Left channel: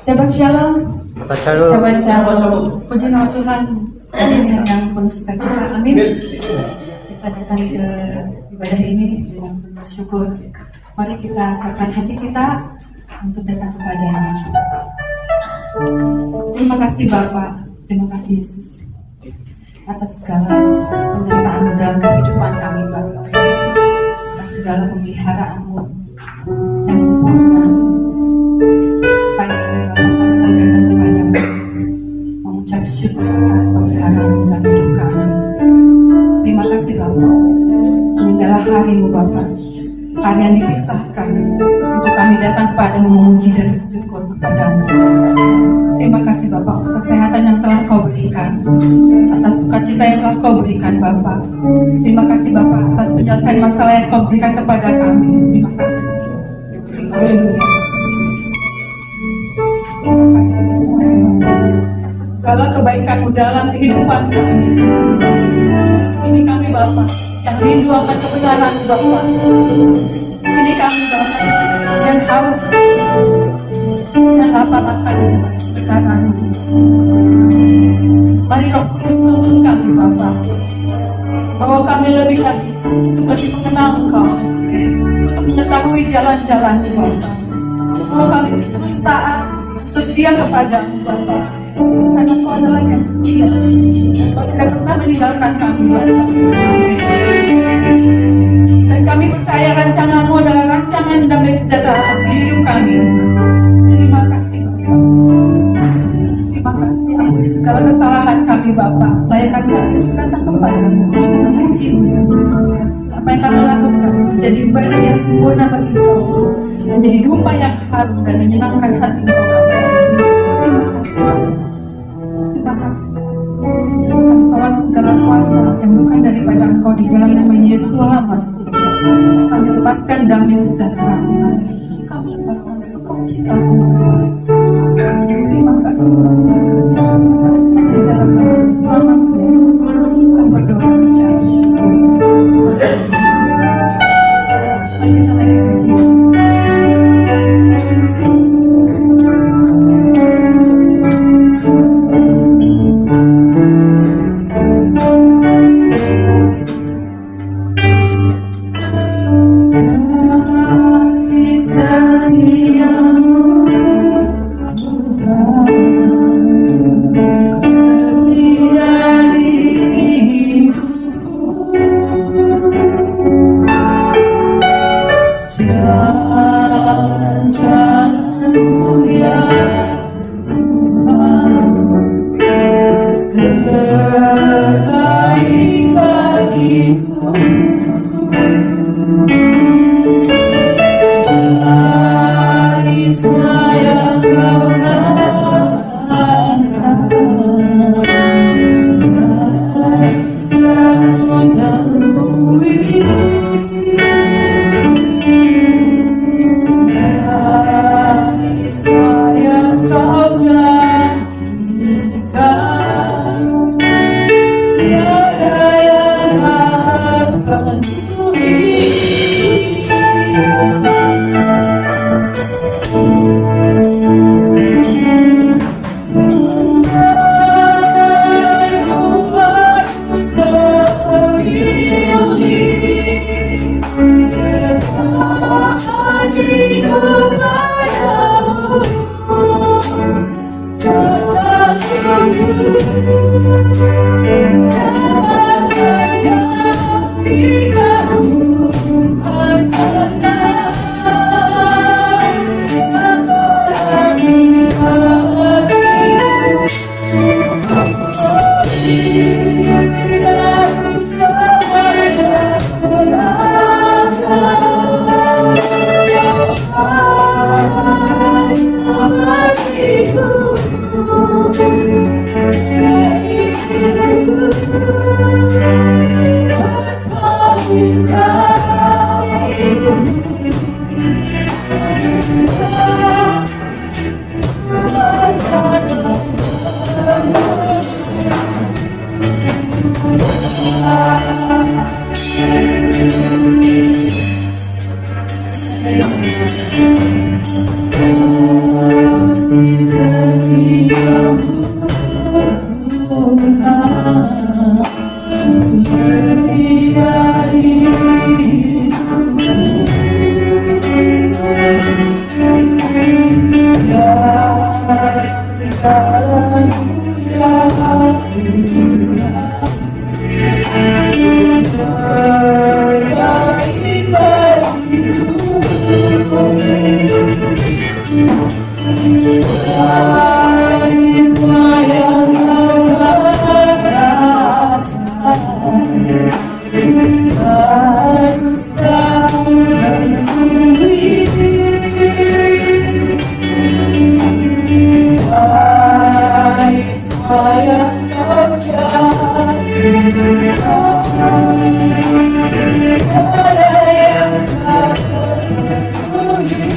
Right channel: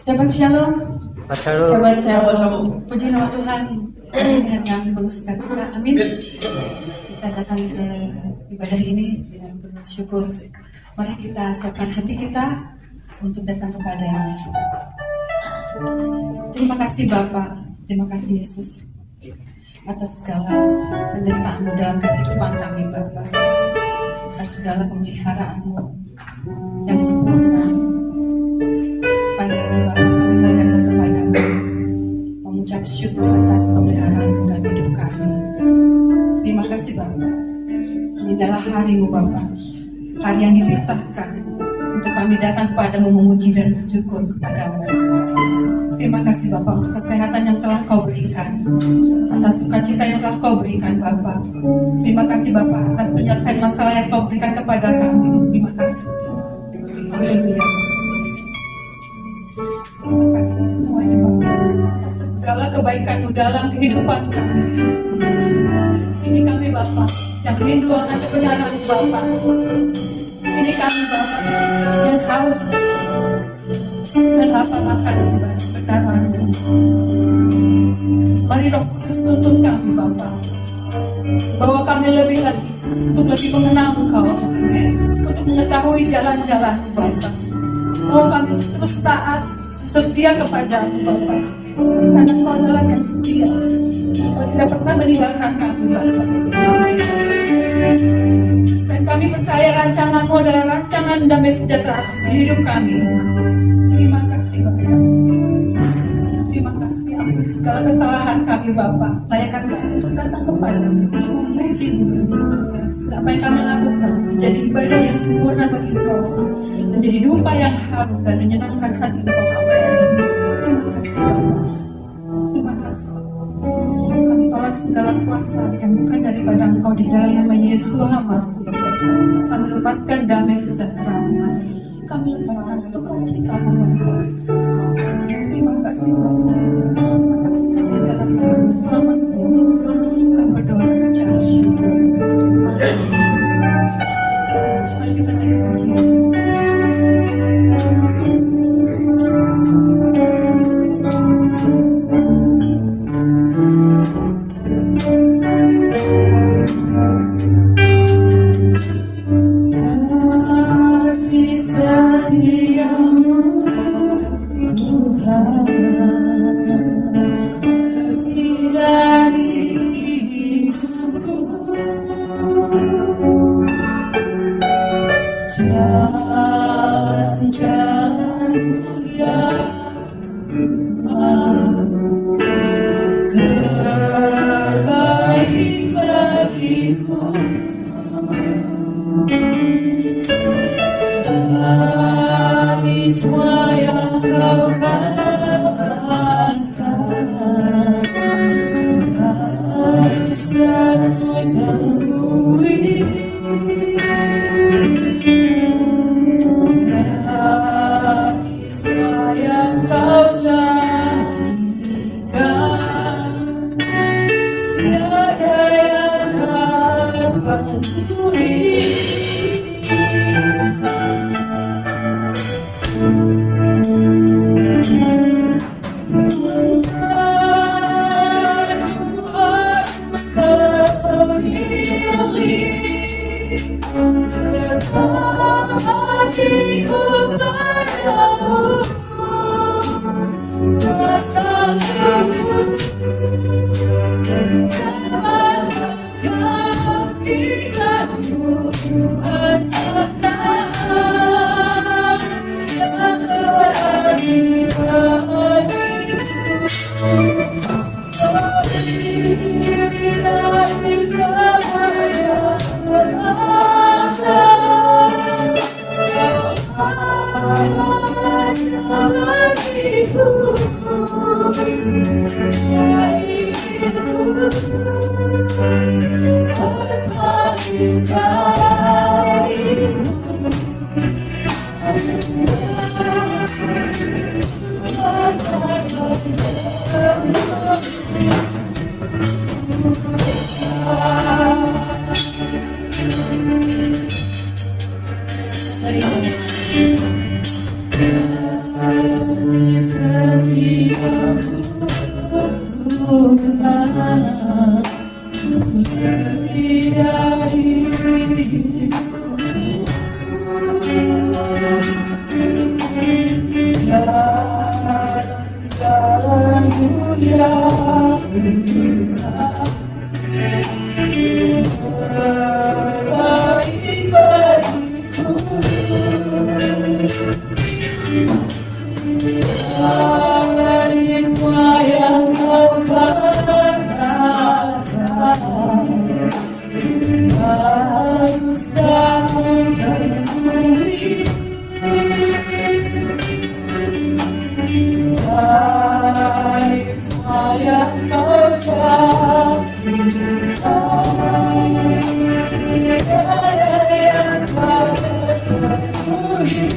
Shabbat Shalom. Shabbat Shalom. Puji nama Tuhan. Hari ini hari yang penuh sukacita. Amin. Kita datang ke ibadah ini dengan penuh syukur. Mari kita siapkan hati kita untuk datang kepada-Nya. Terima kasih Bapa, terima kasih Yesus atas segala penderitaan dalam kehidupan kami Bapa, atas segala pemeliharaan-Mu yang sempurna. Pagi ini Bapa, kami mau datang kepada-Mu, mengucap syukur atas pemeliharaan dalam hidup kami. Terima kasih Bapa. Ini adalah hari-Mu Bapa, hari yang dipisahkan untuk kami datang kepada-Mu, memuji dan bersyukur kepada-Mu. Terima kasih Bapa untuk kesehatan yang telah Kau berikan, atas sukacita yang telah Kau berikan Bapa. Terima kasih Bapa atas penyelesaian masalah yang Kau berikan kepada kami. Terima kasih. Haleluya. Terima kasih semuanya Bapa atas segala kebaikan-Mu dalam kehidupan kami. Ini kami Bapa yang rindu akan kebenaran-Mu Bapa. Ini kami Bapa yang haus dan lapar akan kebenaran-Mu. Mari Roh Kudus tuntun kami Bapa, bawa kami lebih lagi untuk lebih mengenal Engkau, untuk mengetahui jalan-jalan-Mu Bapa. Bawa kami terus taat, setia kepada-Mu Bapa, karena Engkau adalah yang setia. Engkau tidak pernah meninggalkan kami Bapa. Dan kami percaya rancangan-Mu adalah rancangan damai sejahtera atas hidup kami. Terima kasih Bapa. Terima kasih, ampuni segala kesalahan kami Bapa. Layakkan kami untuk datang kepadamu, untuk memuji-Mu. Apa yang kami lakukan menjadi ibadah yang sempurna bagi Engkau, menjadi domba yang harum dan menyenangkan hati Engkau Bapa. Terima kasih Bapa. Terima kasih. Kami tolak segala kuasa yang bukan daripada Engkau di dalam nama Yesus Masih. Kami lepaskan damai sejahtera. Kami lepaskan sukacita-Mu Bapa. Terima kasih Bapa. Di dalam nama Yesus Masih, kami berdoa dan bicara syukur. Terima kasih. Mari kita naik puji. Haruskah ku menemui dari semua yang kau janjikan? Tiada yang kau penuhi.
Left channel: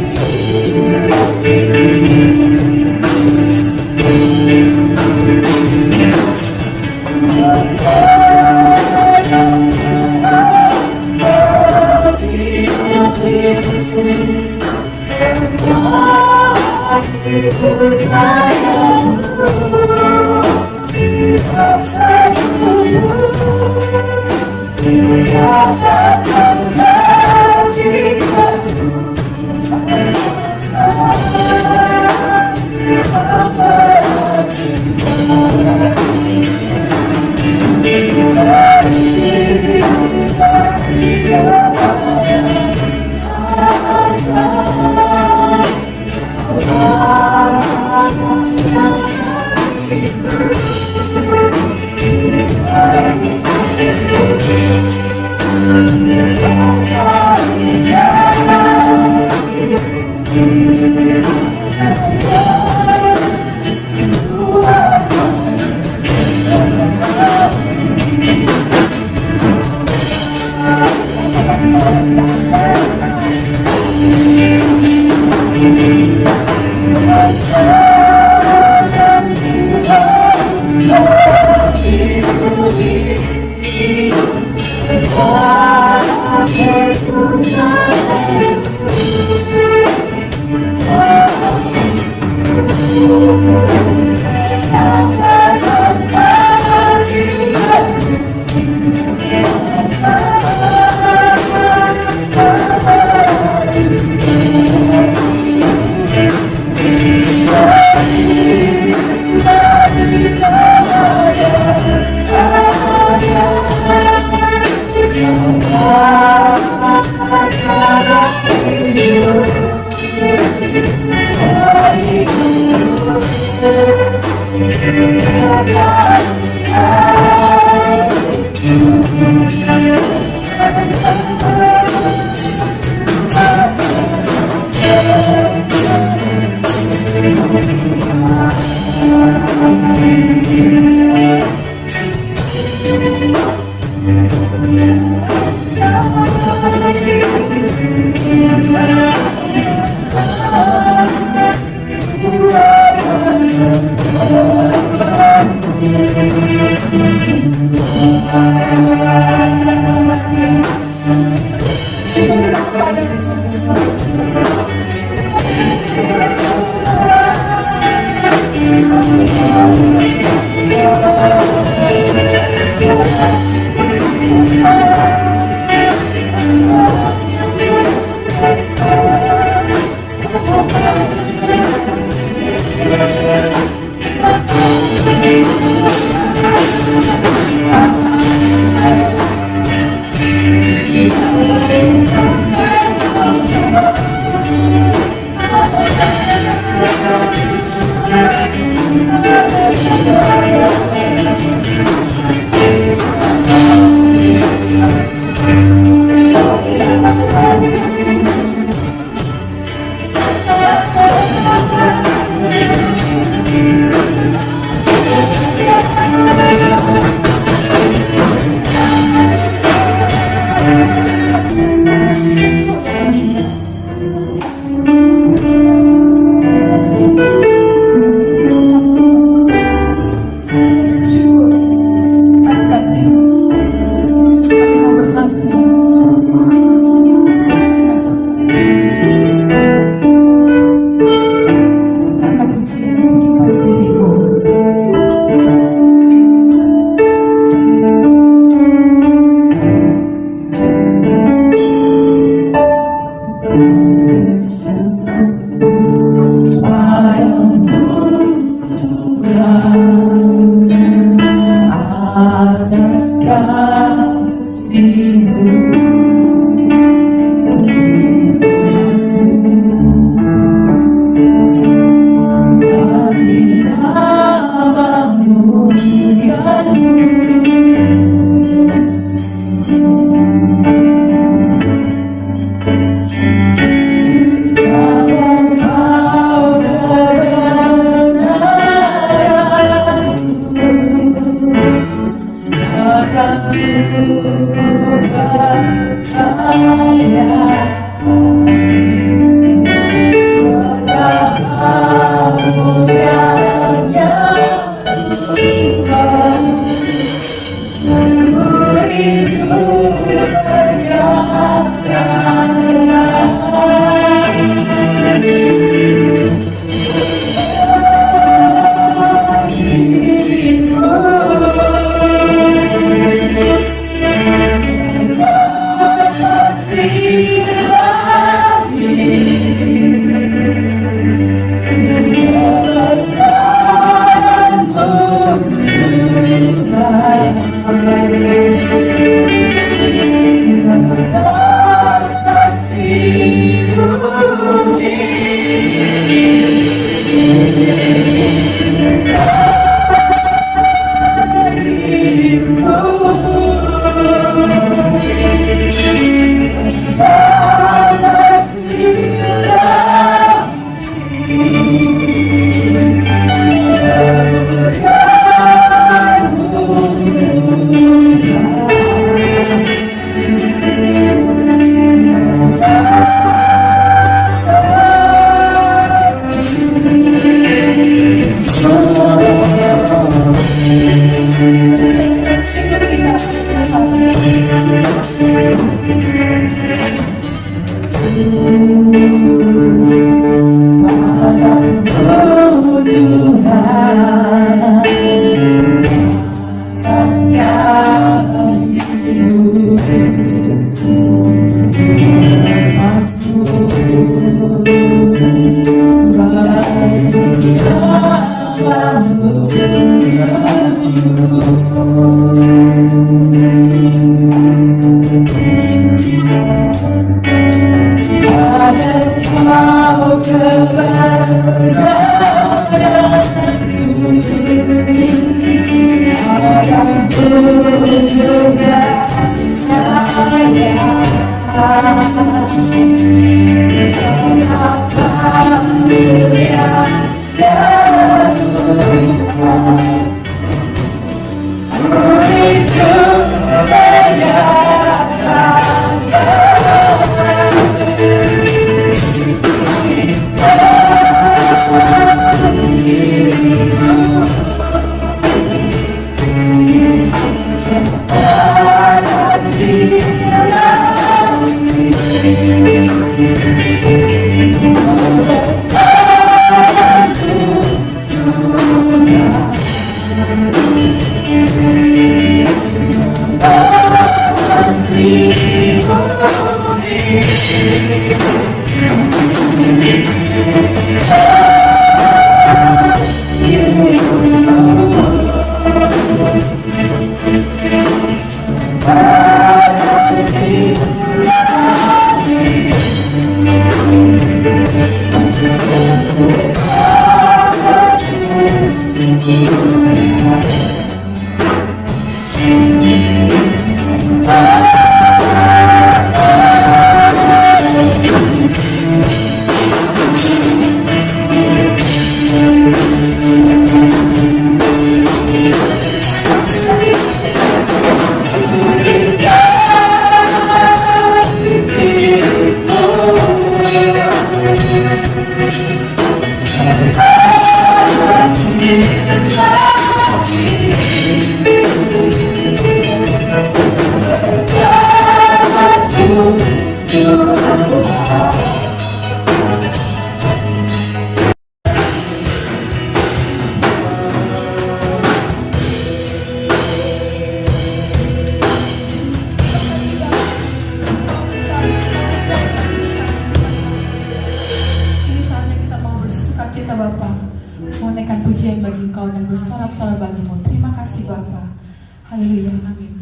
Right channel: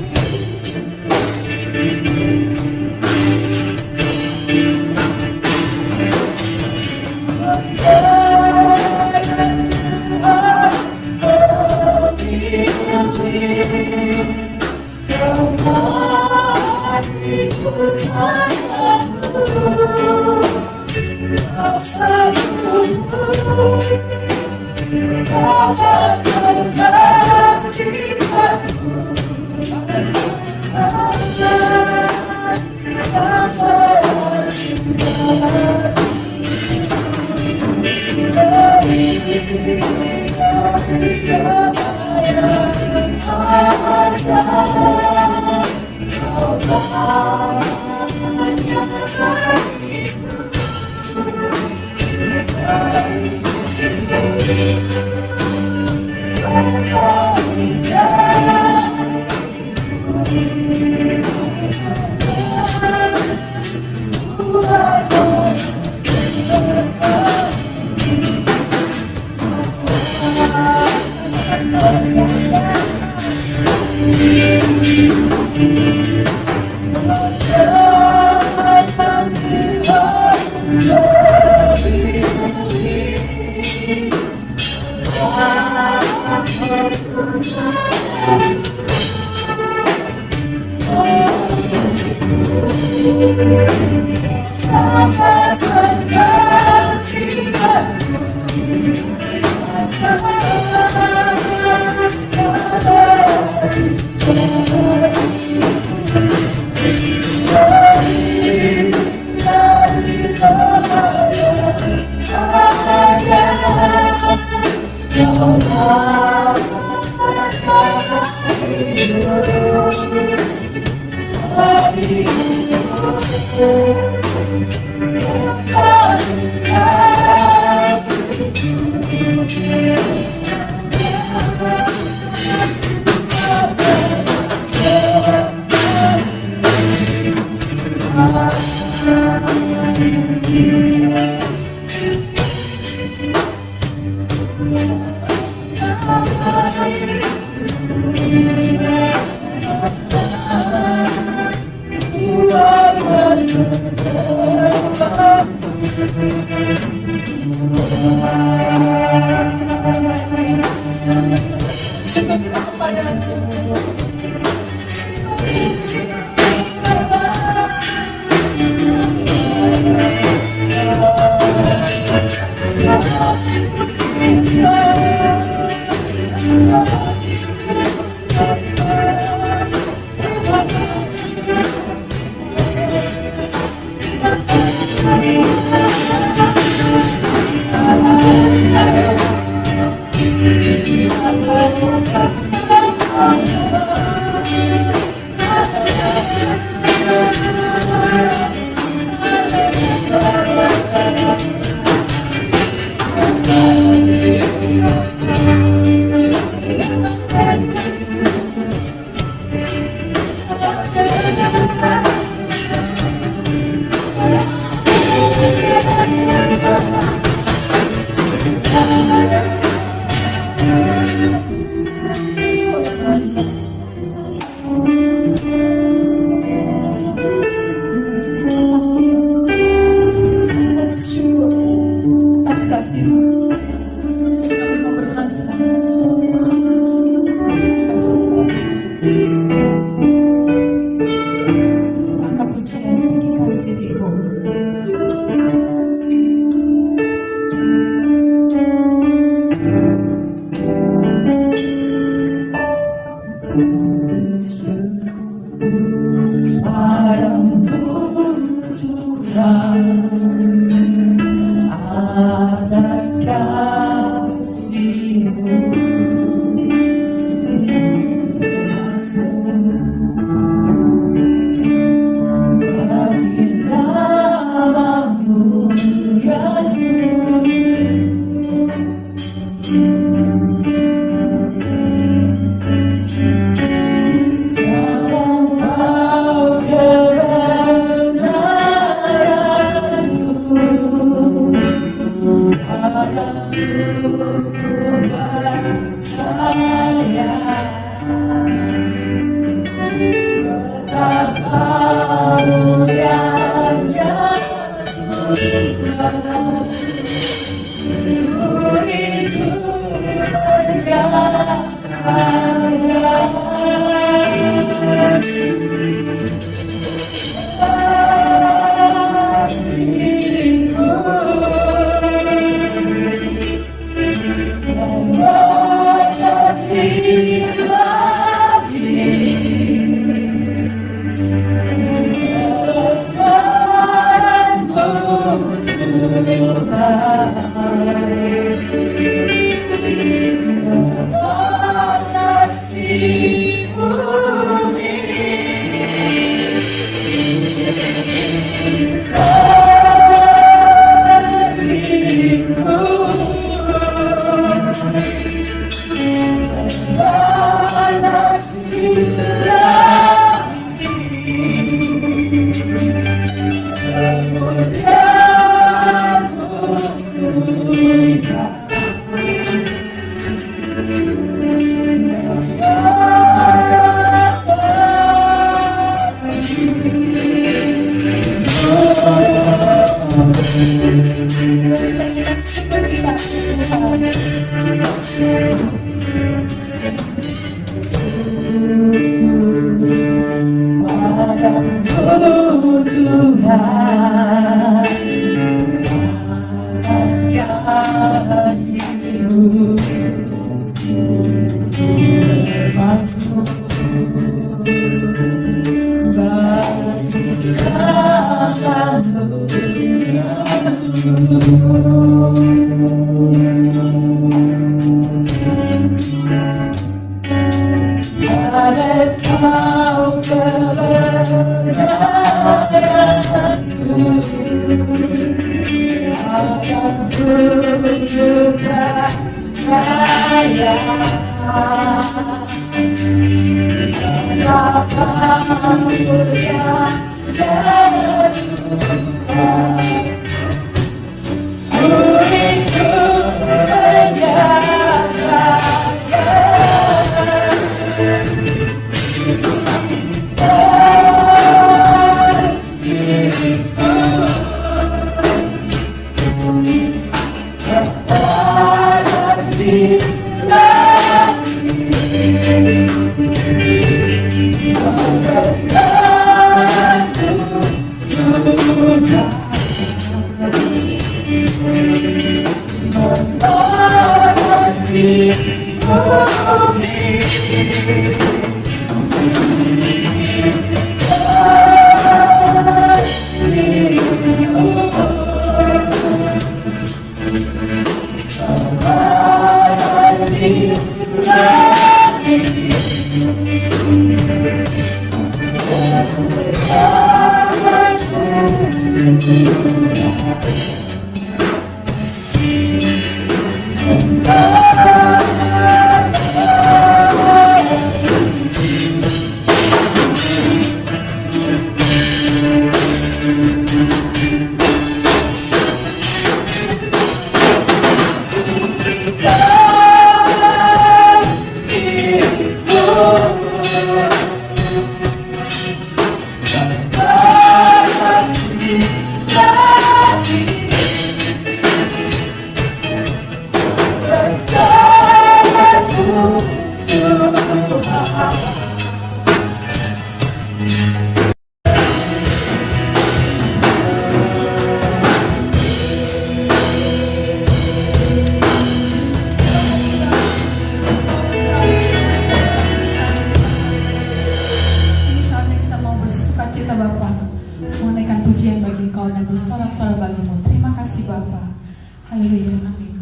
Haleluya, amin.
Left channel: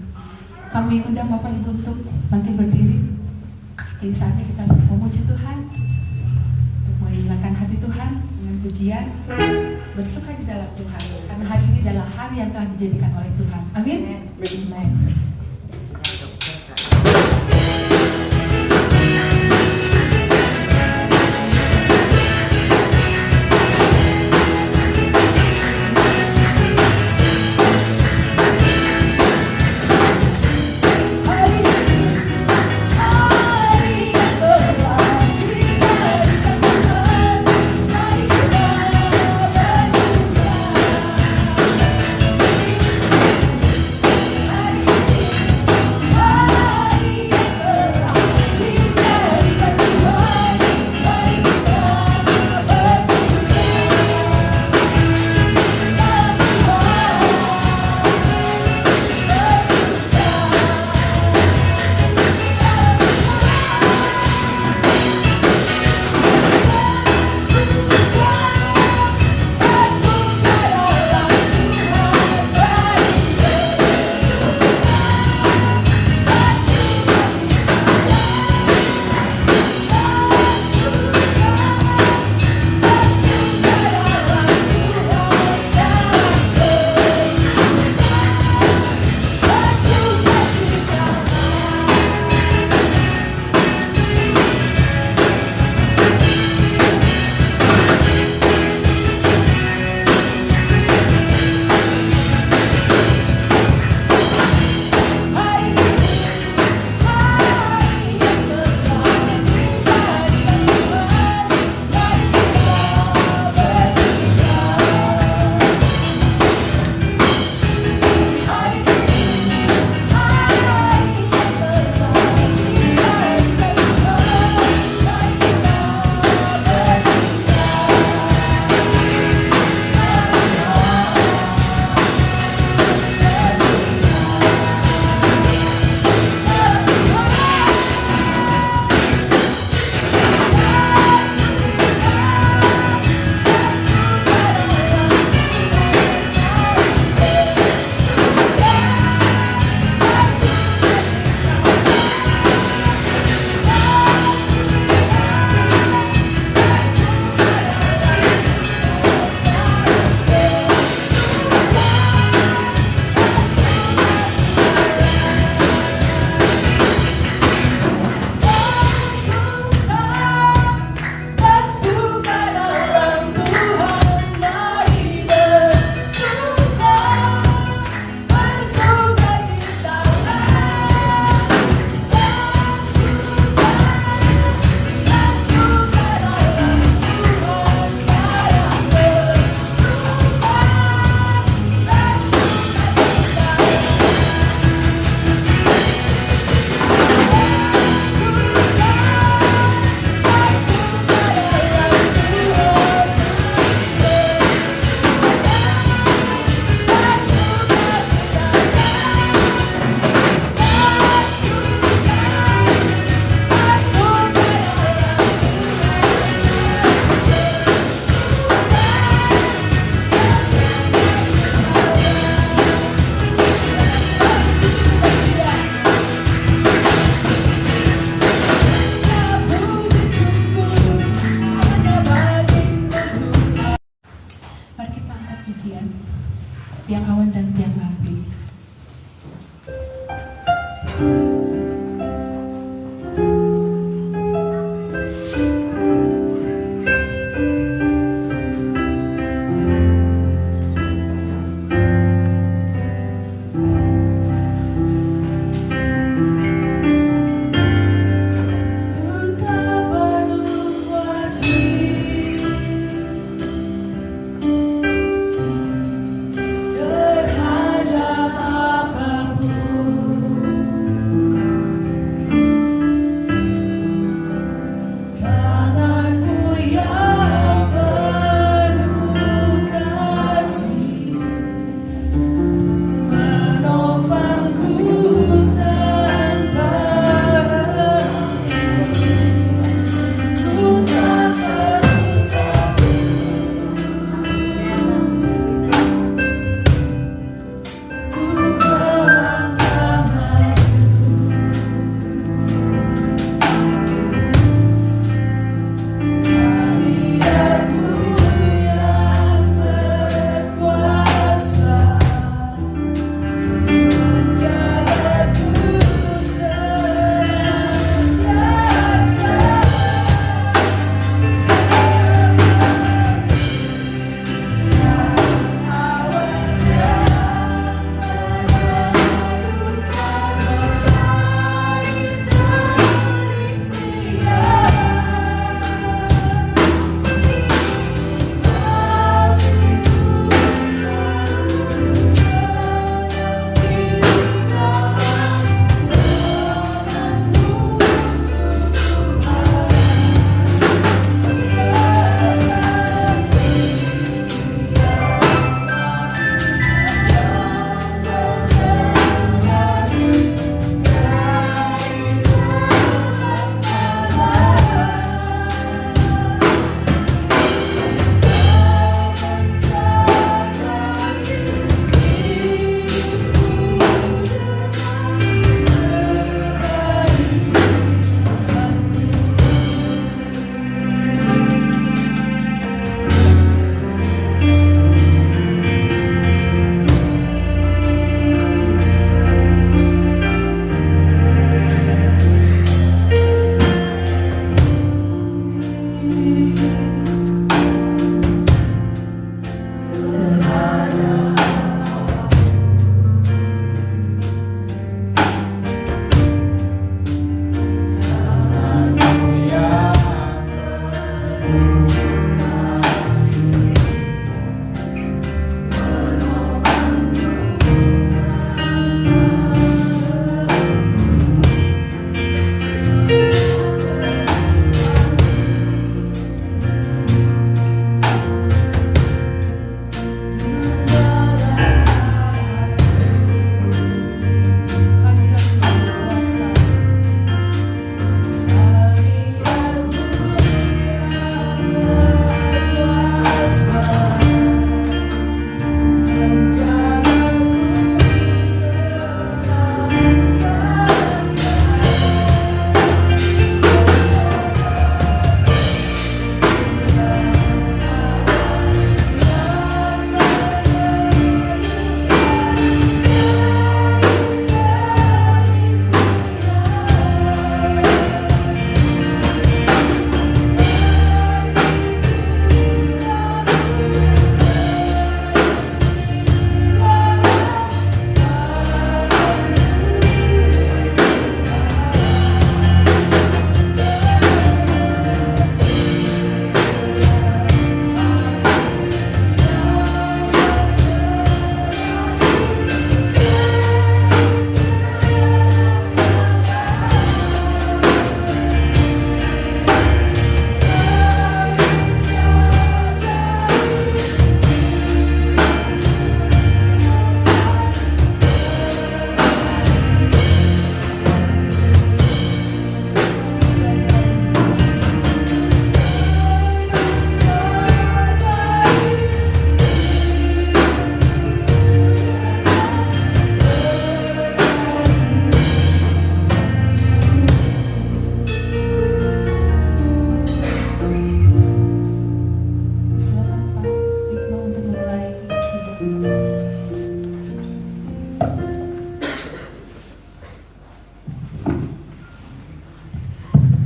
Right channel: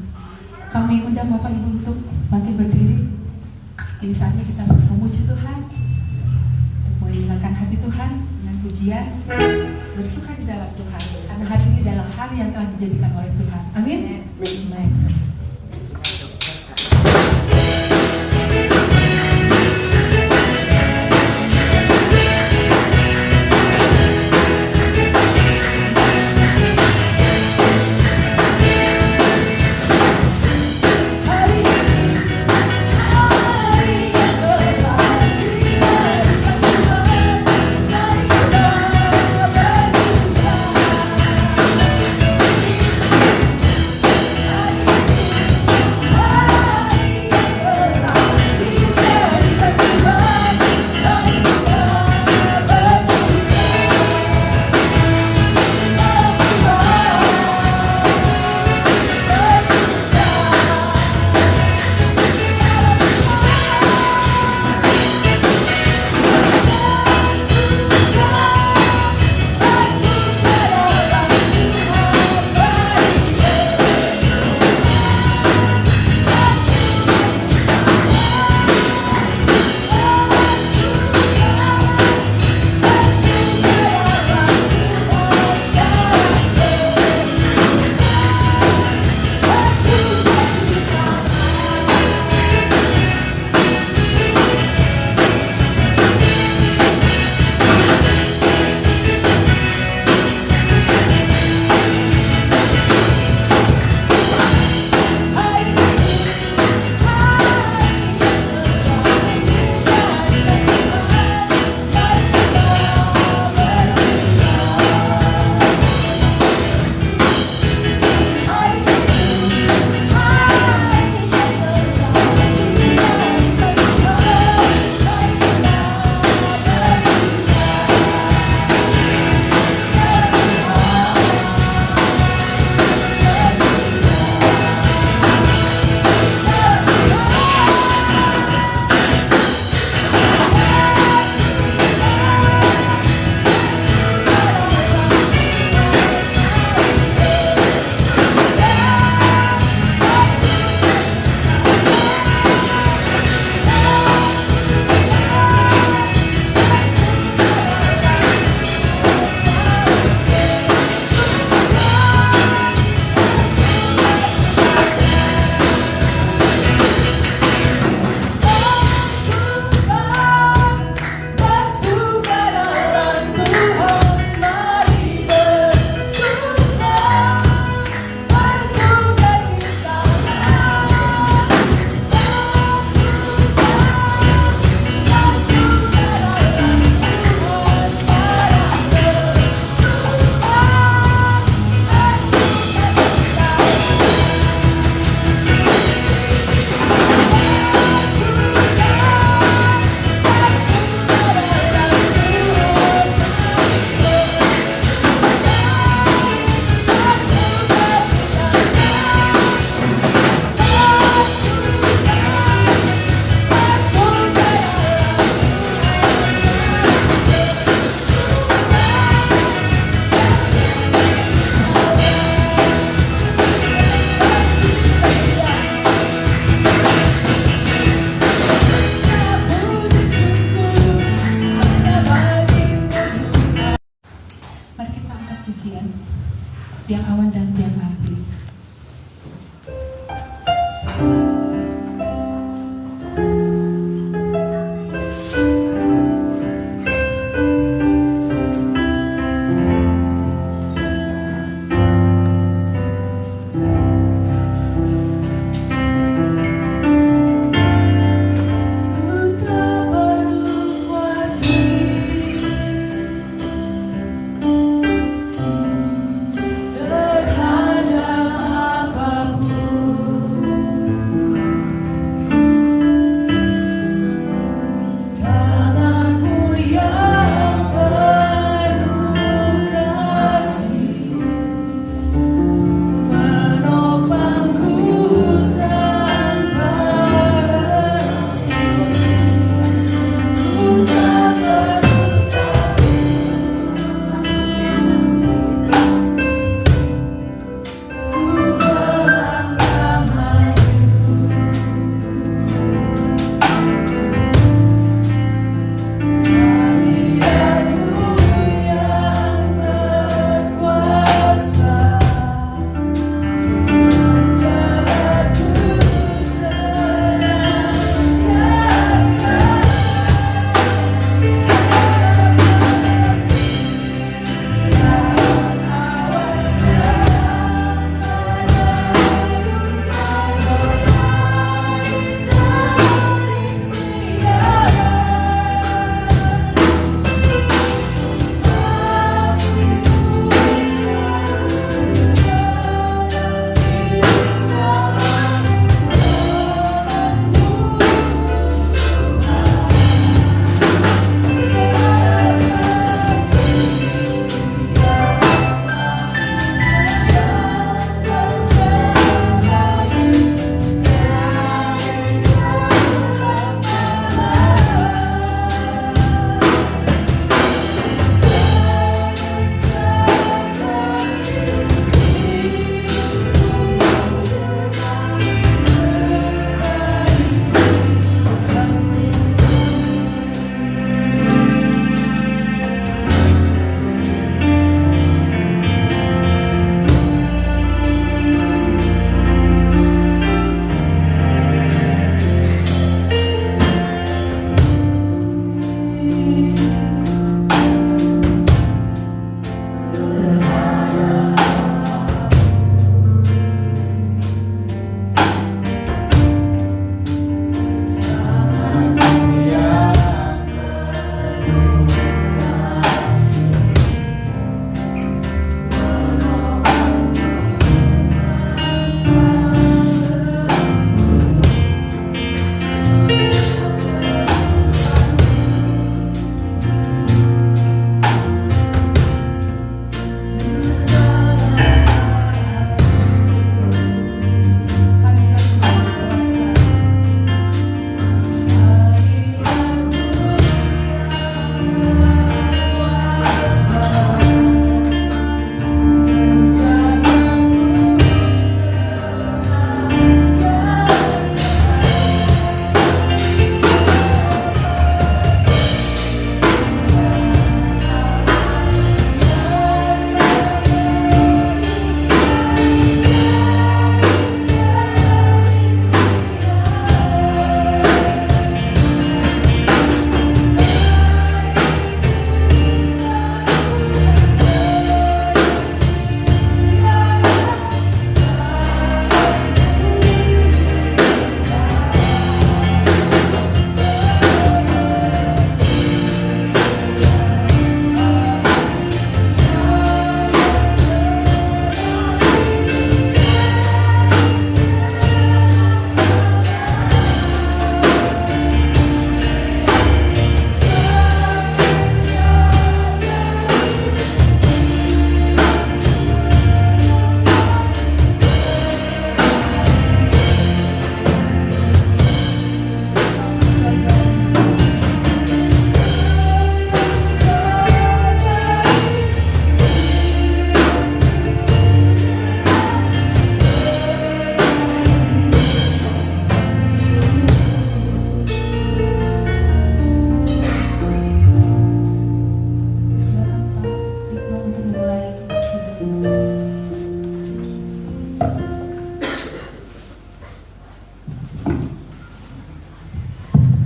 Kami undang Bapak Ibu untuk bangkit berdiri. Ini saatnya kita memuji Tuhan, untuk menghilangkan hati Tuhan dengan pujian, bersuka di dalam Tuhan. Karena hari ini adalah hari yang telah dijadikan oleh Tuhan. Amin. Amin.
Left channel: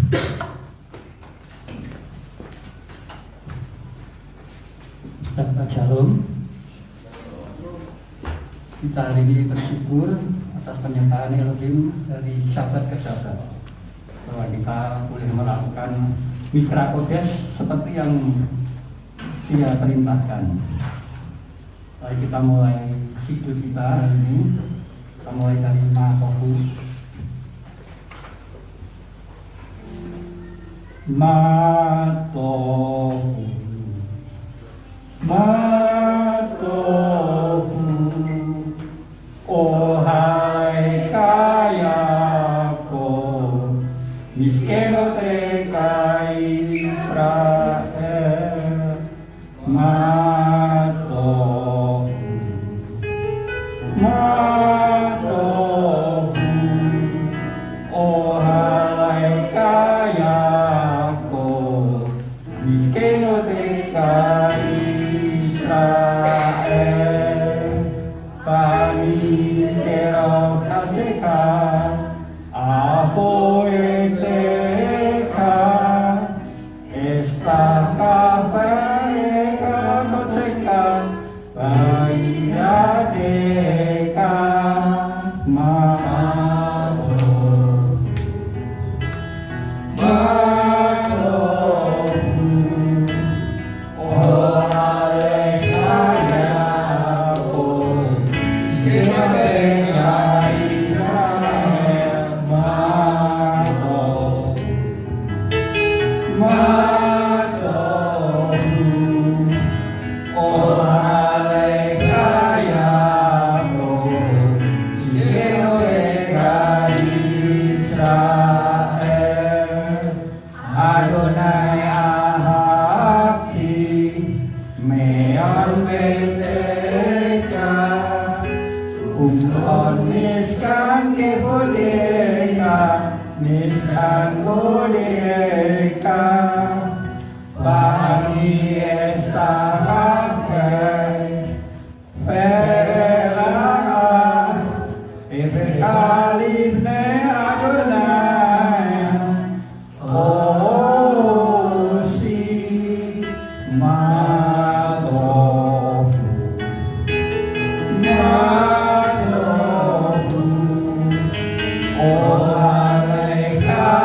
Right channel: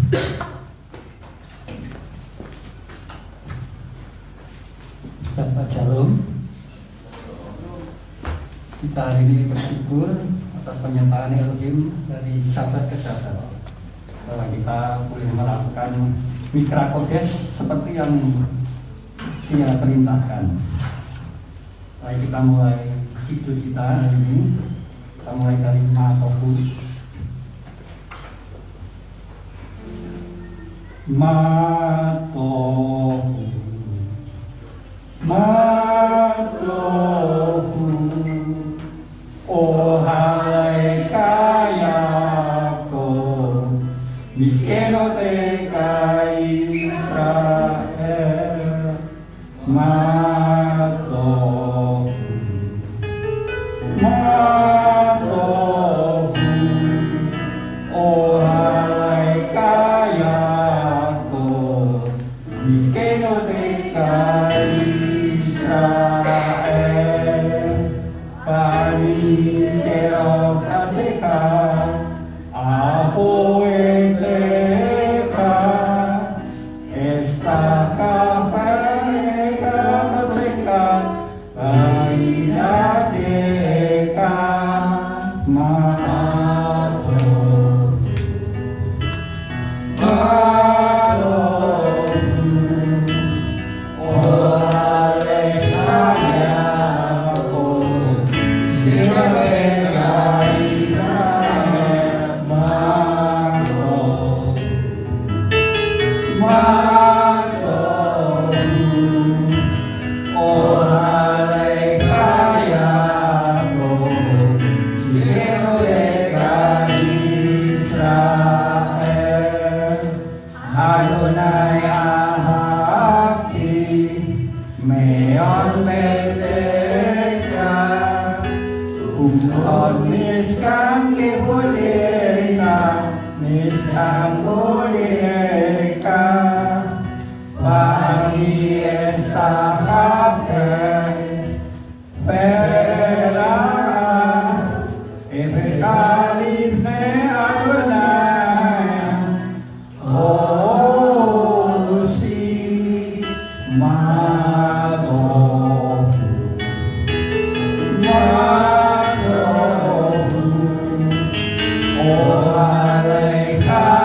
Shabbat Shalom. Kita hari ini bersyukur atas penyertaan Elohim dari sahabat ke sahabat, bahwa kita boleh melakukan Mikra Kodesh seperti yang Dia perintahkan. Mari kita mulai siklus kita hari ini. Kita mulai dari Makohu. Matohu, Matohu, ohai kayaku, miskeno tekai Israel. Matohu, Matohu, ohai kayaku, miskeno tekai Israel. Panitero kateka, ahoeteka, estaka pereka koteka, bainadeka, mato, mato, oh alekayako, sinabeka Israel, mato, mato, oh alekayako, sinabeka Israel. Adonai ahaki, meon berbeka, umkon miskan keboleka, miskan boleka, bani estakafe, perang, ebekalibne Adonai, oh si Mato, Mato, oh alekayako,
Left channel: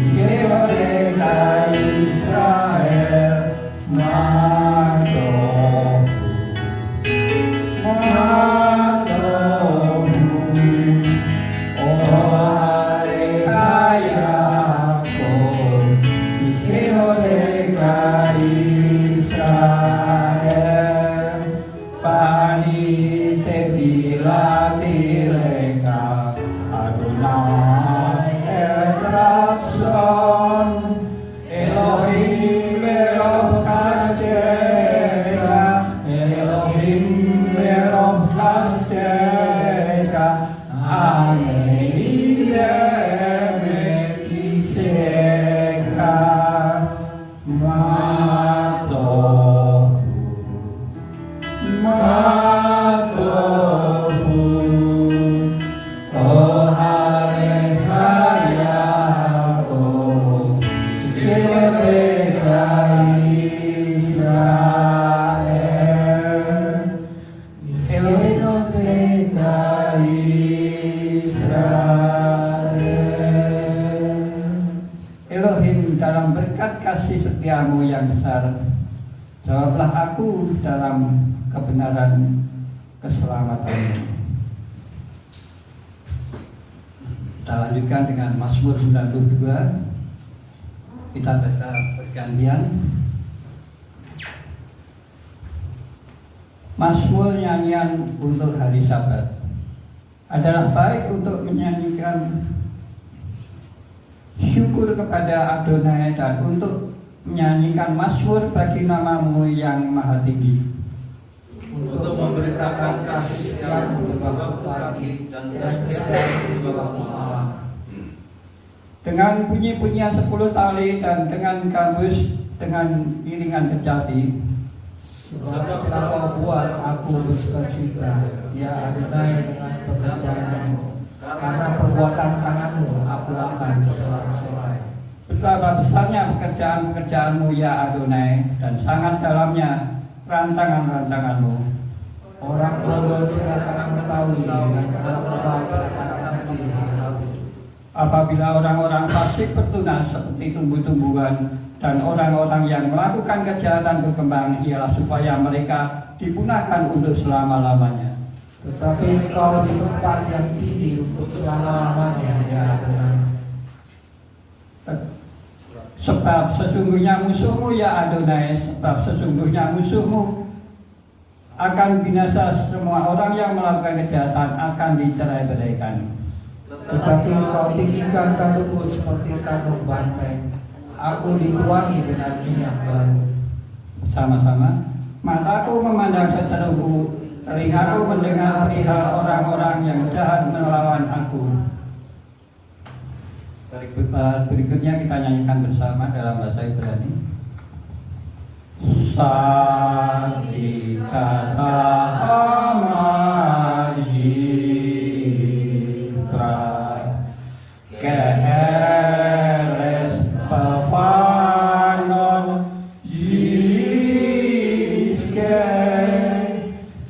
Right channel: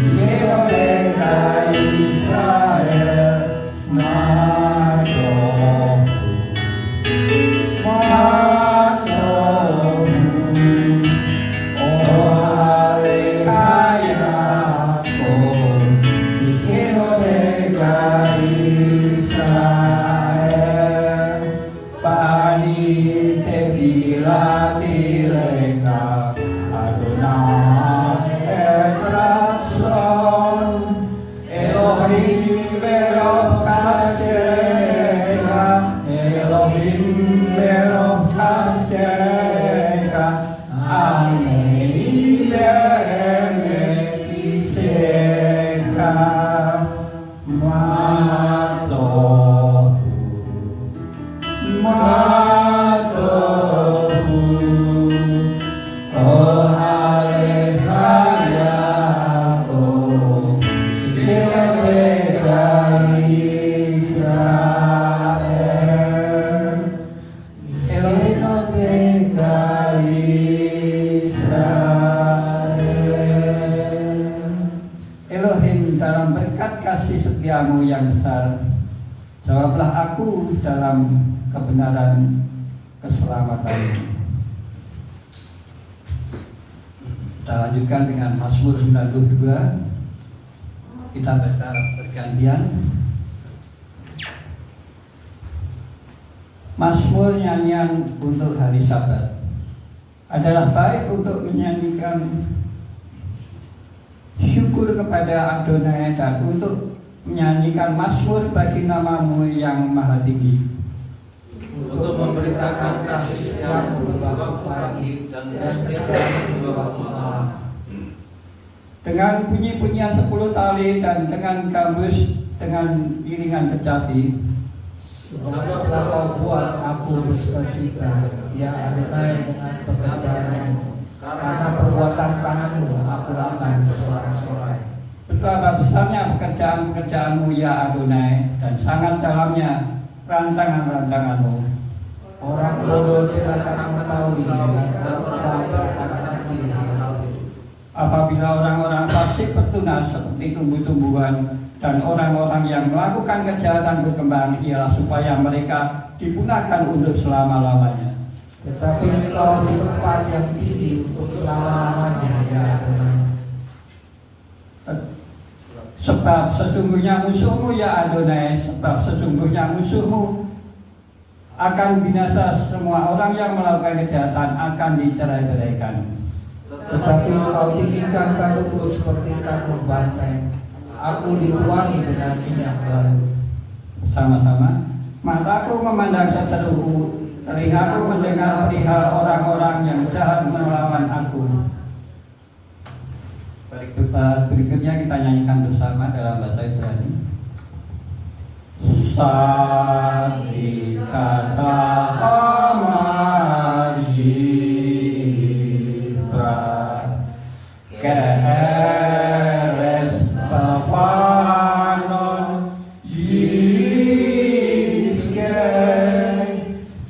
sinabeka Israel, Mato, Mato, oh alekayako, sinabeka Israel. Panite bilatireka, Adonai etrason, Elohim belov kasteka, Elohim belov kasteka, Aneni be'emetiseka, Mato, Matohu, oh alekayako, sinabeka Israel, sinabeka Israel. Elohim, dalam berkat kasih setiamu yang besar, jawablah aku dalam kebenaran keselamatan. Kita lanjutkan dengan Mazmur 92. Kita baca bergantian. Mazmur nyanyian untuk hari Sabat adalah baik untuk menyanyikan syukur kepada Adonai dan untuk menyanyikan mazmur bagi namamu yang maha tinggi. Untuk memberitakan kasih setiamu di waktu pagi dan kesetiaanmu di waktu malam. Dengan bunyi-bunyian 10 tali dan dengan gambus dengan iringan kecapi. Sebab telah kau buat aku bersukacita, ya Adonai, dengan pekerjaanmu. Karena perbuatan tanganmu aku betapa besarnya pekerjaan-pekerjaanmu ya Adonai, dan sangat dalamnya rantangan-rantanganmu. Orang bodoh tidak akan mengetahui dan orang berkata tidak. Apabila orang-orang fasik bertunas seperti tumbuh-tumbuhan, dan orang-orang yang melakukan kejahatan berkembang, ialah supaya mereka dipunahkan untuk selama-lamanya. Tetapi engkau di tempat yang tinggi untuk selama-lamanya ya Adonai. Sebab sesungguhnya musuhmu ya Adonai, sebab sesungguhnya musuhmu akan binasa, semua orang yang melakukan kejahatan akan dicerai-beraikan. Tetapi engkau tinggikan kandungku seperti kandung banteng. Aku dituani dengan minyak baru. Sama-sama. Mataku memandang seteruku, telingaku mendengar perihal orang-orang yang jahat melawan aku. Berikutnya kita nyanyikan bersama dalam bahasa Ibrani. Sadi kata Amaribra Keres Papanon Yiske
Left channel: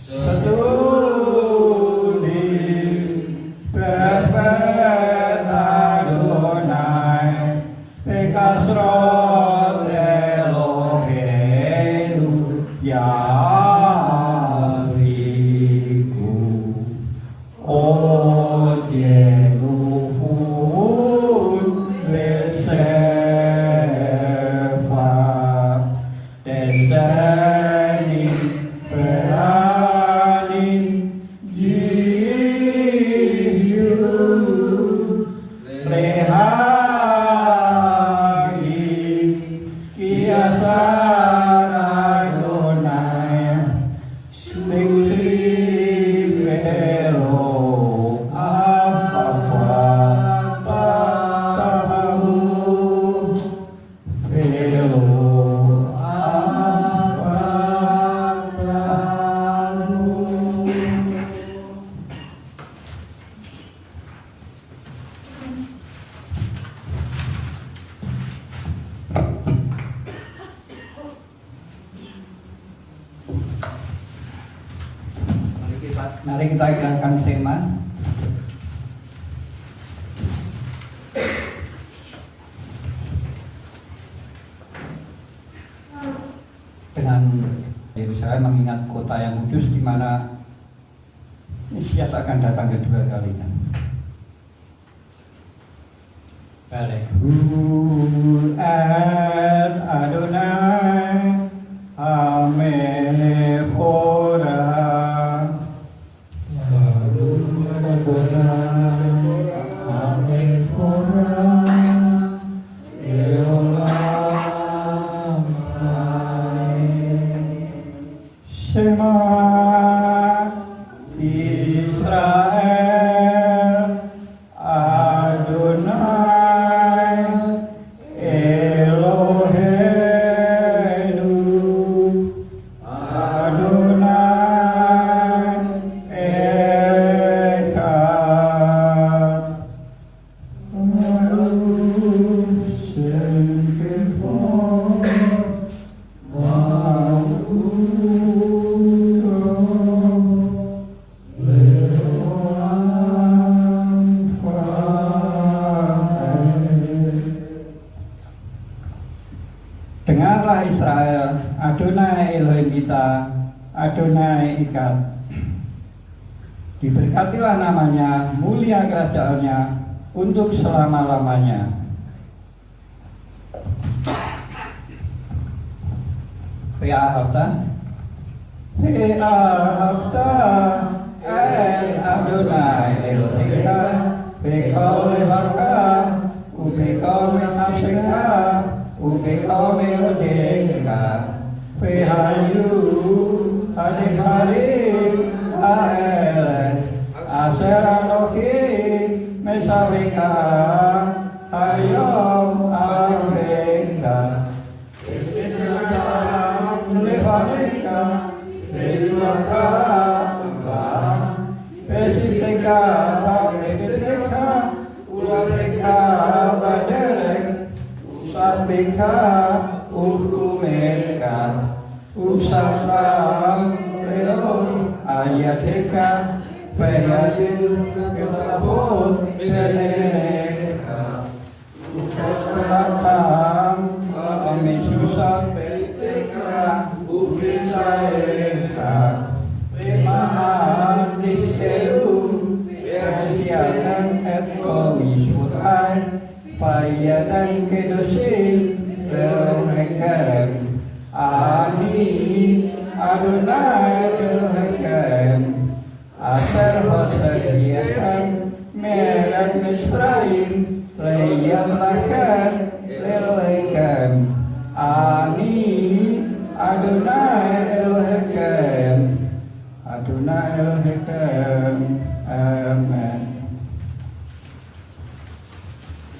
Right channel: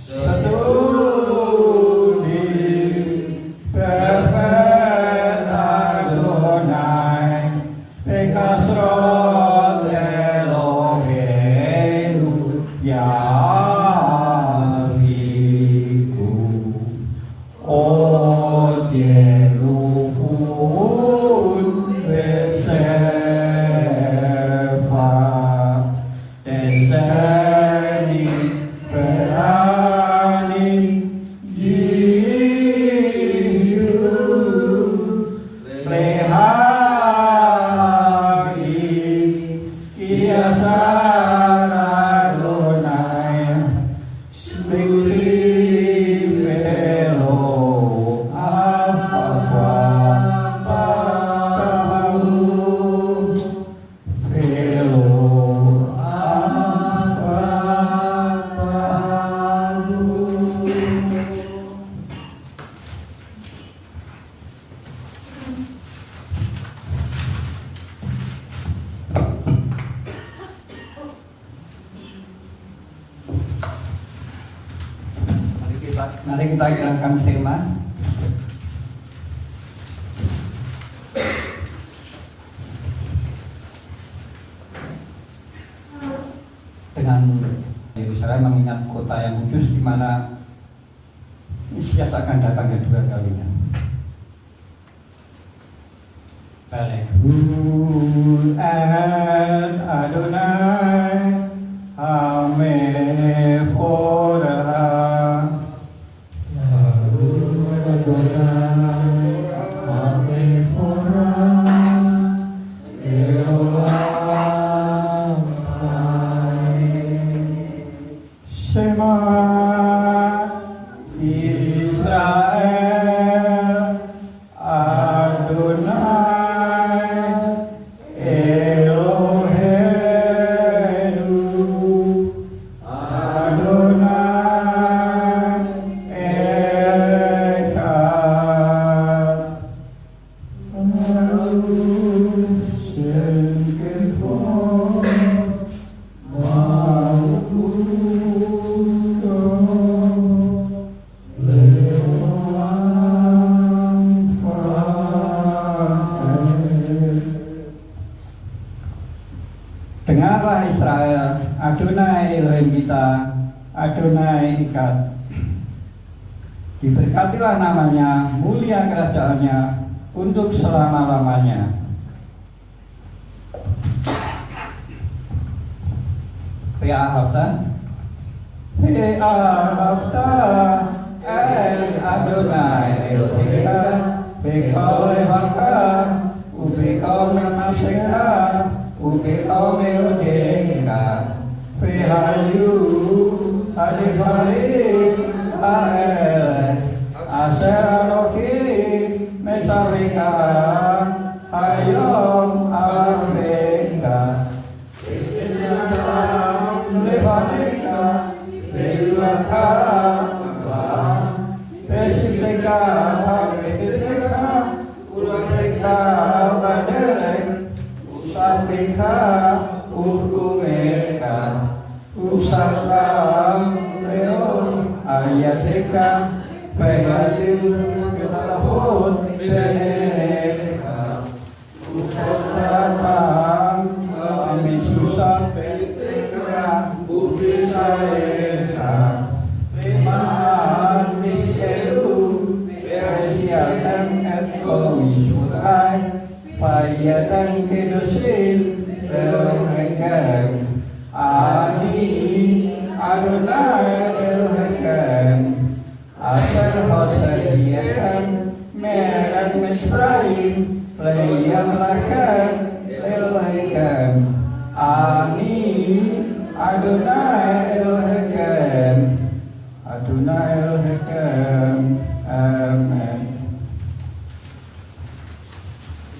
Setudim Bebet Adonai Pekasrot Elohenu Yahriku Ojelufun Besefa Deseni Beranim Yiyu Lehagi Kiasar Adonai Slikli Velo Apa Tahu Velo Apa Tahu. Mari kita hilangkan sema. Dengan Yerusalem mengingat kota yang kudus di mana Mesias akan datang kedua kalinya. Barekhu et Adonai Amefora. Shema Israel Adonai Elohenu Adonai Echad. Dengarlah Israel, Adonai Elohim kita, Adonai Echad. Diberkatilah namanya, mulia kerajaannya untuk selama-lamanya. Pe'ahata El Adonai Elohim Bekol Levaka Ubekol Menaseka Ubekol Meudeka Pehayu Adikari Aele Aser Elohim Mesalika Ayom Alabeka Levaneka Belaka Pesiteka Pabebeka Ulateka Badelek Deka Bayadil Kebalaput Beleka Utatang Amin Susah Beleka Bukit Saeta Lima Diseru Bersianan Ekowi Surai Payadan Kedosin Elohekam Amin Adonai Elohekam Asar Hosadiakan Merat Misraim Layam Lakan Elohekam Amin Adonai Elohekam Adonai Elohekam Amin.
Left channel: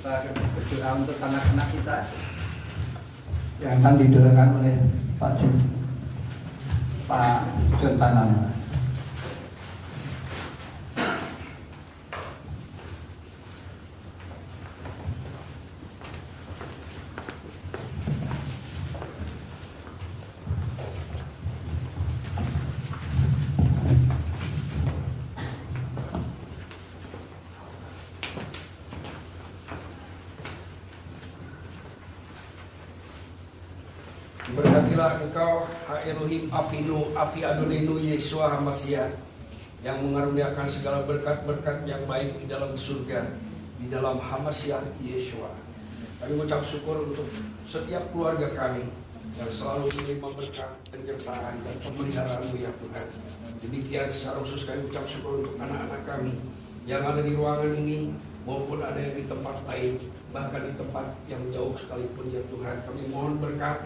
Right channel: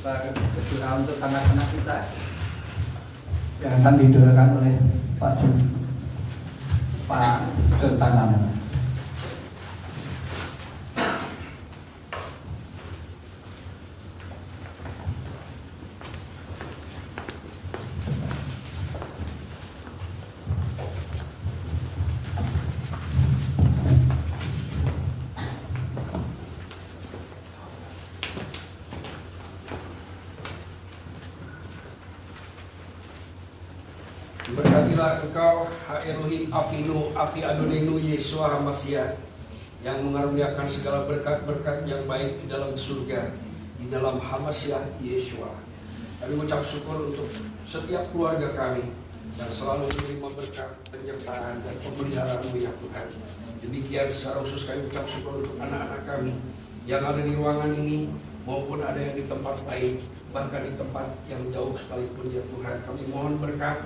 Kita berdoa untuk anak-anak kita yang akan didoakan oleh Pak John Tanam. Berkatilah engkau, Ha Elohim Afinu, Afi Adonenu Yeshua HaMashiach, yang mengaruniakan segala berkat-berkat yang baik di dalam surga, di dalam HaMashiach Yeshua. Kami mengucap syukur untuk setiap keluarga kami yang selalu menerima berkat penyertaan dan pemeliharaan-Mu ya Tuhan. Demikian secara khusus kami mengucap syukur untuk anak-anak kami yang ada di ruangan ini maupun ada yang di tempat lain, bahkan di tempat yang jauh sekalipun ya Tuhan. Kami mohon berkat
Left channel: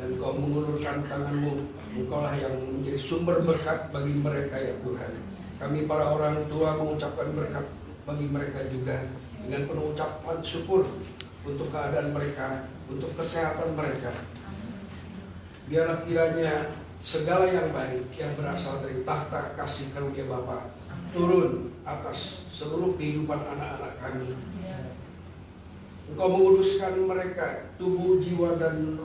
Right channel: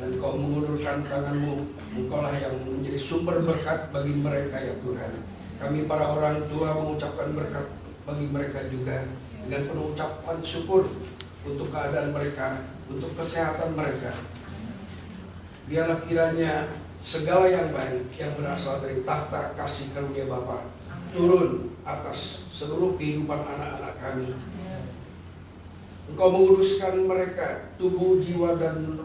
dan Kau mengulurkan tangan-Mu. Engkaulah yang menjadi sumber berkat bagi mereka ya Tuhan. Kami para orang tua mengucapkan berkat bagi mereka juga dengan penuh ucapan syukur untuk keadaan mereka, untuk kesehatan mereka. Biarlah kiranya segala yang baik yang berasal dari tahta kasih karunia Bapa turun atas seluruh kehidupan anak-anak kami. Engkau menguruskan mereka, tubuh, jiwa, dan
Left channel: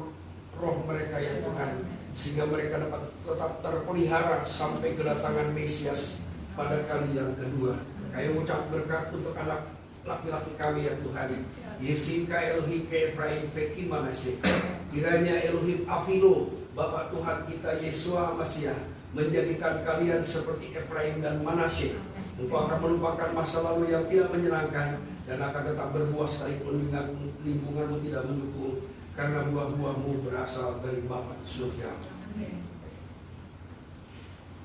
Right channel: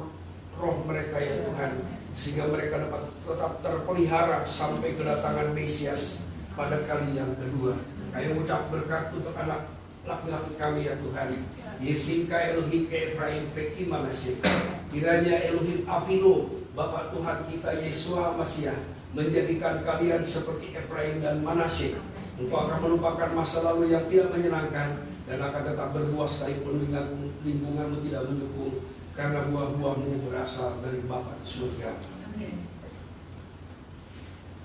roh mereka ya Tuhan, sehingga mereka dapat tetap terpelihara sampai kedatangan Mesias pada kali yang kedua. Kami mengucap berkat untuk anak laki-laki kami ya Tuhan. Yesinka Elohim ke Efraim Peki Manasye. Kiranya Elohim Afilo, Bapa Tuhan kita Yeshua HaMashiach, menjadikan kalian seperti Efraim dan Manasye. Engkau akan melupakan masa lalu yang tidak menyenangkan dan akan tetap berbuah sekalipun lingkunganmu tidak mendukung, karena buah-buahmu berasal dari Bapa di surga.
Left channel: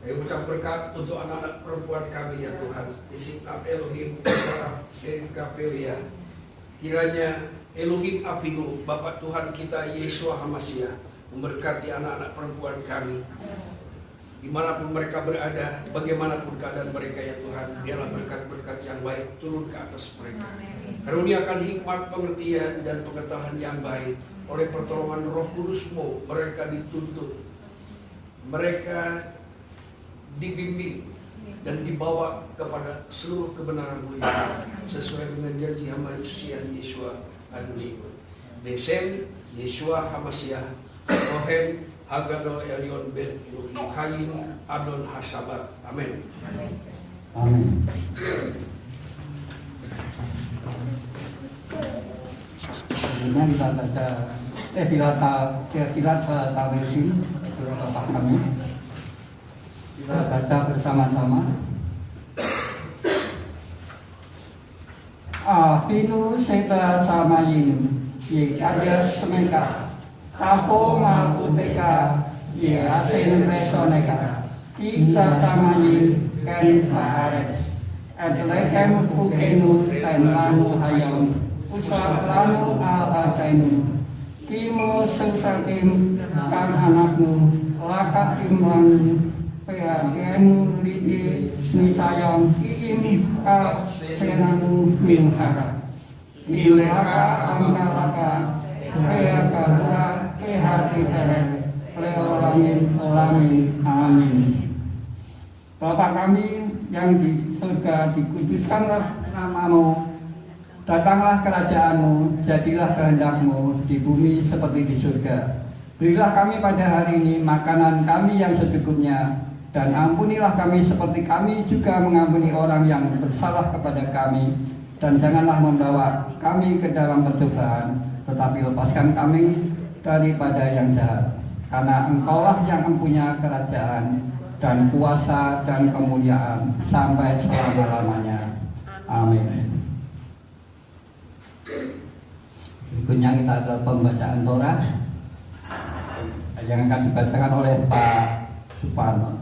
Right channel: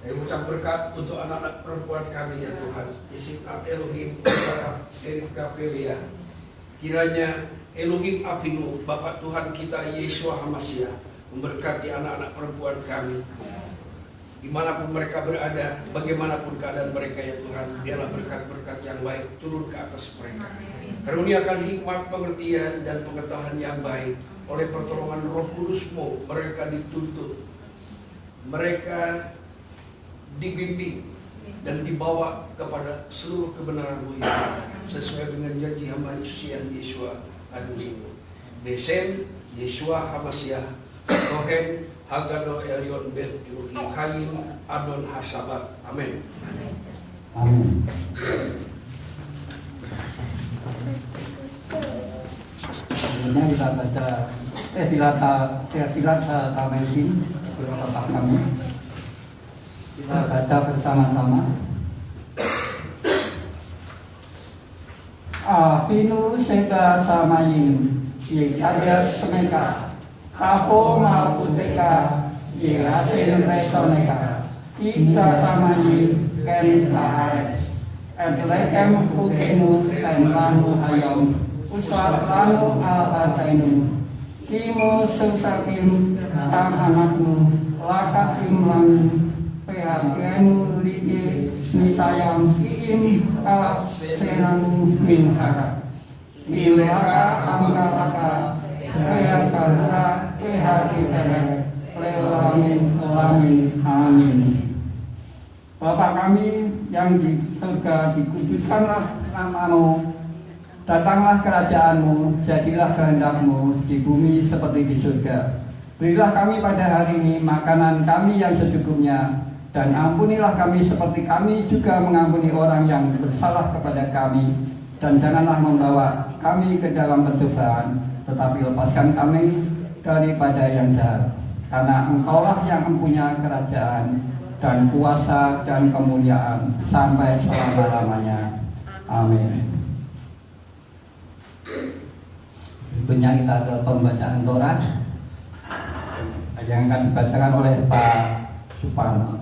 Saya ucap berkat untuk anak-anak perempuan kami ya Tuhan. Isiknat Elohim Sarah Erika Pelia. Kiranya Elohim Afinu, Bapa Tuhan kita Yeshua HaMashiach, memberkati anak-anak perempuan kami dimanapun mereka berada, bagaimanapun keadaan mereka ya Tuhan. Biarlah berkat-berkat yang baik turun ke atas mereka. Karuniakan hikmat, pengertian, dan pengetahuan yang baik. Oleh pertolongan Roh Kudus-Mu, mereka dituntut, mereka dibimbing dan dibawa kepada seluruh kebenaran-Mu ya, sesuai dengan janji hamba Yeshua Adonai. Besem Yeshua HaMashiach, Rohen Hagadol Elion Ben Elohim Kain Adon Hasabat. Amin. Amin. Sebenarnya kita baca Tilat Tawetin di otak kami. Kita baca bersama-sama. Afinu Seba Samayin Ye Ada Semeka Tapo Malkuteka Ye Hasil Resoneka Kita Samayin Ken Pahares Adlekem Kukenu Dan Manu Hayam Usap Lanu Al-Atainu Kimo Susakim Tang Anakmu Laka Imlan Pehakenu Lidi Snisayang Iim Ka Senamu Milkara Milaka Angkalaka Pehaka Dura Pehati Teret Leolamin Olamin Amin. Bapak kami yang di surga, dikuduskanlah nama-Mu, datanglah kerajaan-Mu, jadilah kehendak-Mu di bumi seperti di surga. Berilah kami pada hari ini makanan kami yang secukupnya, Dan ampunilah kami seperti kami juga mengampuni orang yang bersalah kepada kami. Dan janganlah membawa kami ke dalam pencobaan, tetapi lepaskan kami daripada yang jahat. Karena Engkaulah yang mempunyai kerajaan dan kuasa dan kemuliaan sampai selama-lamanya. Amin. Berikutnya kita ke pembacaan Torah yang akan dibacakan oleh Pak Suparno.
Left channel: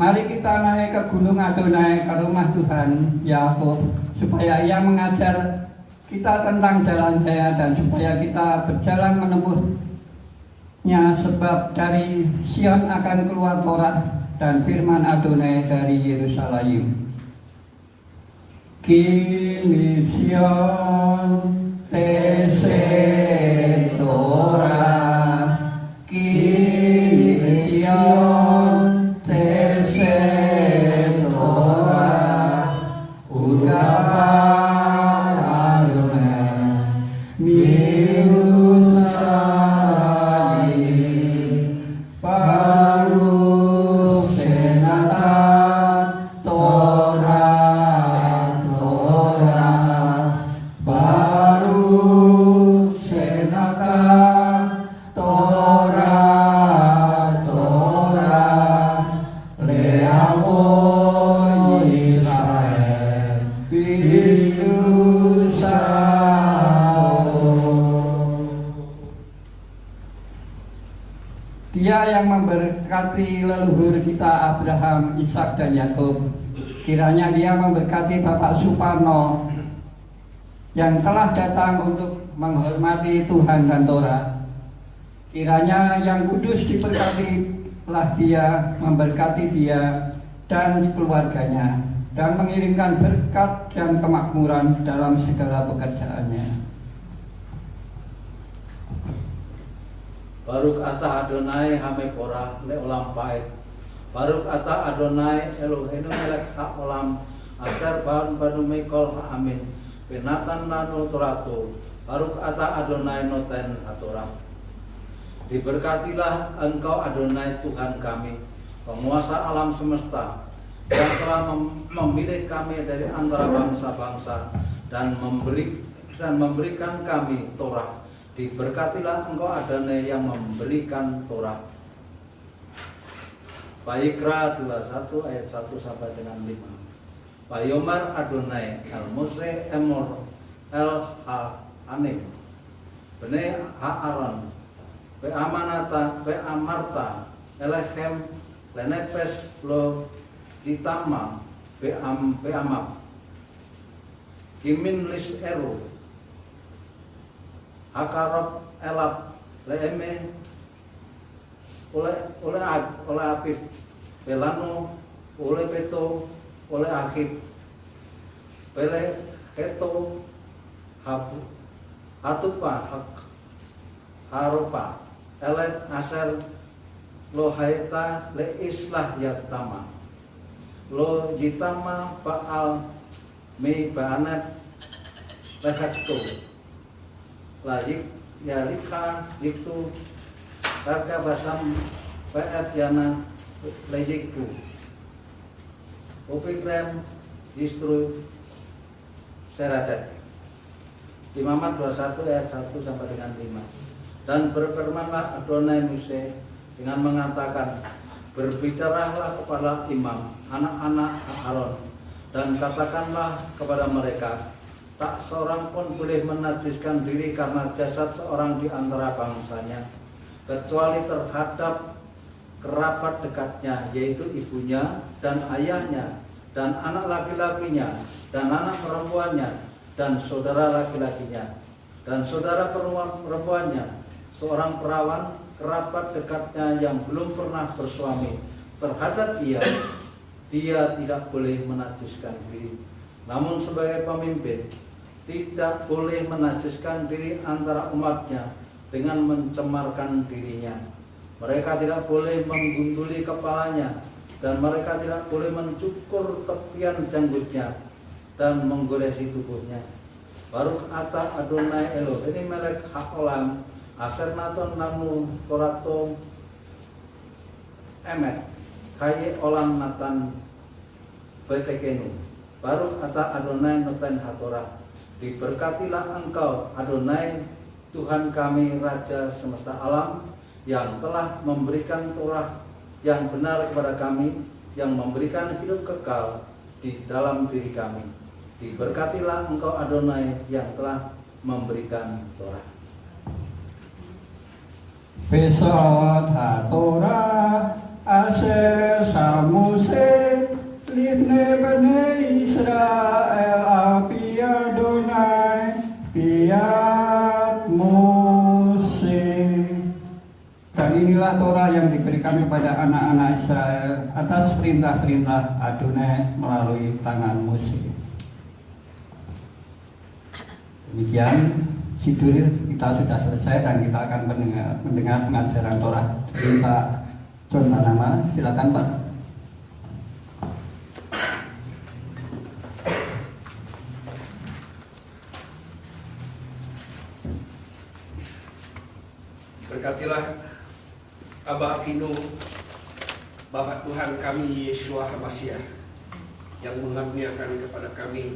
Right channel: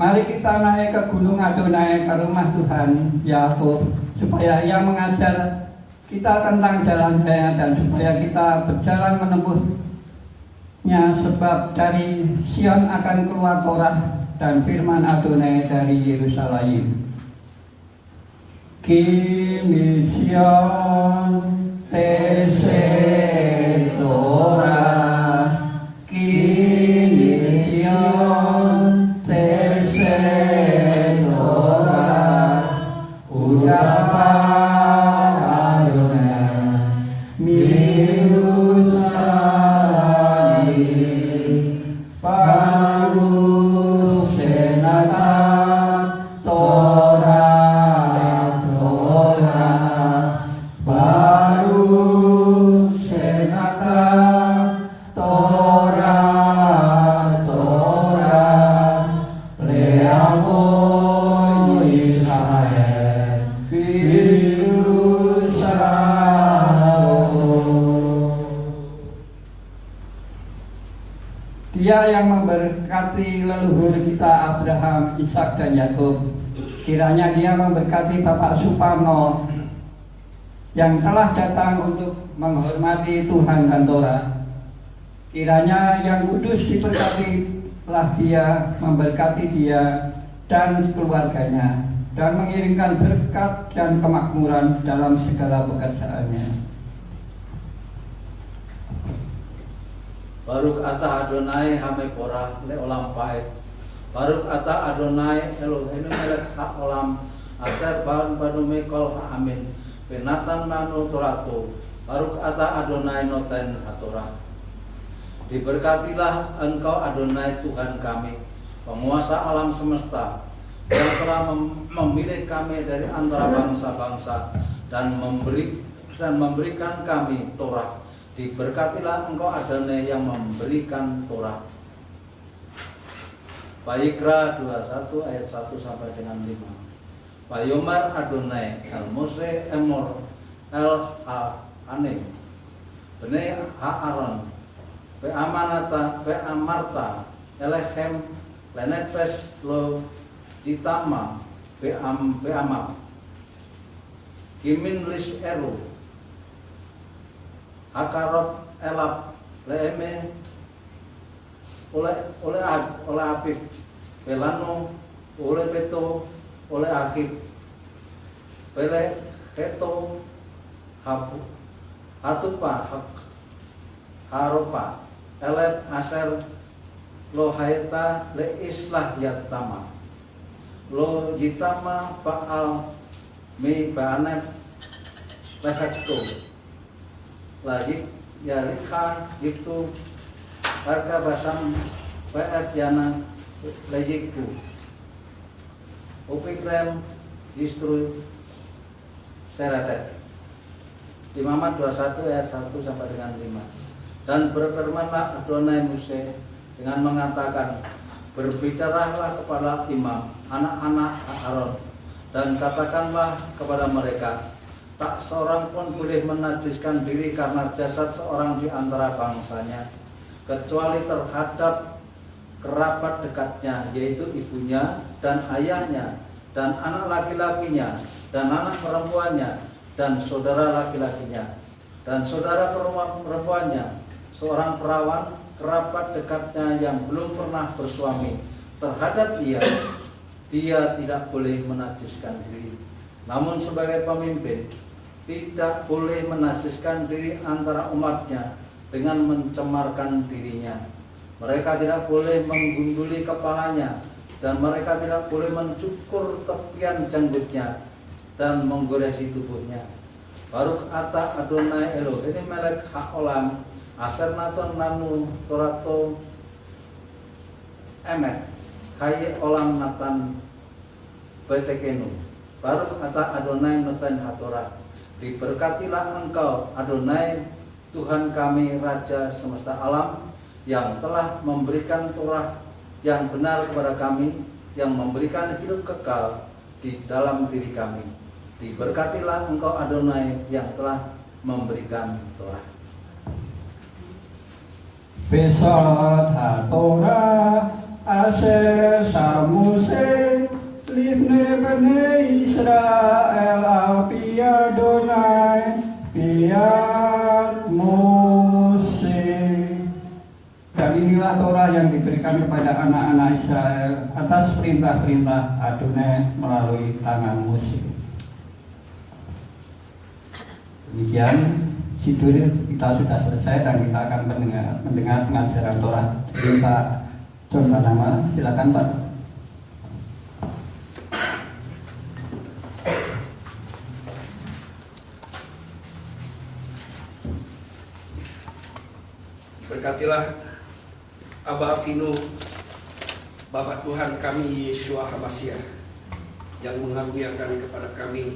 Mari kita naik ke Gunung Adonai, ke rumah Tuhan Yakub, supaya Ia mengajar kita tentang jalan-Nya dan supaya kita berjalan menempuhnya, sebab dari Sion akan keluar Torah dan firman Adonai dari Yerusalem. Kimi Sion tese Torah, Kimi Sion tese Torah, Udapa Adonai Yerusalem, baru senata Torah, baru senata Torah, leamo Israel, Dia yang memberkati leluhur kita Abraham, Ishak dan Yakub. Kiranya Dia memberkati Bapak Suparno yang telah datang untuk menghormati Tuhan dan Torah. Kiranya Yang Kudus diberkatilah Dia, memberkati dia dan keluarganya, dan mengirimkan berkat dan kemakmuran dalam segala pekerjaannya. Baruk ata Adonai hamekorah leolam paet. Baruk ata Adonai Eloheinu melek haolam aser ban banu mekol amin. Penatan nanu toratu. Baruk ata Adonai noten hatorah. Diberkatilah Engkau Adonai Tuhan kami, penguasa alam semesta, yang telah memilih kami dari antara bangsa-bangsa dan memberikan kami Torah. Diberkatilah Engkau Adonai yang memberikan Torah. Vayikra 21 ayat 1 sampai dengan 5. Vayomar Adonai el Mose emor el ha-anim bnei ha-aron ve'amanata ve'amarta elechem lenepes lo ditama ve'amap kimin lis eru hakarop elap leeme oleh Apip pelano oleh Peto oleh Akib pele Keto hatupa haropa elet aser lo haita le islah yatama lo jitama paal mi baanet lehekto lagi yalika itu harga basam paet yana lejiku upikrem istru seratet. Imamat 21 ayat 1 sampai dengan 5. Dan berfirmanlah Adonai Mose dengan mengatakan, berbicaralah kepada imam anak-anak Aaron dan katakanlah kepada mereka, tak seorang pun boleh menajiskan diri karena jasad seorang di antara bangsanya, kecuali terhadap kerabat dekatnya, yaitu ibunya dan ayahnya dan anak laki-lakinya dan anak perempuannya dan saudara laki-lakinya dan saudara perempuannya, seorang perawan kerabat dekatnya yang belum pernah bersuami. Terhadap dia tidak boleh menajiskan diri. Namun sebagai pemimpin tidak boleh menajiskan diri antara umatnya dengan mencemarkan dirinya. Mereka tidak boleh menggunduli kepalanya, dan mereka tidak boleh mencukur tepian janggutnya dan menggoresi tubuhnya. Baruch ata Adonai Eloheinu melech haolam asher naton lanu torato emet kaye olam natan betekenu. Baruch ata Adonai noten hatorah. Diberkatilah engkau Adonai Tuhan kami Raja semesta alam, yang telah memberikan Torah yang benar kepada kami, yang memberikan hidup kekal di dalam diri kami. Diberkatilah engkau Adonai yang telah memberikan Torah. Besot HaTorah Asher Samuse Libne Bene Israel Api Adonai Piat Mose. Dan inilah Torah yang diberikan kepada anak-anak Israel atas perintah-perintah Adonai melalui tangan Mose. Demikian judul kita sudah selesai dan kita akan mendengar pengajaran Torah. Pak John Manama, silakan Pak. Berkatilah Abah Avinu, Bapak Tuhan kami Yeshua HaMashiach, yang mengaruniakan kepada kami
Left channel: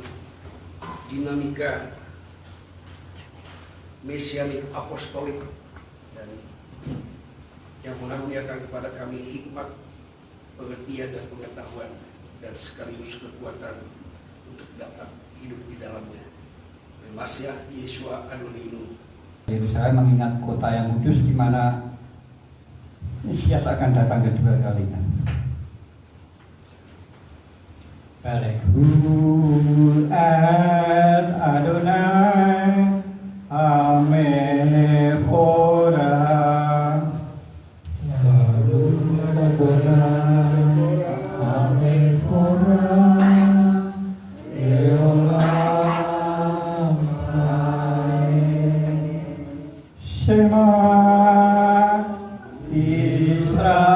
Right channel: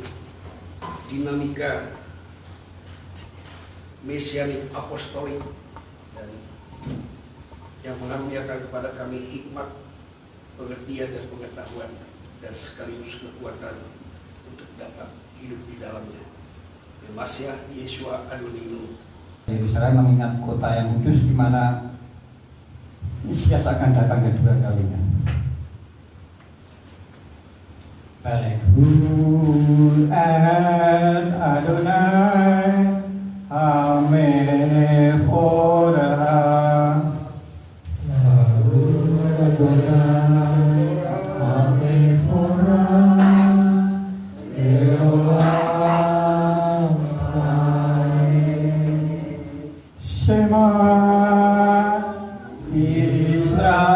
dinamika mesianik apostolik, dan yang mengaruniakan kepada kami hikmat, pengertian dan pengetahuan, dan sekaligus kekuatan untuk dapat hidup di dalamnya. Mashiach Yeshua Adonai. Yerusalem mengingat kota yang kudus di mana Mesias akan datang kedua kalinya. Barekhul ad Adonai Amephorah. Baruch Adonai Amephorah Leolam Shema Israel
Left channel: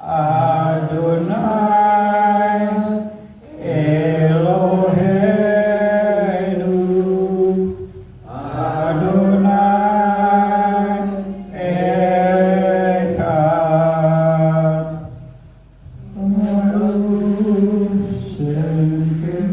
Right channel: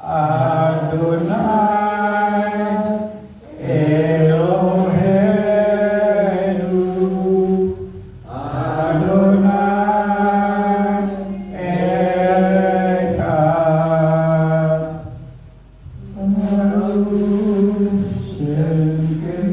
Adonai Eloheinu Adonai Echad. Baruch Shekefon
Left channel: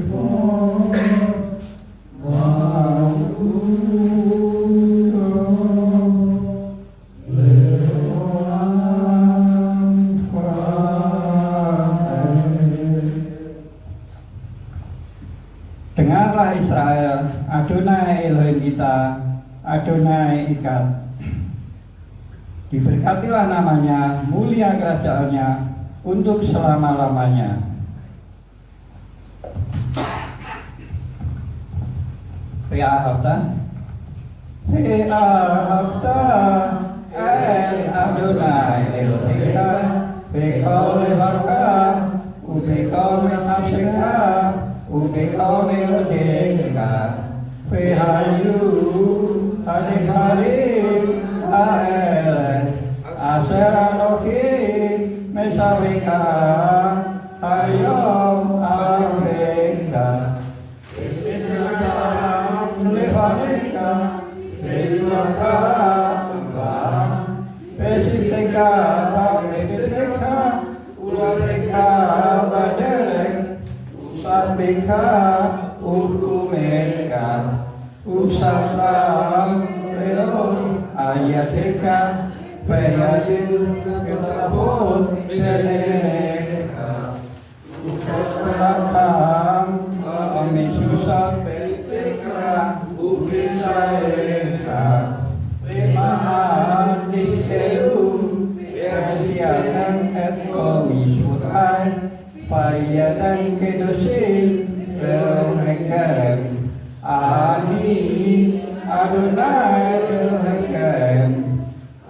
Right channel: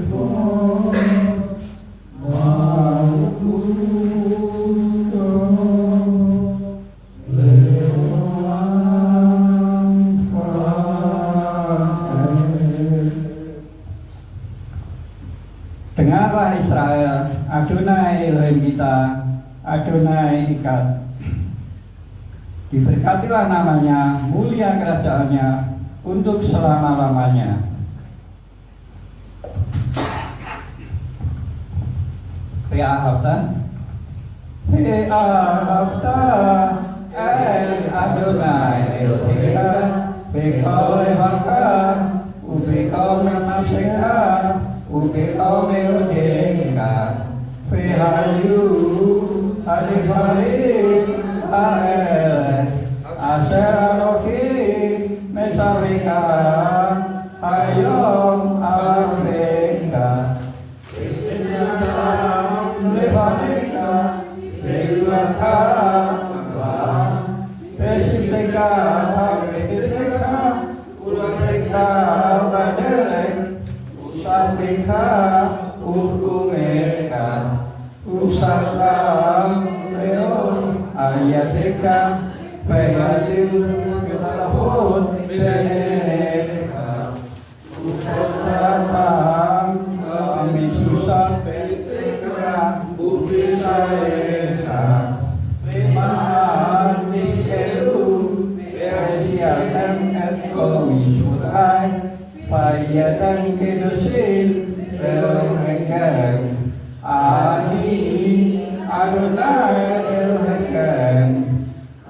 Dengarlah Israel, Adonai Elohim kita, Adonai Echad. Diberkatilah namanya, mulia kerajaannya untuk selama-lamanya. Ve'ahavta el Adonai Elohecha b'kol levacha u'b'kol nafshecha u'b'kol yodecha ve'hayu hadivarim ha'eleh asher Elohim mesavika hayom alabeka dan kedosin Elohim Ani Adonai Elohim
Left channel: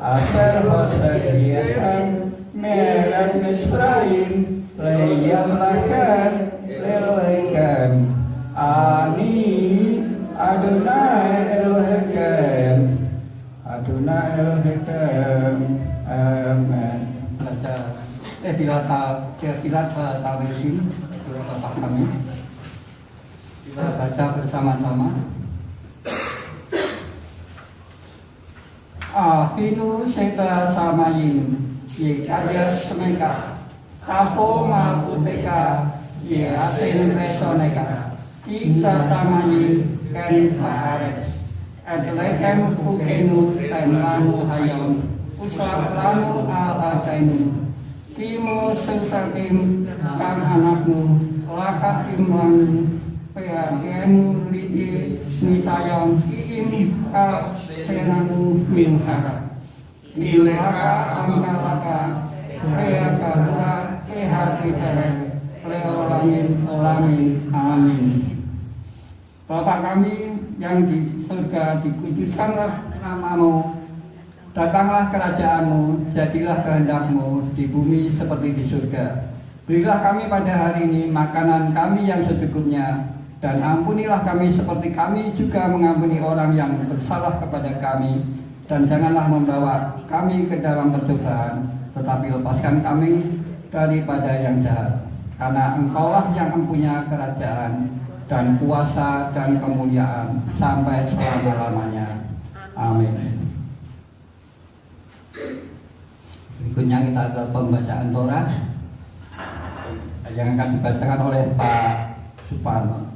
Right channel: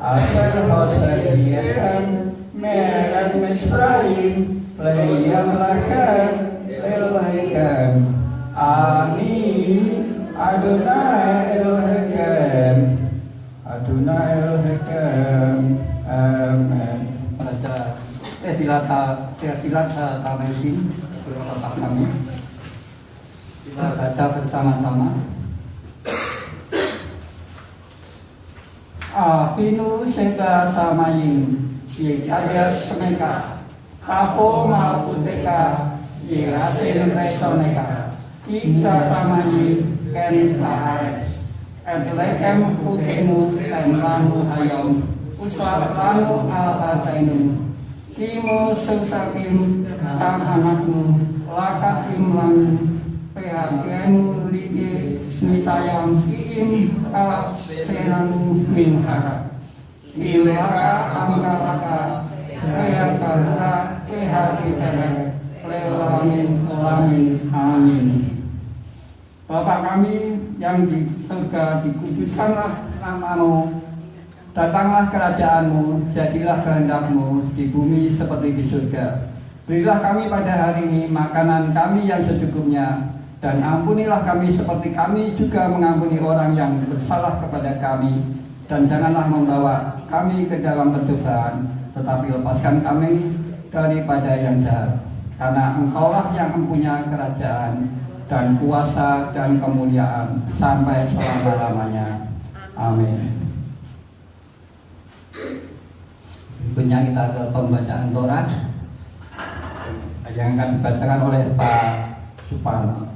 Asher hosediakan melech Misraim leyamlakan Elohim Ani Adonai Elohim Adonai Elohim. Amen. Tefillah Tawirin, Bapak kami. Kita baca bersama-sama. Afinu seta samayin ye ada semeka tapo malputeka ye asen resoneka kita samayin ken ares adlekem kukenu tenlanu hayam usap lanu al-atainu kimo sutakim tang anakmu laka imlan PHPN Lidi Smitayang Kiim Ka Senanu Minhaka Milaka Angkalaka Kaya Kadura PHP Terek Leolamin Olamin Amin. Bapak kami yang di surga, dikuduskanlah namamu, datanglah kerajaanmu, jadilah kehendakmu di bumi seperti di surga. Berilah kami pada hari ini makanan kami yang secukupnya, dan ampunilah kami seperti kami juga mengampuni orang yang bersalah kepada kami, dan janganlah membawa kami ke dalam pencobaan, tetapi lepaskan kami daripada yang jahat. Karena Engkaulah yang mempunyai kerajaan dan kuasa dan kemuliaan sampai selama-lamanya. Amin. Berikutnya kita ke pembacaan Torah yang akan dibacakan oleh Pak Suparno.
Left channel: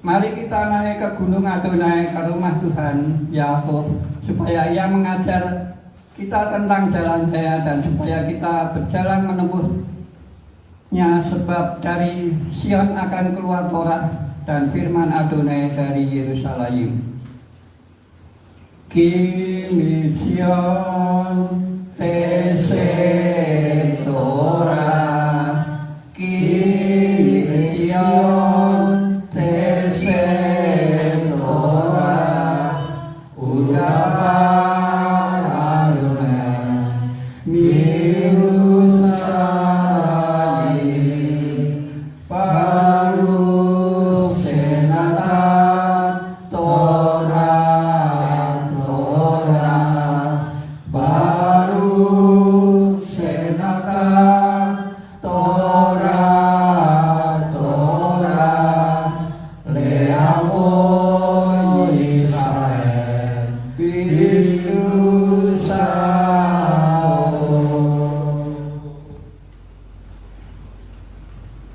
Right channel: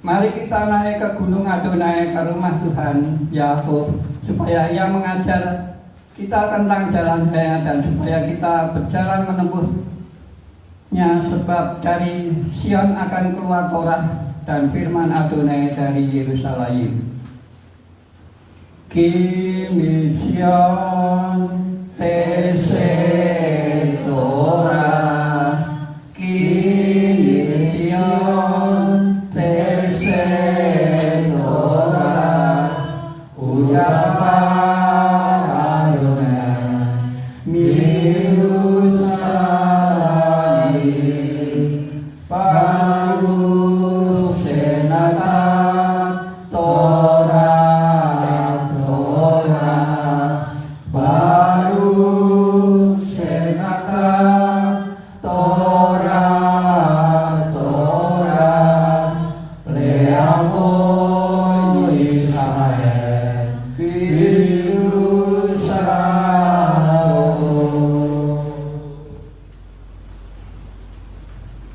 Mari kita naik ke Gunung Adonai, ke rumah Tuhan Yakub, supaya Ia mengajar kita tentang jalan-Nya dan supaya kita berjalan menempuhnya, sebab dari Sion akan keluar Torah dan firman Adonai dari Yerusalem. Kimi Sion tese Torah, Kimi Sion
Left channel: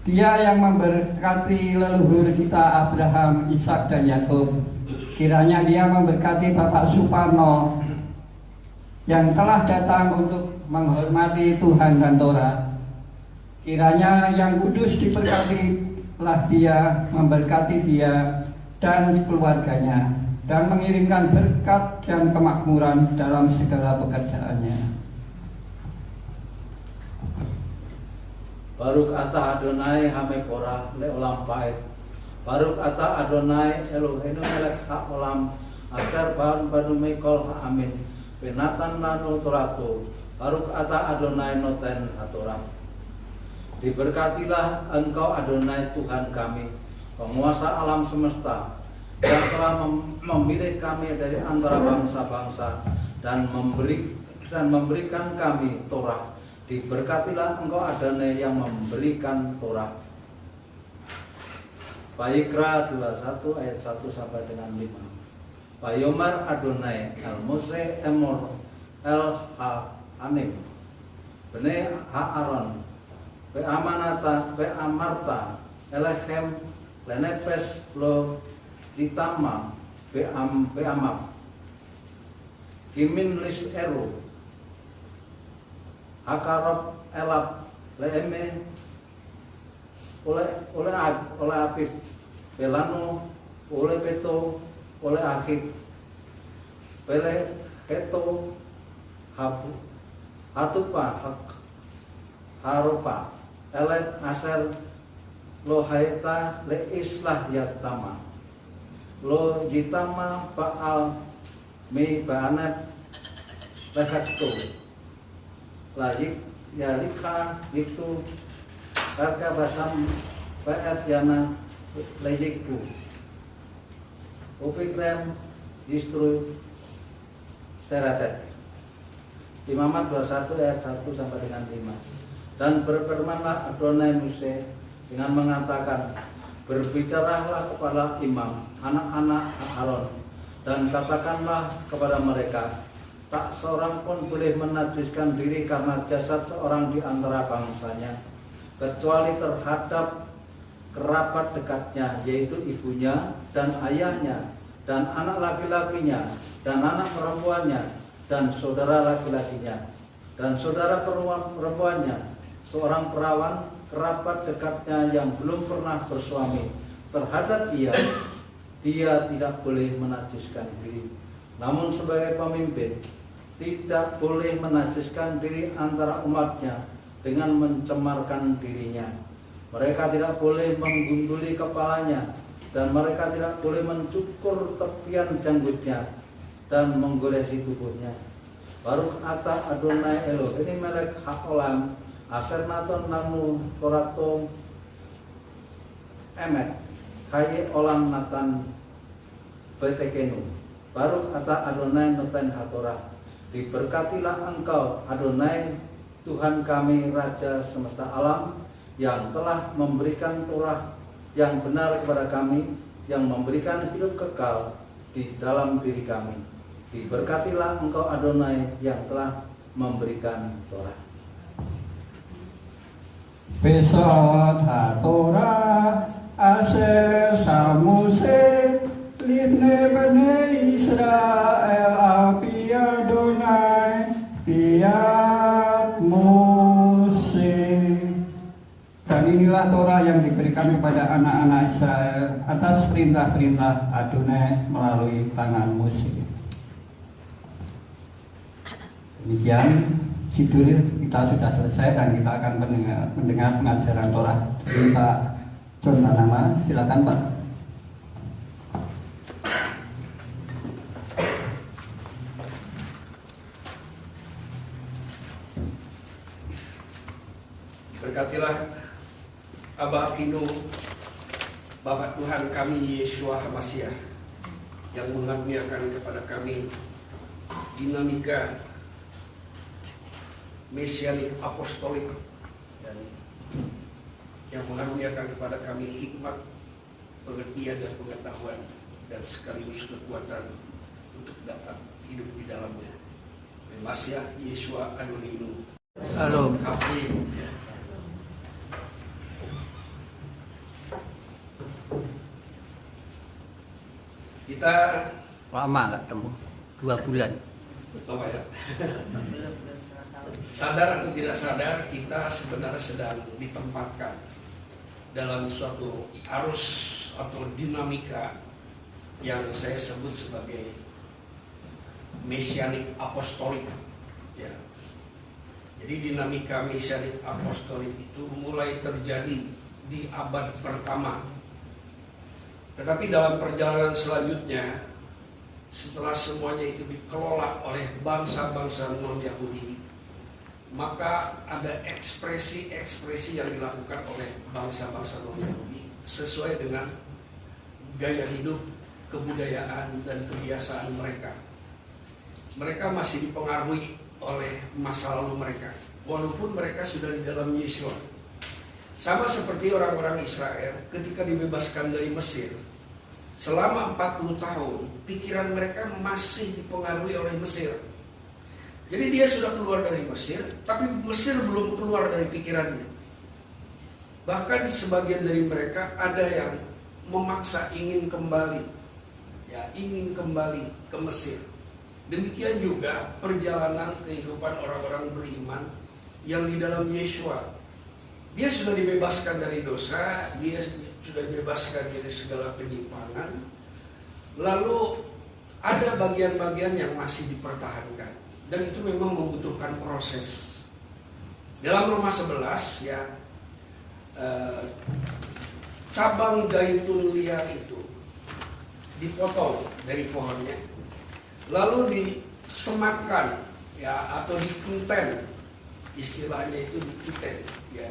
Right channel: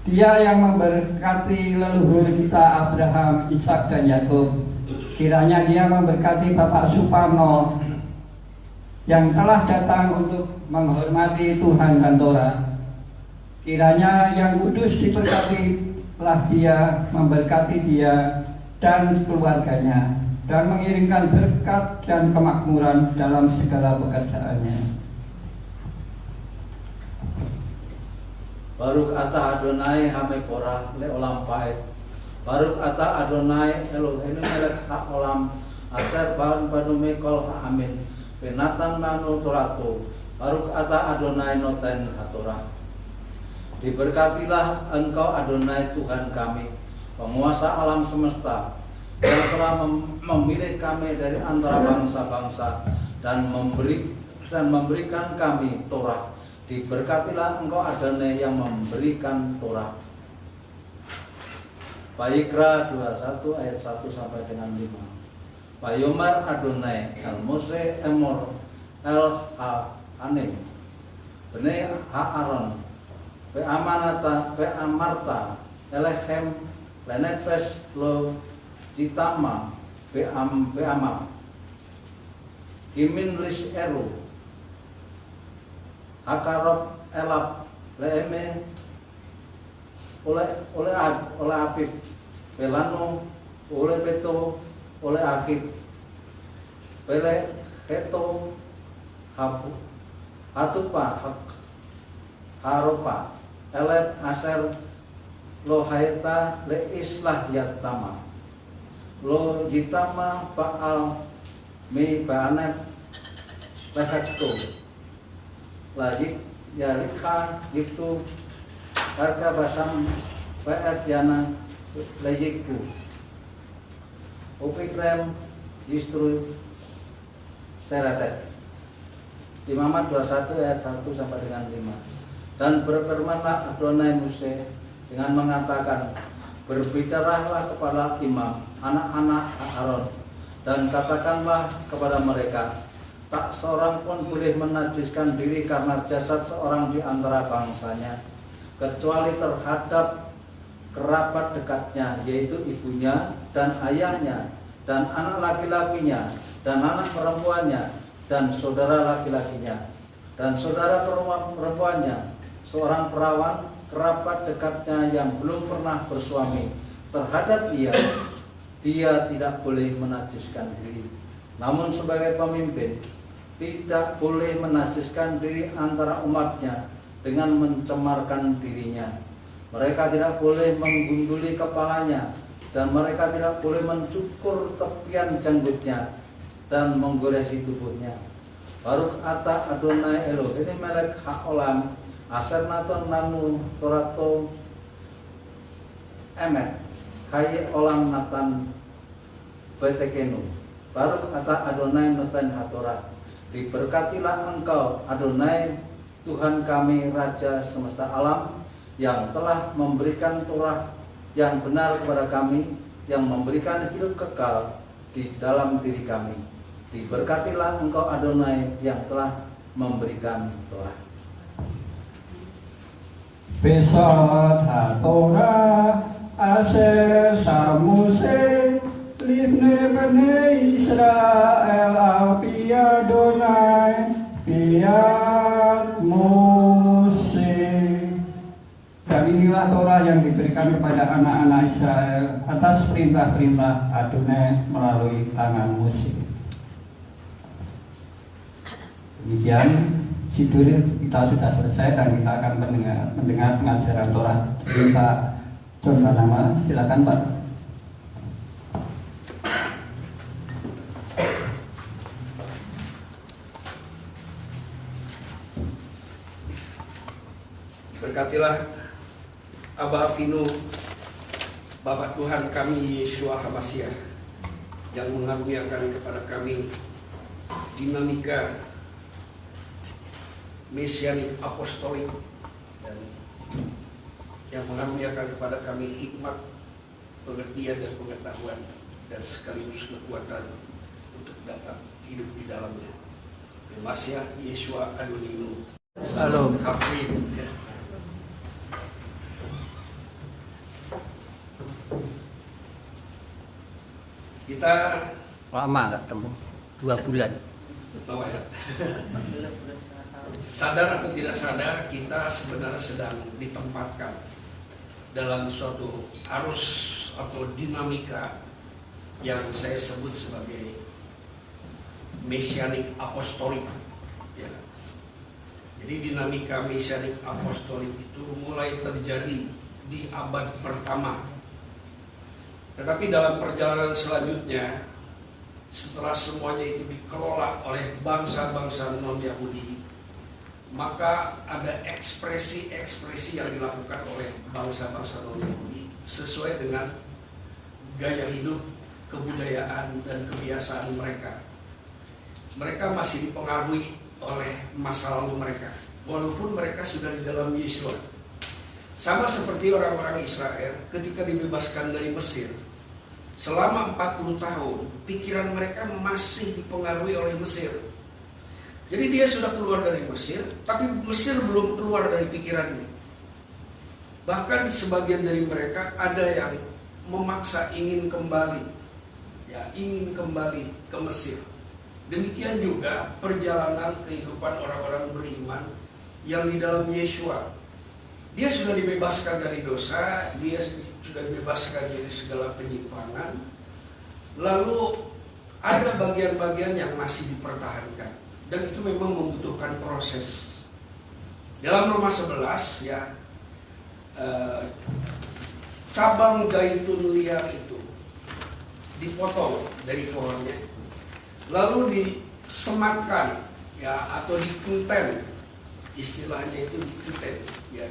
Dia yang memberkati leluhur kita Abraham, Ishak dan Yakub. Kiranya Dia memberkati Bapak Suparno yang telah datang untuk menghormati Tuhan dan Torah. Kiranya yang kudus diberkatilah Dia, memberkati dia dan keluarganya, dan mengirimkan berkat dan kemakmuran dalam segala pekerjaannya. Baruk ata Adonai hameporah leolam paet. Baruk ata Adonai Eloheinu melek haolam aser ban banu mekol amin. Penatan nanu toratu. Baruk ata Adonai noten hatorah. Diberkatilah Engkau Adonai Tuhan kami, penguasa alam semesta, yang telah memilih kami dari antara bangsa-bangsa dan memberikan kami Torah. Diberkatilah Engkau Adonai yang memberikan Torah. Vaikra 21 ayat 1 sampai dengan 5. Payomar Adonai el Mose emor el ha-anim bene ha-aron pe amanata pe amarta elechem lenepes lo citama pe amap kimin lis eru Akarop elap leeme oleh Apip pelano oleh Peto oleh Akib pele Keto hatupa haropa elet aser lo haita le islah yatama lo jitama baal mi baanep lehekto lagi yalika itu harga basam paet yana lejiku upikrem justru seratet Imamat 21 ayat 1 sampai dengan 5. Dan berfirmanlah Adonai Musa dengan mengatakan, berbicaralah kepada imam, anak-anak Aaron, dan katakanlah kepada mereka, tak seorang pun boleh menajiskan diri karena jasad seorang di antara bangsanya, kecuali terhadap kerabat dekatnya, yaitu ibunya dan ayahnya, dan anak laki-lakinya, dan anak perempuannya, dan saudara laki-lakinya, dan saudara perempuannya, seorang perawan, kerabat dekatnya yang belum pernah bersuami. Terhadap dia tidak boleh menajiskan diri. Namun sebagai pemimpin, tidak boleh menajiskan diri antara umatnya dengan mencemarkan dirinya. Mereka tidak boleh menggunduli kepalanya, dan mereka tidak boleh mencukur tepian janggutnya dan menggoresi tubuhnya. Baruch ata Adonai Elohim melek haolam aser naton nanu torato emet kaye olam natan betekenu. Baruch ata Adonai noten hatorah. Diberkatilah engkau Adonai Tuhan kami Raja semesta alam, yang telah memberikan Torah yang benar kepada kami, yang memberikan hidup kekal di dalam diri kami. Diberkatilah engkau Adonai yang telah memberikan Torah. Besot HaTorah Aser Samuse Libne Bene Israel Api Adonai Piat Mose. Dan inilah Torah yang diberikan kepada anak-anak Israel atas perintah-perintah Adonai melalui tangan Mose. Demikian judul kita sudah selesai dan kita akan mendengar pengajaran Torah. Kita coba nama, silakan Pak. Berkatilah Abah Avinu, Bapak Tuhan kami Yeshua HaMashiach, yang mengaruniakan kepada kami dinamika mesianik apostolik, dan yang mengaruniakan kepada kami hikmat, pengertian dan pengetahuan, dan sekaligus kekuatan untuk dapat hidup di dalamnya. Masiah Yeshua Adonai. Salam. Amin. Kita Lama gak temu? 2 bulan. apa ya? Sadar atau tidak sadar, kita sebenarnya sedang ditempatkan dalam suatu arus atau dinamika yang saya sebut sebagai mesianik apostolik. Ya. Jadi dinamika mesianik apostolik itu mulai terjadi di abad pertama. Tetapi dalam perjalanan selanjutnya, setelah semuanya itu dikelola oleh bangsa-bangsa non-Yahudi, maka ada ekspresi-ekspresi yang dilakukan oleh bangsa-bangsa non-Yahudi sesuai dengan gaya hidup, kebudayaan, dan kebiasaan mereka. Mereka masih dipengaruhi oleh masa lalu mereka, walaupun mereka sudah di dalam Yeshua. Sama seperti orang-orang Israel ketika dibebaskan dari Mesir. Selama 40 tahun, pikiran mereka masih dipengaruhi oleh Mesir. Jadi dia sudah keluar dari Mesir, tapi Mesir belum keluar dari pikirannya. Bahkan sebagian dari mereka ada yang memaksa ingin kembali ke Mesir. Demikian juga perjalanan kehidupan orang-orang beriman yang di dalam Yeshua. Dia sudah dibebaskan dari dosa, dia sudah dibebaskan dari segala penyimpangan. Lalu ada bagian-bagian yang masih dipertahankan, dan itu memang membutuhkan proses. Dalam Roma 11 ya, cabang zaitun liar itu dipotong dari pohonnya, lalu disematkan ya, atau dikenten, istilahnya itu dikenten ya,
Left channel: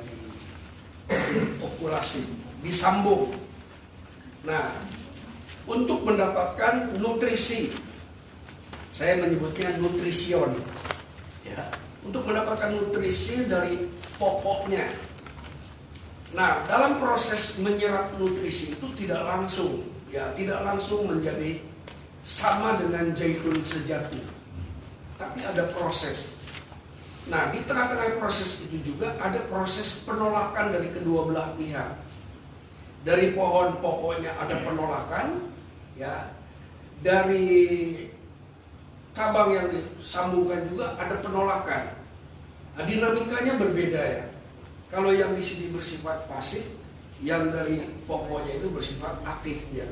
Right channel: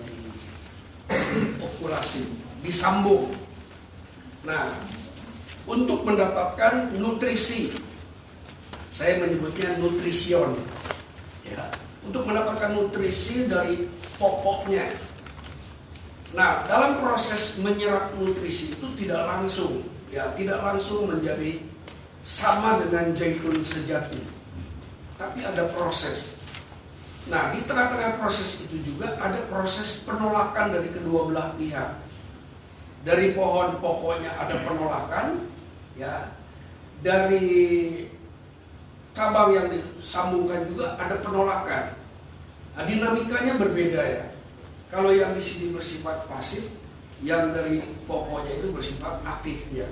diokulasi, disambung. Nah, untuk mendapatkan nutrisi, saya menyebutnya nutrision, ya, untuk mendapatkan nutrisi dari pokoknya. Nah, dalam proses menyerap nutrisi itu tidak langsung menjadi sama dengan zaitun sejati, tapi ada proses. Nah, di tengah-tengah proses itu juga ada proses penolakan dari kedua belah pihak. Dari pohon pokoknya ada penolakan, ya. Dari cabang yang disambungkan juga ada penolakan. Nah, dinamikanya berbeda ya. Kalau yang di sini bersifat pasif, yang dari pokoknya itu bersifat aktif ya.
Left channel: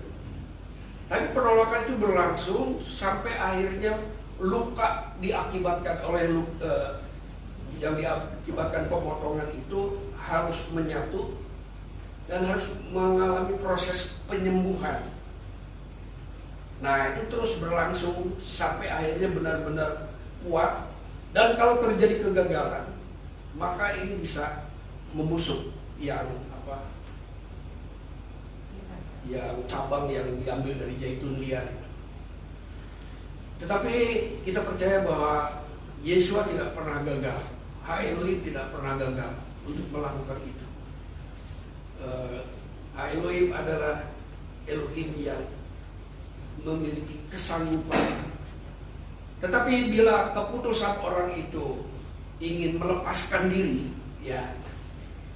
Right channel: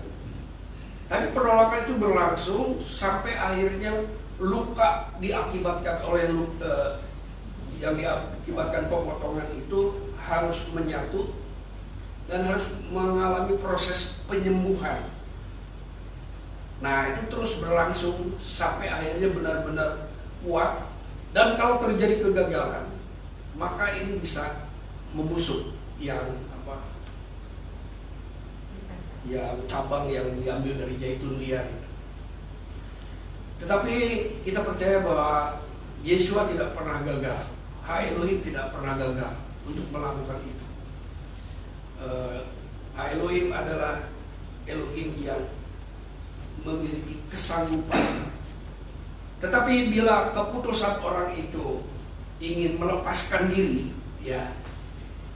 Tapi penolakan itu berlangsung sampai akhirnya luka diakibatkan oleh yang diakibatkan pemotongan itu harus menyatu dan harus mengalami proses penyembuhan. Nah, itu terus berlangsung sampai akhirnya benar-benar kuat. Dan kalau terjadi kegagalan, maka ini bisa membusuk yang cabang yang diambil dari zaitun liar. Tetapi kita percaya bahwa Yesua tidak pernah gagal, Ha-Elohim tidak pernah gagal untuk melakukan itu. Ha-Elohim adalah Elohim yang memiliki kesanggupan. Tetapi bila keputusan orang itu ingin melepaskan diri ya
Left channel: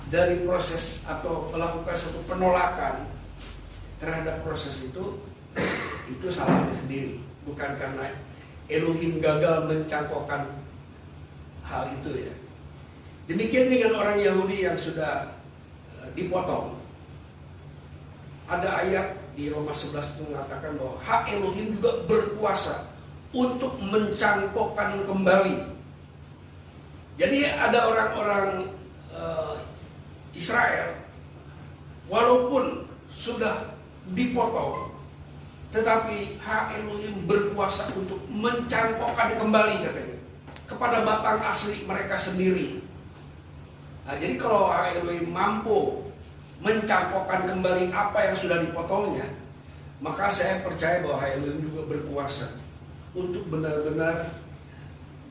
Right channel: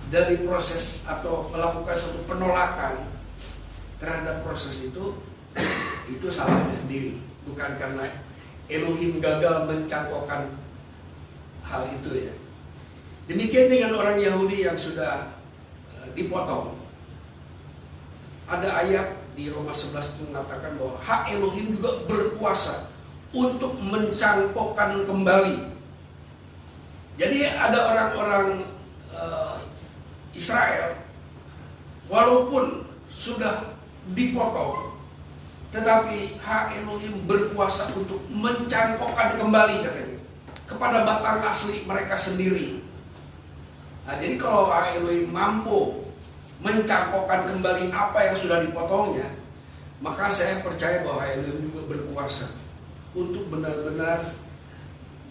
dari proses atau melakukan suatu penolakan terhadap proses itu salahnya sendiri, bukan karena Elohim gagal mencangkokkan hal itu ya. Demikian dengan orang Yahudi yang sudah dipotong. Ada ayat di Roma 11 itu mengatakan bahwa hak Elohim juga berkuasa untuk mencangkokkan kembali. Jadi ada orang-orang Israel walaupun sudah dipotong, tetapi hak Elohim berkuasa untuk mencangkokkan kembali katanya kepada batang asli mereka sendiri. Nah, jadi kalau hak Elohim mampu mencangkokkan kembali apa yang sudah dipotongnya, maka saya percaya bahwa hak Elohim juga berkuasa untuk benar-benar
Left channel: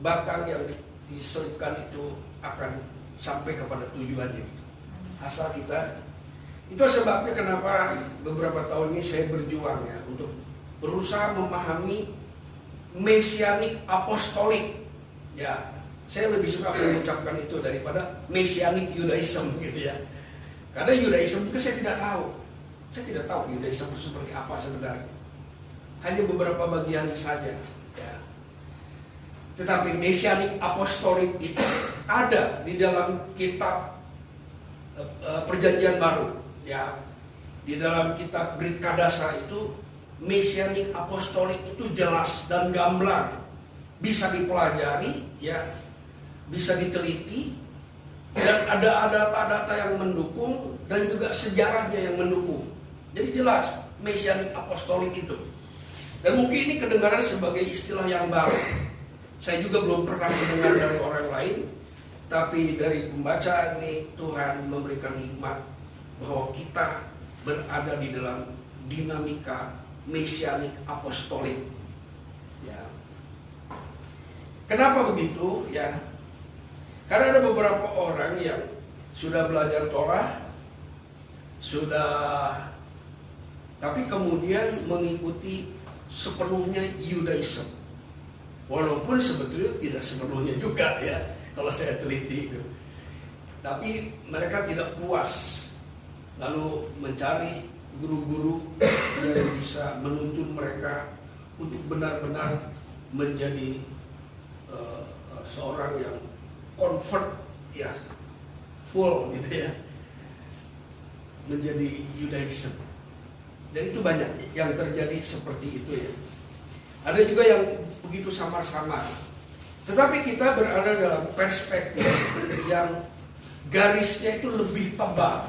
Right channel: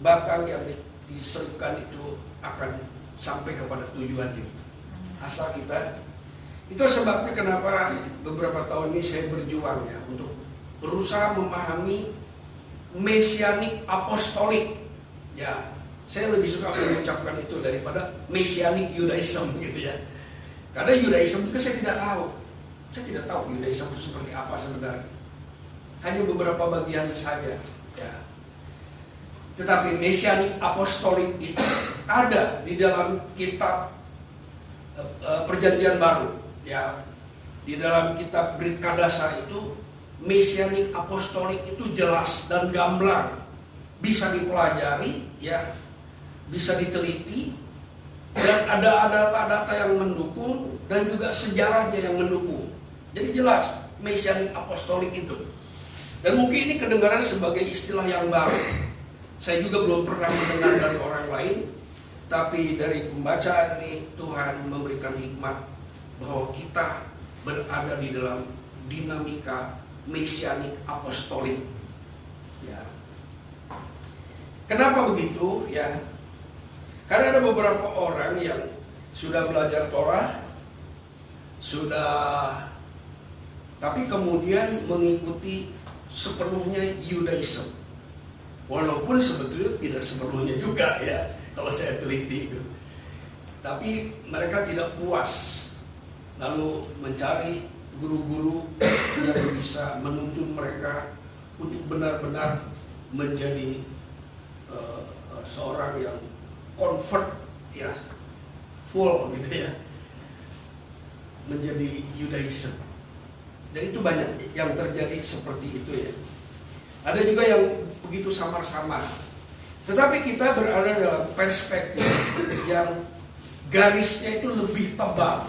batang yang diserahkan itu akan sampai kepada tujuannya. Asal kita, itu sebabnya kenapa beberapa tahun ini saya berjuang ya untuk berusaha memahami mesianik apostolik. Ya, saya lebih suka mengucapkan itu daripada mesianik Yudaism gitu ya. Karena Yudaism itu saya tidak tahu. Saya tidak tahu Yudaism itu seperti apa sebenarnya. Hanya beberapa bagian saja ya. Tetapi mesianik apostolik itu ada di dalam kitab Perjanjian Baru ya. Di dalam kitab Brit Kadasa itu mesianik apostolik itu jelas dan gamblang, bisa dipelajari ya, bisa diteliti, dan ada data-data yang mendukung dan juga sejarahnya yang mendukung. Jadi jelas mesianik apostolik itu. Dan mungkin ini kedengaran sebagai istilah yang baru. Saya juga belum pernah mendengar dari orang lain, tapi dari pembacaan ini Tuhan memberikan hikmat bahwa kita berada di dalam dinamika mesianik apostolik. Ya. Kenapa begitu? Ya, karena ada beberapa orang yang sudah belajar Torah, tapi kemudian mengikuti sepenuhnya Yudaism. Walaupun sebetulnya tidak sepenuhnya juga ya, kalau saya teliti itu. Tapi mereka tidak puas, lalu mencari guru-guru yang bisa menuntun mereka untuk benar-benar menjadi seorang yang convert ya, full gitu ya, menjadi Yudaism. Dan itu banyak yang terjadi seperti itu ya. Ada juga yang begitu samar-samar. Tetapi kita berada dalam perspektif yang garisnya itu lebih tebal,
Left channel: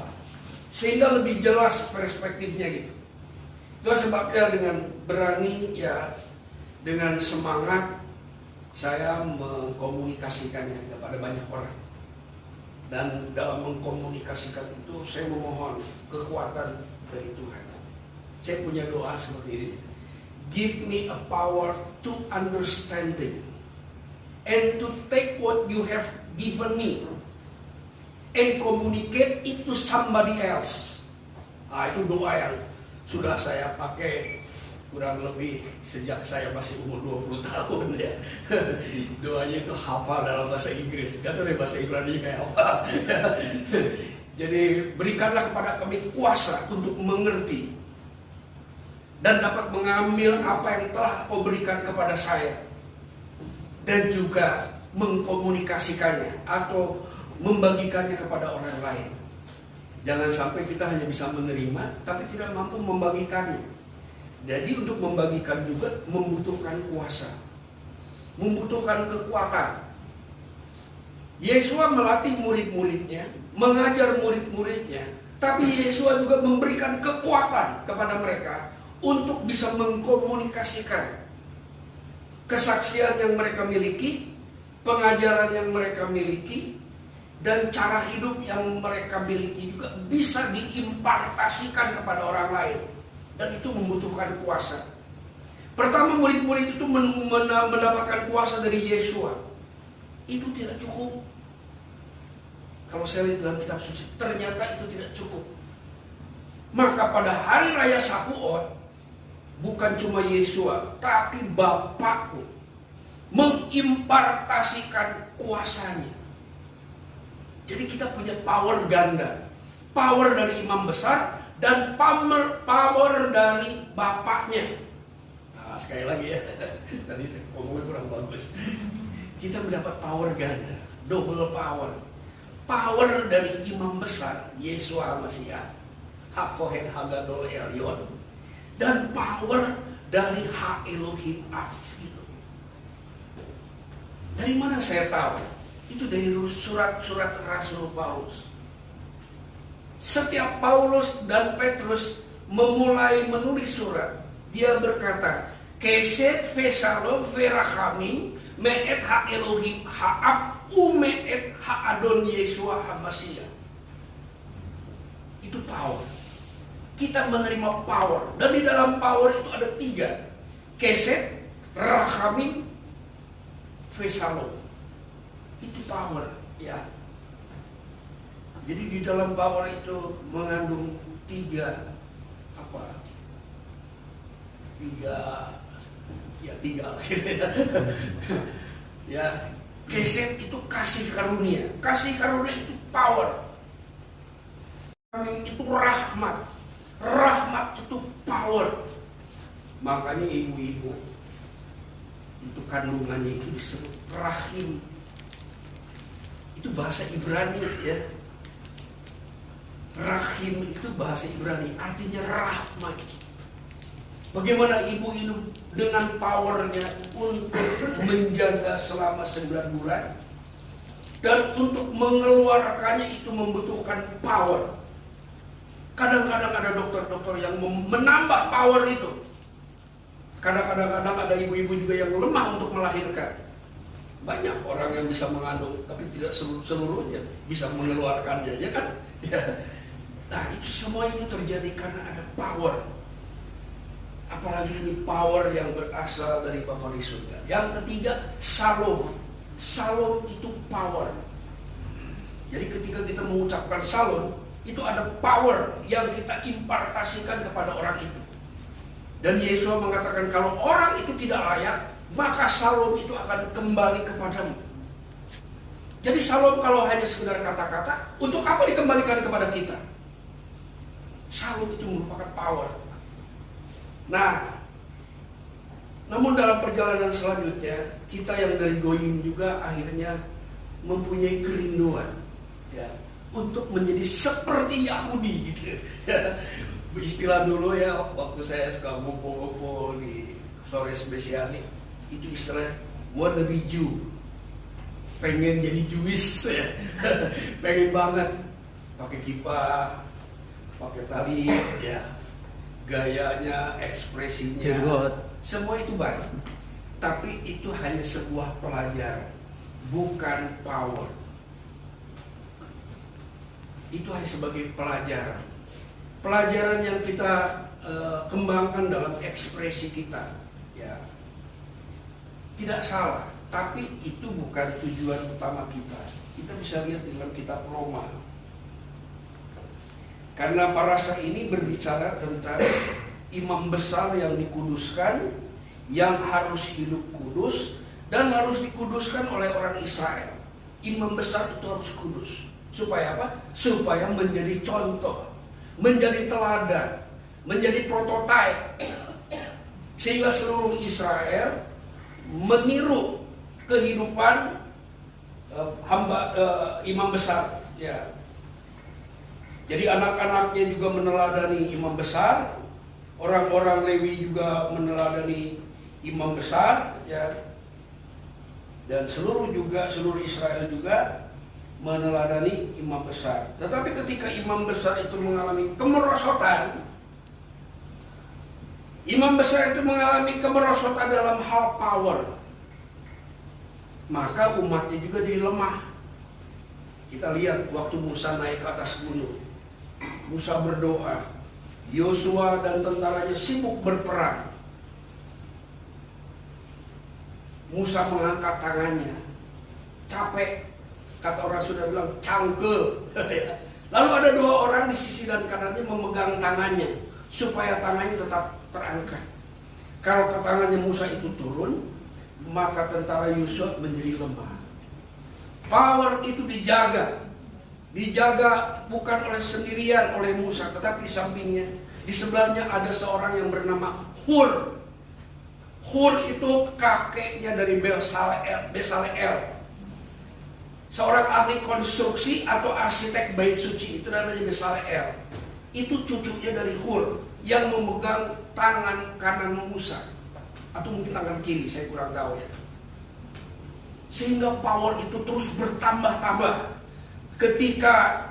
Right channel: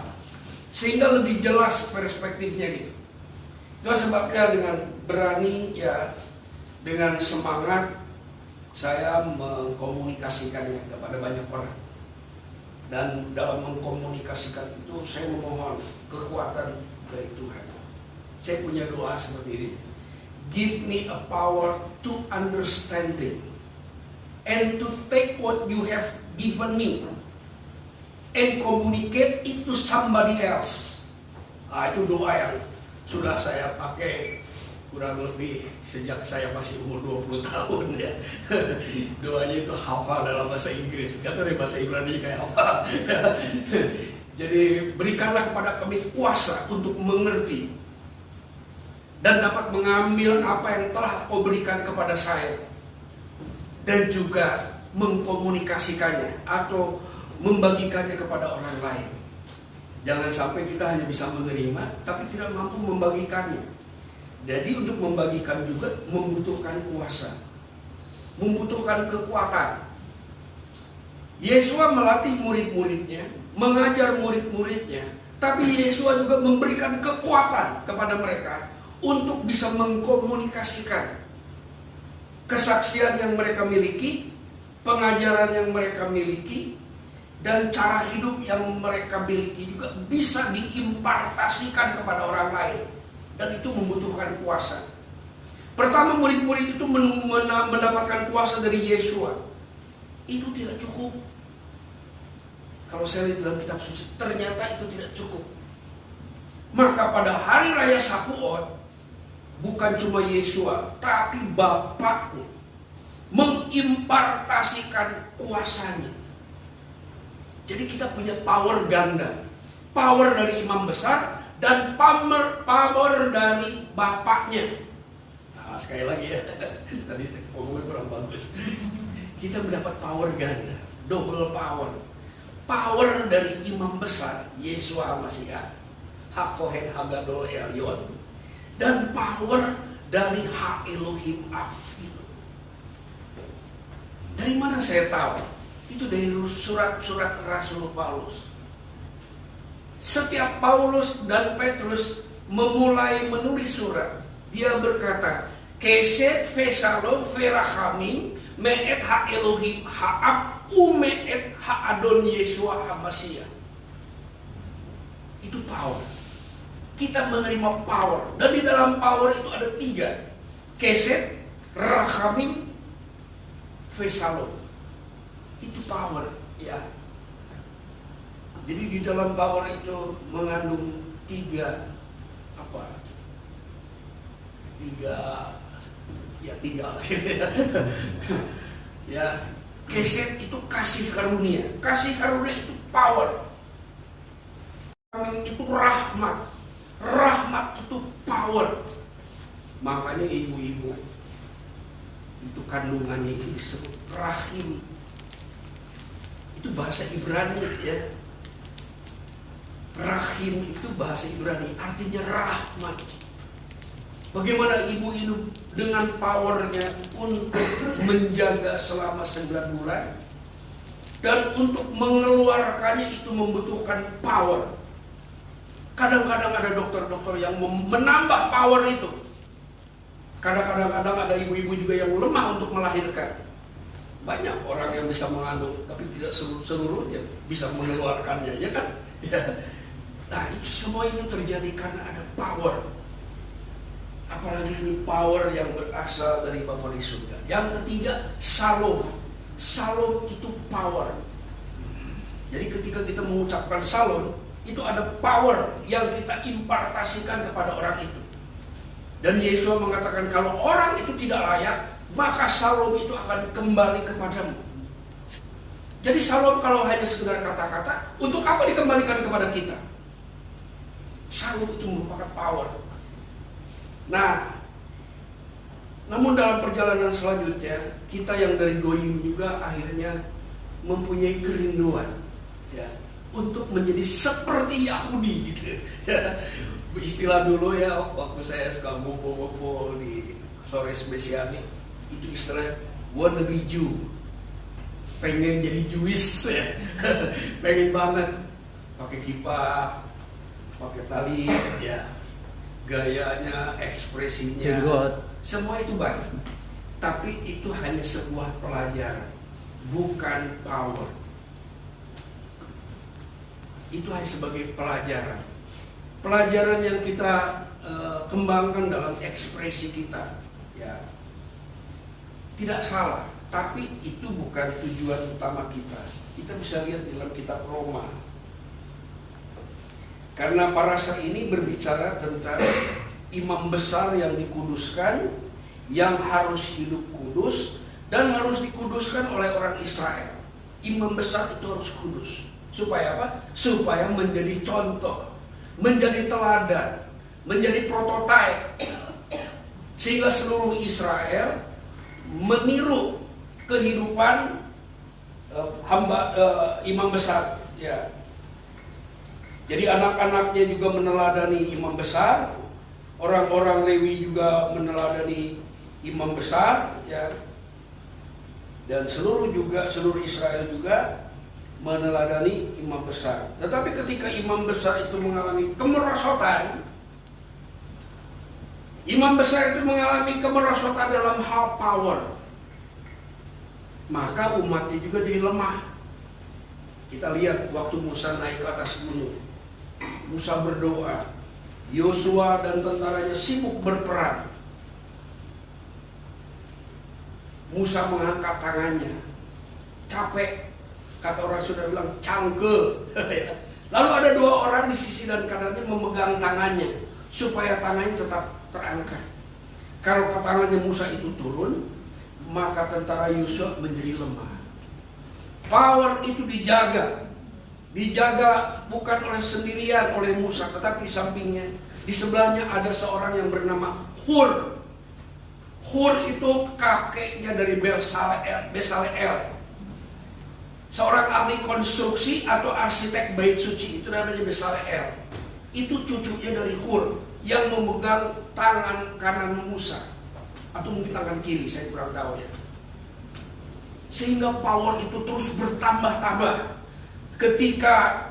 sehingga lebih jelas perspektifnya gitu. Itu sebabnya dengan berani ya, dengan semangat saya mengkomunikasikannya kepada banyak orang. Dan dalam mengkomunikasikan itu saya memohon kekuatan dari Tuhan. Saya punya doa seperti ini. Give me a power to understanding and to take what you have given me and communicate it to somebody else. Itu doa yang sudah saya pakai kurang lebih sejak saya masih umur 20 tahun ya. Doanya itu hafal dalam bahasa Inggris. Gak tahu deh bahasa Ibrani kayak apa. Jadi berikanlah kepada kami kuasa untuk mengerti dan dapat mengambil apa yang telah kau berikan kepada saya dan juga mengkomunikasikannya atau membagikannya kepada orang lain. Jangan sampai kita hanya bisa menerima tapi tidak mampu membagikannya. Jadi untuk membagikan juga membutuhkan kuasa, membutuhkan kekuatan. Yesus melatih murid-muridnya, mengajar murid-muridnya, tapi Yesus juga memberikan kekuatan kepada mereka untuk bisa mengkomunikasikan kesaksian yang mereka miliki, pengajaran yang mereka miliki, dan cara hidup yang mereka miliki juga bisa diimpartasikan kepada orang lain. Dan itu membutuhkan kuasa. Pertama murid-murid itu mendapatkan kuasa dari Yesua. Itu tidak cukup. Kalau saya lihat dalam kitab suci, ternyata itu tidak cukup. Maka pada hari raya Sakuot, bukan cuma Yesua, tapi Bapaknya mengimpartasikan kuasanya. Jadi kita punya power ganda. Power dari imam besar dan power dari Bapaknya. Nah, sekali lagi ya, tadi saya ngomongnya kurang bagus. Kita mendapat power ganda, double power. Power dari imam besar, Yesua Masiah, HaKohen Hagadol Elyon, dan power dari Ha-Elohim Afilo. Dari mana saya tahu? Itu dari surat-surat Rasul Paulus. Setiap Paulus dan Petrus memulai menulis surat, dia berkata, Keset Vesalom Verachamim Me'et Ha-Elohim Ha'ab Ume'et Ha-Adon Yesua HaMasiah. Itu power. Kita menerima power. Dan di dalam power itu ada 3. Keset, Rachamim, Vesalom. Itu power, ya. Jadi di dalam power itu mengandung 3 ya, Kesed itu kasih karunia. Kasih karunia itu power. Itu rahmat. Rahmat itu power. Makanya ibu-ibu itu kandungannya itu disebut rahim. Itu bahasa Ibrani ya. Rahim itu bahasa Ibrani, artinya rahmat. Bagaimana ibu ini dengan powernya untuk menjaga selama 9 bulan dan untuk mengeluarkannya itu membutuhkan power. Kadang-kadang ada dokter-dokter yang menambah power itu. Kadang-kadang ada ibu-ibu juga yang lemah untuk melahirkan. Banyak orang yang bisa mengandung, tapi tidak seluruhnya bisa mengeluarkannya, ya kan? Ya. Nah, itu semua itu terjadi karena ada power. Apalagi ini power yang berasal dari Bapa di surga. Yang ketiga, Shalom. Shalom itu power. Jadi ketika kita mengucapkan Shalom, itu ada power yang kita impartasikan kepada orang itu. Dan Yesus mengatakan kalau orang itu tidak layak, maka Shalom itu akan kembali kepadamu. Jadi Shalom kalau hanya sekedar kata-kata, untuk apa dikembalikan kepada kita? Shalom itu merupakan power. Nah, namun dalam perjalanan selanjutnya, kita yang dari goyim juga akhirnya mempunyai kerinduan ya, untuk menjadi seperti Yahudi gitu ya. Istilah dulu ya, waktu saya suka ngumpul-ngumpul di sore spesialis, itu istilah wanna be Jew, pengen jadi Jewish ya. Pengen banget pakai kippah, pakai tali ya, gayanya, ekspresinya, jenggot, semua itu baik. Tapi itu hanya sebuah pelajaran, bukan power. Itu hanya sebagai pelajaran. Pelajaran yang kita kembangkan dalam ekspresi kita, ya. Tidak salah Tapi itu bukan tujuan utama kita. Kita bisa lihat di dalam kitab Roma. Karena parasa ini berbicara tentang imam besar yang dikuduskan, yang harus hidup kudus, dan harus dikuduskan oleh orang Israel. Imam besar itu harus kudus. Supaya apa? Supaya menjadi contoh, menjadi teladan, menjadi prototipe. Sehingga seluruh Israel meniru kehidupan imam besar. Ya. Jadi anak-anaknya juga meneladani imam besar, orang-orang Lewi juga meneladani imam besar, ya. Dan seluruh Israel juga meneladani imam besar. Tetapi ketika imam besar itu mengalami kemerosotan, imam besar itu mengalami kemerosotan dalam hal power, maka umatnya juga jadi lemah. Kita lihat waktu Musa naik ke atas gunung, Musa berdoa, Yosua dan tentaranya sibuk berperang. Musa mengangkat tangannya, capek, kata orang sudah bilang cangkel. Lalu ada dua orang di sisi dan kanannya memegang tangannya supaya tangannya tetap terangkat. Kalau tangannya Musa itu turun, maka tentara Yosua menjadi lemah. Power itu dijaga bukan oleh sendirian oleh Musa, tetapi di sampingnya, di sebelahnya ada seorang yang bernama Hur. Hur itu kakeknya dari Besaleel. Seorang ahli konstruksi atau arsitek bait suci, itu namanya Besaleel. Itu cucunya dari Hur yang memegang tangan kanan Musa, atau mungkin tangan kiri, saya kurang tahu ya. Sehingga power itu terus bertambah-tambah. Ketika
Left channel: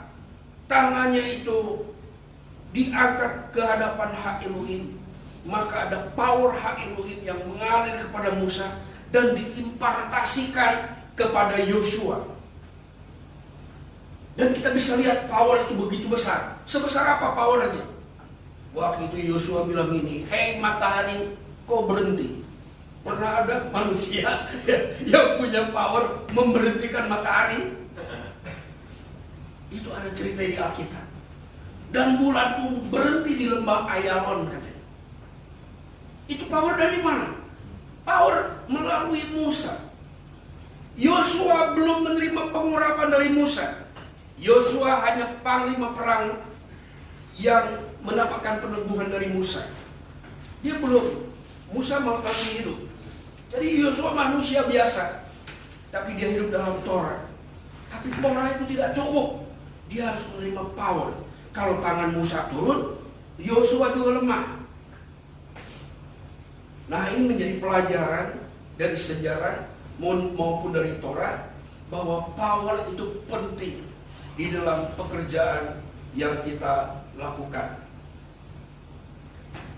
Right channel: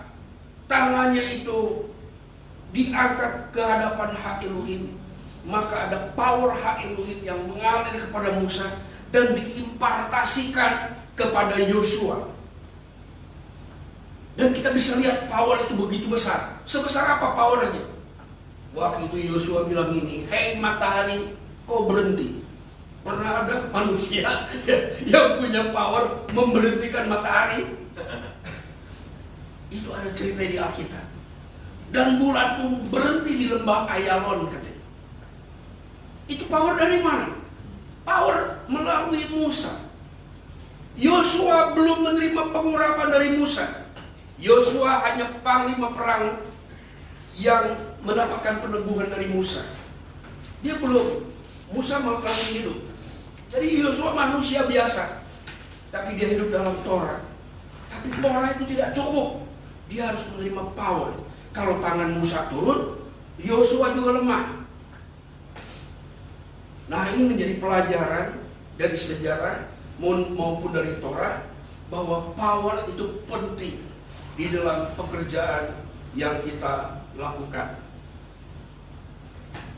tangannya itu diangkat ke hadapan hak Elohim, maka ada power hak Elohim yang mengalir kepada Musa dan diimpartasikan kepada Yosua. Dan kita bisa lihat power itu begitu besar. Sebesar apa powernya? Waktu itu Yosua bilang ini, "Hei matahari, kau berhenti." Pernah ada manusia yang punya power memberhentikan matahari? Itu ada cerita di Alkitab. Dan bulan pun berhenti di lembah Ayalon katanya. Itu power dari mana? Power melalui Musa. Yosua belum menerima pengurapan dari Musa. Yosua hanya panglima perang yang mendapatkan peneguhan dari Musa. Dia belum. Musa malah tanggung hidup. Jadi Yosua manusia biasa, tapi dia hidup dalam Torah. Tapi Torah itu tidak cukup. Dia harus menerima power. Kalau tangan Musa turun, Yosua juga lemah. Nah, ini menjadi pelajaran dari sejarah maupun dari Torah, bahwa power itu penting di dalam pekerjaan yang kita lakukan.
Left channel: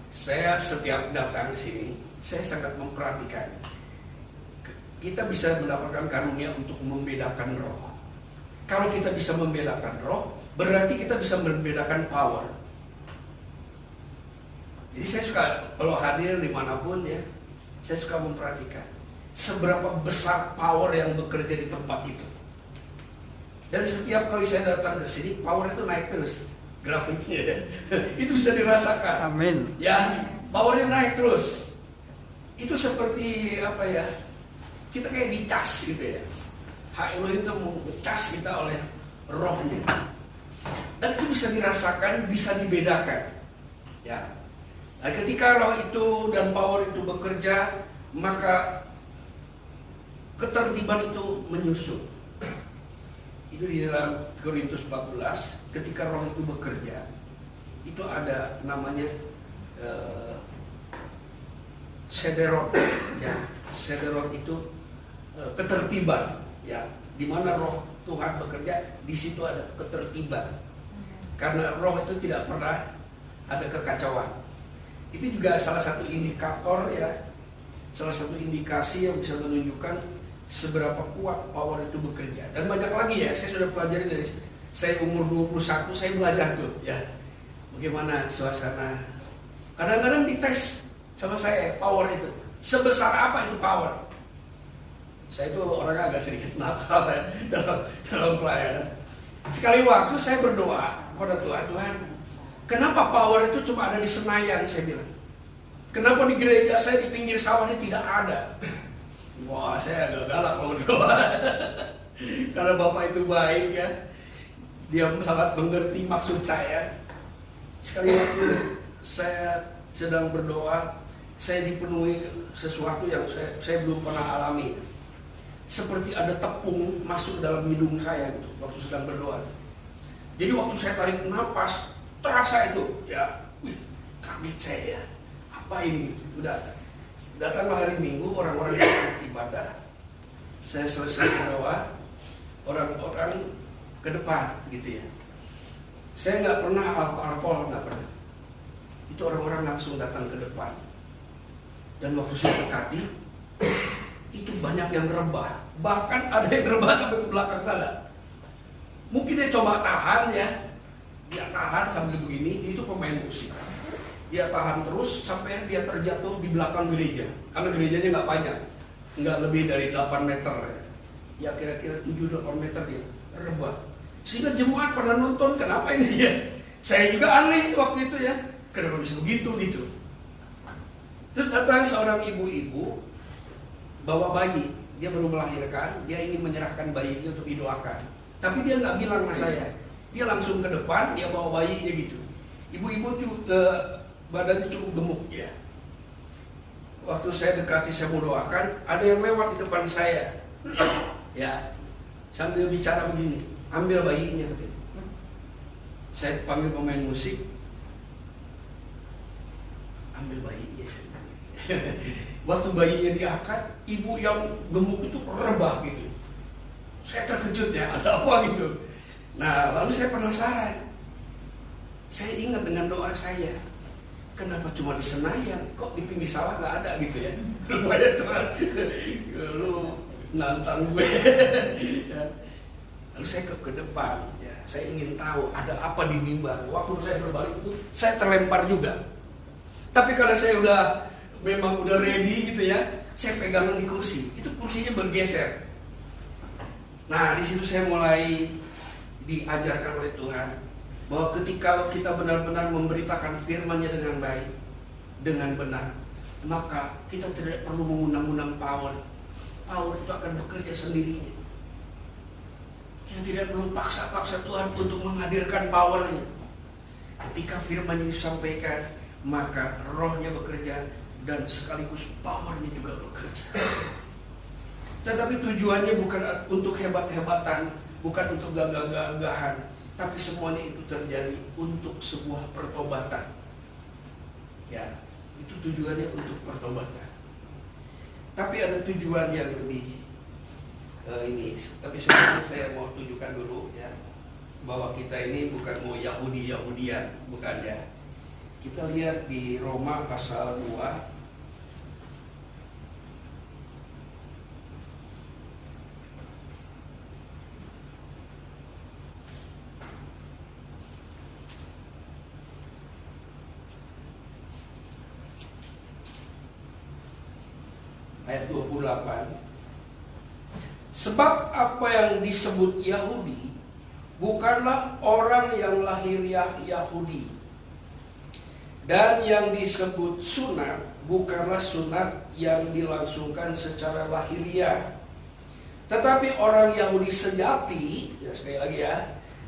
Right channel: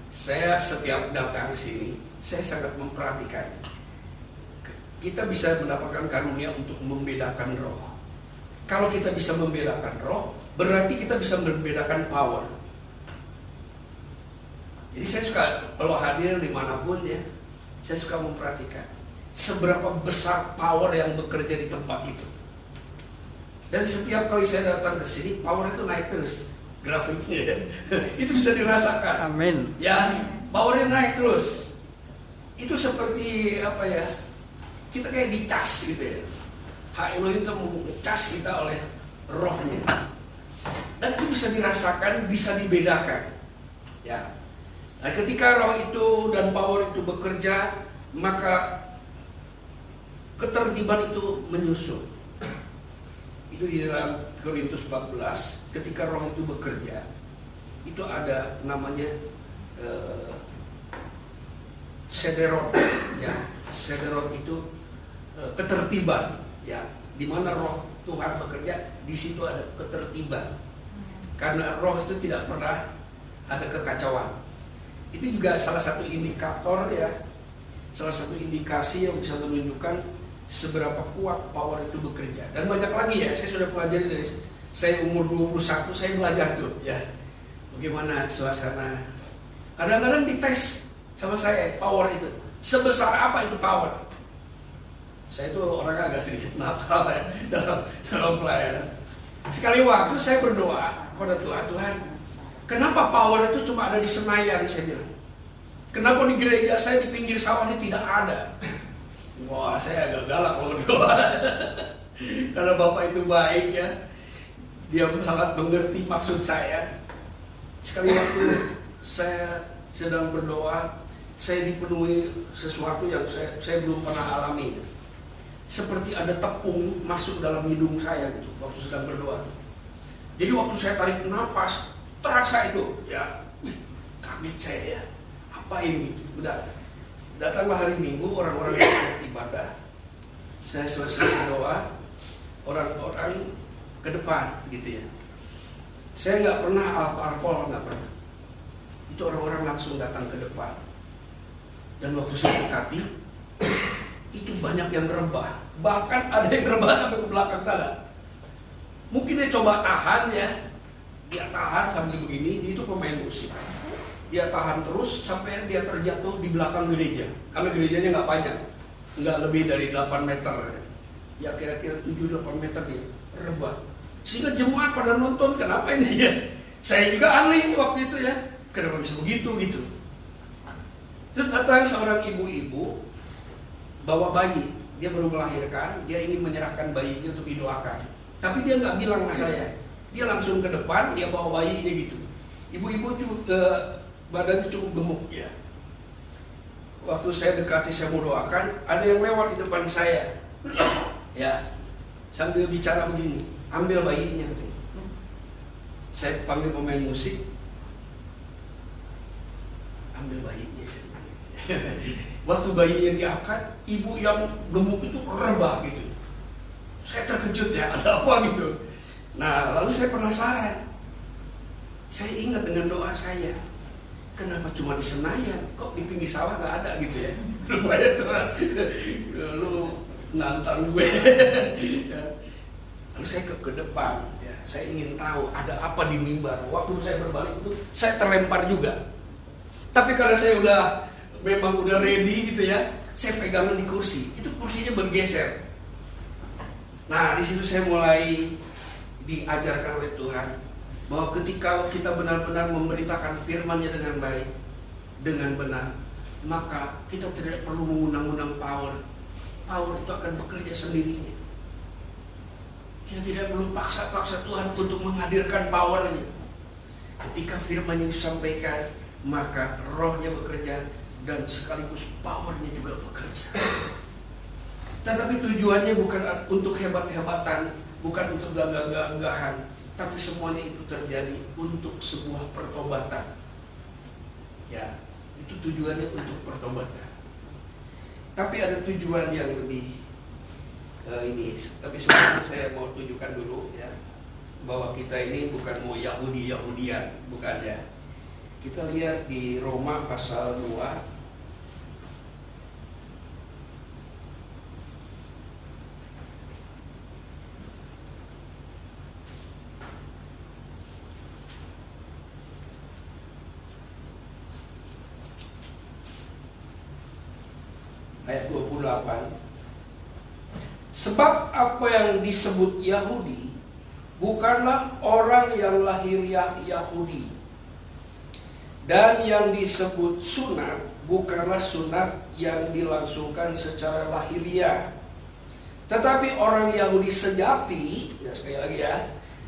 Saya setiap datang sini, saya sangat memperhatikan. Kita bisa mendapatkan karunia untuk membedakan roh. Kalau kita bisa membedakan roh, berarti kita bisa membedakan power. Jadi saya suka, kalau hadir dimanapun ya, saya suka memperhatikan seberapa besar power yang bekerja di tempat itu. Dan setiap kali saya datang ke sini, power itu naik terus. Grafiknya itu bisa dirasakan. Amin. Ya, powernya naik terus. Itu seperti apa ya? Kita kayak dicas gitu ya. Hak Elohim itu mengecas kita oleh rohnya. Dan itu bisa dirasakan, bisa dibedakan. Ya. Nah, ketika roh itu dan power itu bekerja, maka ketertiban itu menyusul. Itu di dalam Korintus 14, ketika roh itu bekerja, itu ada namanya sederot, ya. Sederot itu ketertiban, ya. Di mana roh Tuhan bekerja, di situ ada ketertiban. Karena roh itu tidak pernah ada kekacauan. Itu juga salah satu indikator, ya. Salah satu indikasi yang bisa menunjukkan seberapa kuat power itu bekerja. Dan banyak lagi ya, saya sudah pelajari dari saya umur 21, saya belajar tuh ya. Bagaimana suasana. Kadang-kadang dites sama saya power itu. Sebesar apa itu power? Saya itu orangnya agak sedikit nakal ya dalam pelayanan. Sekali waktu saya berdoa pada Tuhan, Tuhan, kenapa power itu cuma ada di Senayan, saya bilang. Kenapa di gereja saya di pinggir sawah ini tidak ada? Wah, saya agak galak kalau berdoa. Karena Bapak itu baik ya. Dia sangat mengerti maksud saya. Sekali waktu saya sedang berdoa, saya dipenuhi sesuatu yang saya belum pernah alami. Seperti ada tepung masuk dalam hidung saya gitu waktu sedang berdoa. Jadi waktu saya tarik nafas, terasa itu ya, wih, kaget saya ya. Apa ini? Udah datanglah hari Minggu, orang-orang yang ibadah. Saya selesai berdoa, orang-orang ke depan gitu ya. Saya nggak pernah alkohol, nggak pernah. Itu orang-orang langsung datang ke depan. Dan waktu saya dekati, itu banyak yang rebah. Bahkan ada yang rebah sampai ke belakang sana. Mungkin dia coba tahan ya. Dia tahan sambil begini, dia itu pemain musik. Dia tahan terus sampai dia terjatuh di belakang gereja. Karena gerejanya nggak panjang. Nggak lebih dari 8 meter. Ya kira-kira 7-8 meter dia rebah. Sehingga jemaat pada nonton, kenapa ini ya? Saya juga aneh waktu itu ya. Kenapa bisa begitu gitu. Terus datang seorang ibu-ibu bawa bayi, dia baru melahirkan, dia ingin menyerahkan bayinya untuk didoakan. Tapi dia nggak bilang sama saya, dia langsung ke depan, dia bawa bayinya gitu. Ibu-ibu juga badannya cukup gemuk ya. Waktu saya dekati, saya mau doakan, ada yang lewat di depan saya, ya, sambil bicara begini, ambil bayinya katanya. Saya panggil pemain musik, ambil bayinya. Waktu bayinya diangkat, ibu yang gemuk itu rebah gitu. Saya terkejut ya, ada apa gitu. Nah, lalu saya penasaran. Saya ingat dengan doa saya. Kenapa cuma di Senayan? Kok di pinggir sawah nggak ada gitu ya? Rupanya Tuhan, lu nantang gue. Lalu saya ke depan. Ya, saya ingin tahu ada apa di mimbar. Waktu saya berbalik itu, saya terlempar juga. Tapi karena saya memang udah ready gitu ya, saya pegangan di kursi, itu kursinya bergeser. Nah, di situ saya mulai diajarkan oleh Tuhan bahwa ketika kita benar-benar memberitakan firman-Nya dengan baik, dengan benar, maka kita tidak perlu mengundang-undang power. Power itu akan bekerja sendirinya. Kita tidak perlu paksa-paksa Tuhan untuk menghadirkan power-Nya. Ketika firman yang disampaikan, maka rohnya bekerja dan sekaligus powernya juga bekerja. Tetapi tujuannya bukan untuk hebat-hebatan, bukan untuk gagah-gagahan, tapi semuanya itu terjadi untuk sebuah pertobatan. Ya, itu tujuannya untuk pertobatan. Tapi ada tujuan yang lebih ini. Tapi sebelumnya saya mau tunjukkan dulu ya, bahwa kita ini bukan mau Yahudi-Yahudian, bukan ya. Kita lihat di Roma pasal 2 ayat 28. Sebab apa yang disebut Yahudi bukanlah orang yang lahiriah Yahudi, dan yang disebut sunat bukanlah sunat yang dilangsungkan secara lahiriah. Tetapi orang Yahudi sejati, ya sekali lagi ya,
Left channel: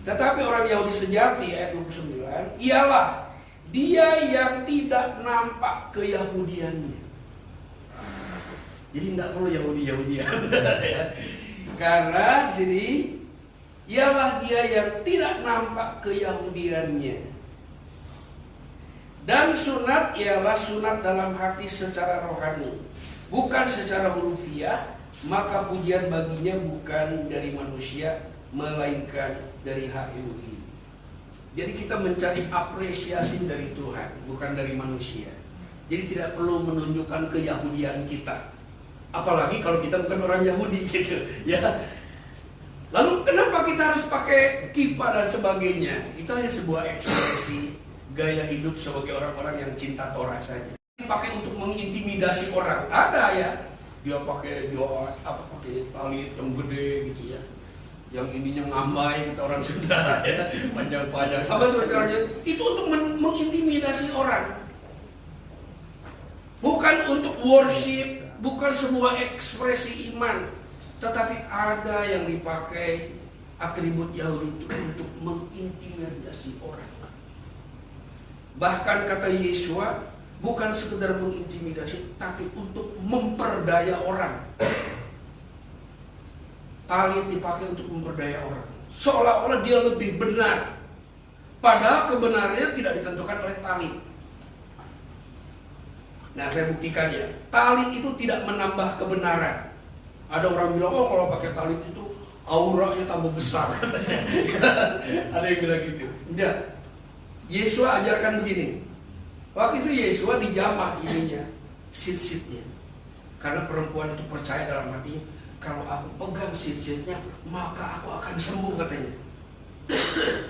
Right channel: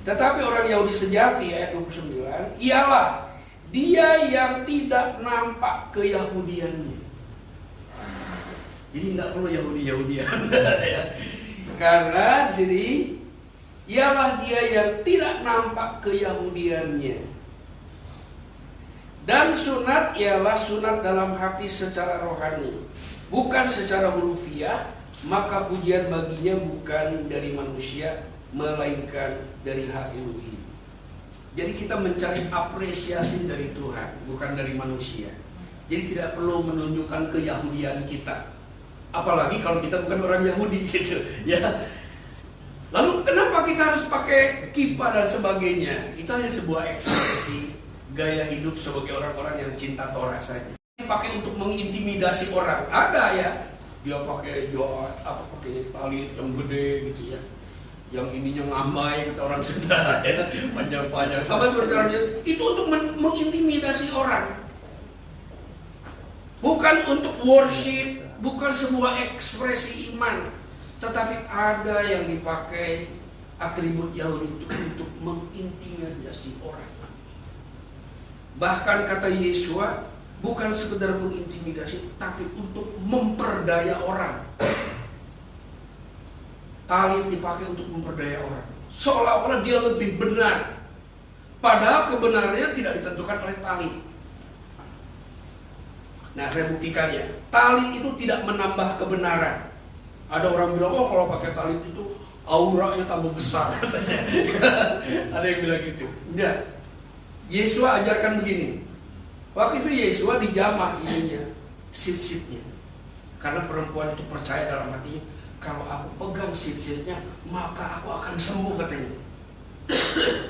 tetapi orang Yahudi sejati ayat 29 ialah dia yang tidak nampak keyahudiannya. Jadi tidak perlu Yahudi-Yahudian ya. Karena di sini ialah dia yang tidak nampak keyahudiannya. Dan sunat ialah sunat dalam hati secara rohani, bukan secara hurufiah, maka pujian baginya bukan dari manusia, melainkan dari hak Elohim. Jadi kita mencari apresiasi dari Tuhan, bukan dari manusia. Jadi tidak perlu menunjukkan keyahudian kita. Apalagi kalau kita bukan orang Yahudi gitu ya. Lalu kenapa kita harus pakai kippah dan sebagainya? Itu hanya sebuah ekspresi gaya hidup sebagai orang-orang yang cinta Torah saja. Dipakai untuk mengintimidasi orang. Ada ya. dia pakai pakai tali yang gede gitu ya, yang ininya ngambai kata orang Sunda ya, panjang-panjang sama seperti orang Jawa. Itu untuk mengintimidasi orang, bukan untuk worship, bukan sebuah ekspresi iman, tetapi ada yang dipakai atribut Yahudi itu untuk mengintimidasi orang. Bahkan kata Yesua, bukan sekedar mengintimidasi, tapi untuk memperdaya orang. Tali dipakai untuk memperdaya orang, seolah-olah dia lebih benar, padahal kebenarannya tidak ditentukan oleh tali. Nah, saya buktikan ya, tali itu tidak menambah kebenaran. Ada orang bilang, oh kalau pakai tali itu auranya tambah besar katanya. Ada yang bilang gitu. Enggak. Yesua ajarkan begini. Waktu itu Yesua dijamah ininya, sit-sitnya. Karena perempuan itu percaya dalam hatinya, kalau aku pegang sit-sitnya, maka aku akan sembuh katanya.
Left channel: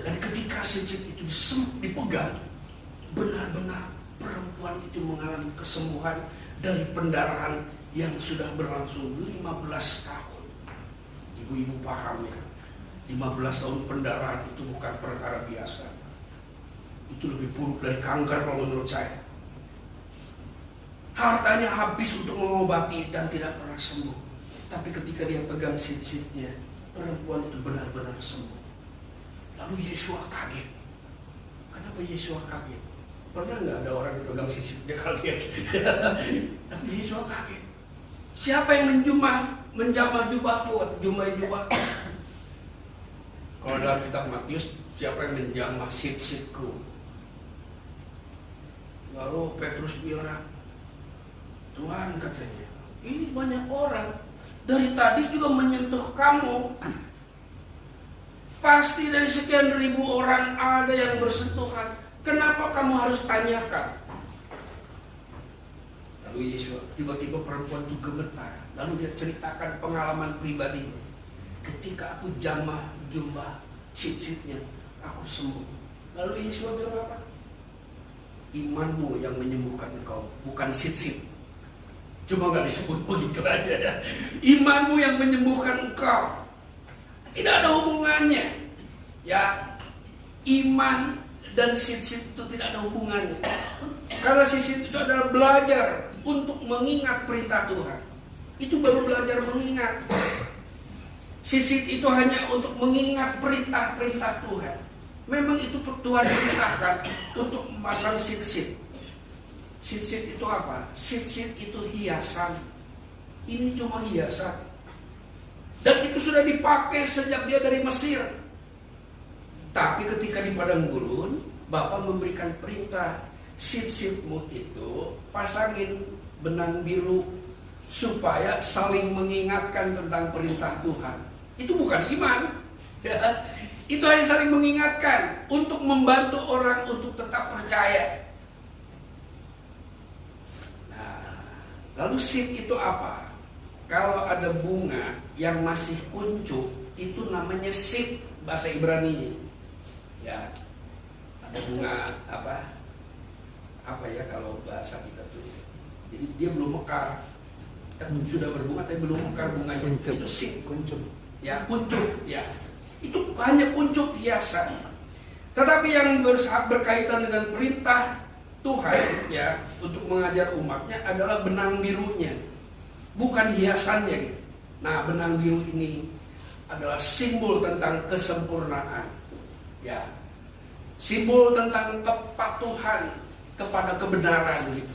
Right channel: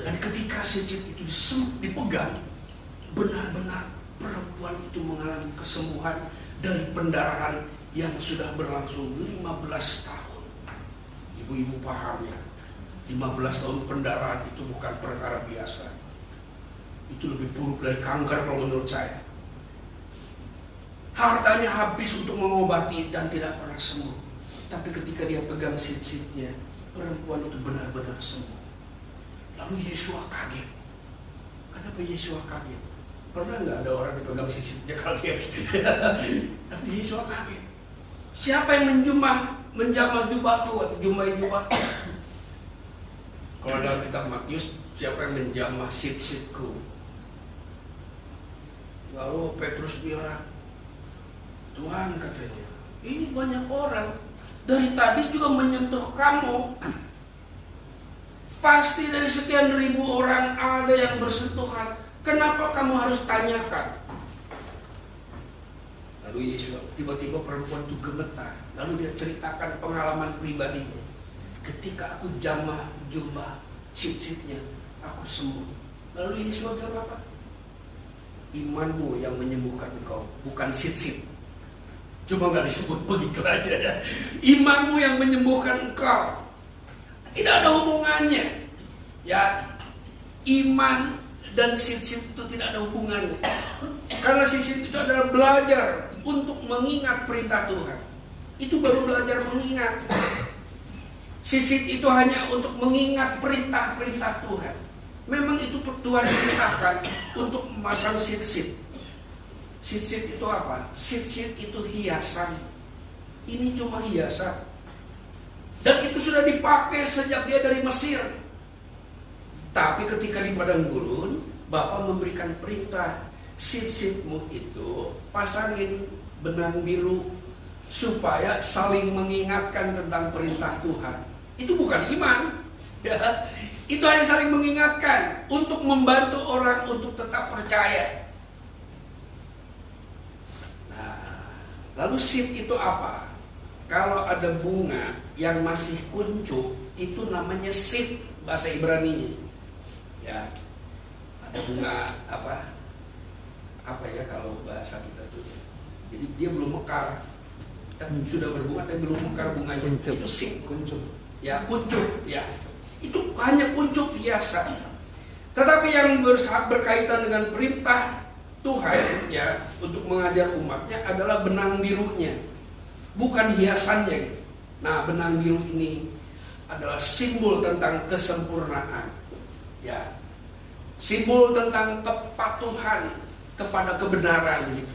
Dan ketika sit-sit itu dipegang, benar-benar perempuan itu mengalami kesembuhan dari pendarahan yang sudah berlangsung 15 tahun. Ibu-ibu paham ya, 15 tahun pendarahan itu bukan perkara biasa. Itu lebih buruk dari kanker kalau menurut saya. Hartanya habis untuk mengobati dan tidak pernah sembuh. Tapi ketika dia pegang sit-sitnya, perempuan itu benar-benar sembuh. Lalu Yesua kaget. Kenapa Yesua kaget? Pernah nggak ada orang dipegang sit-sitnya kaget? Tapi Yesua kaget. Siapa yang menjamah jubahku atau jumai jubahku? Kalau dalam kitab Matius, siapa yang menjamah sit-sitku? Lalu Petrus bilang, Tuhan katanya, ini banyak orang dari tadi juga menyentuh kamu. Pasti dari sekian ribu orang ada yang bersentuhan. Kenapa kamu harus tanyakan? Lalu Yesus tiba-tiba perempuan itu gemetar. Lalu dia ceritakan pengalaman pribadinya. Ketika aku jamah jubah sit-sitnya, aku sembuh. Lalu Yesus bilang apa? Imanmu yang menyembuhkan engkau, bukan sit-sit. Cuma gak disebut begitu aja ya. Imanmu yang menyembuhkan engkau. Tidak ada hubungannya. Ya, iman dan sit-sit itu tidak ada hubungannya. Karena sit-sit itu adalah belajar untuk mengingat perintah Tuhan. Itu baru belajar mengingat. Sit-sit itu hanya untuk mengingat perintah-perintah Tuhan. Memang itu Tuhan perintahkan untuk memasang sit-sit. Sit-sit itu apa? Sit-sit itu hiasan. Ini cuma hiasan. Dan itu sudah dipakai sejak dia dari Mesir. Tapi ketika di padang gurun, Bapa memberikan perintah, sit-sitmu itu pasangin benang biru supaya saling mengingatkan tentang perintah Tuhan. Itu bukan iman. Ya. Itu hanya saling mengingatkan untuk membantu orang untuk tetap percaya. Nah, lalu sit itu apa? Kalau ada bunga yang masih kuncup, itu namanya sit bahasa Ibrani. Ya, ada bunga apa ya kalau bahasa kita tuh. Jadi dia belum mekar. Sudah berbunga tapi belum mekar bunganya. Kuncup. Itu sit, kuncup. Ya, kuncup, ya. Itu hanya kuncup hiasan. Tetapi yang berkaitan dengan perintah Tuhan ya untuk mengajar umatnya adalah benang birunya, bukan hiasannya gitu. Nah, benang biru ini adalah simbol tentang kesempurnaan. Ya. Simbol tentang kepatuhan kepada kebenaran gitu.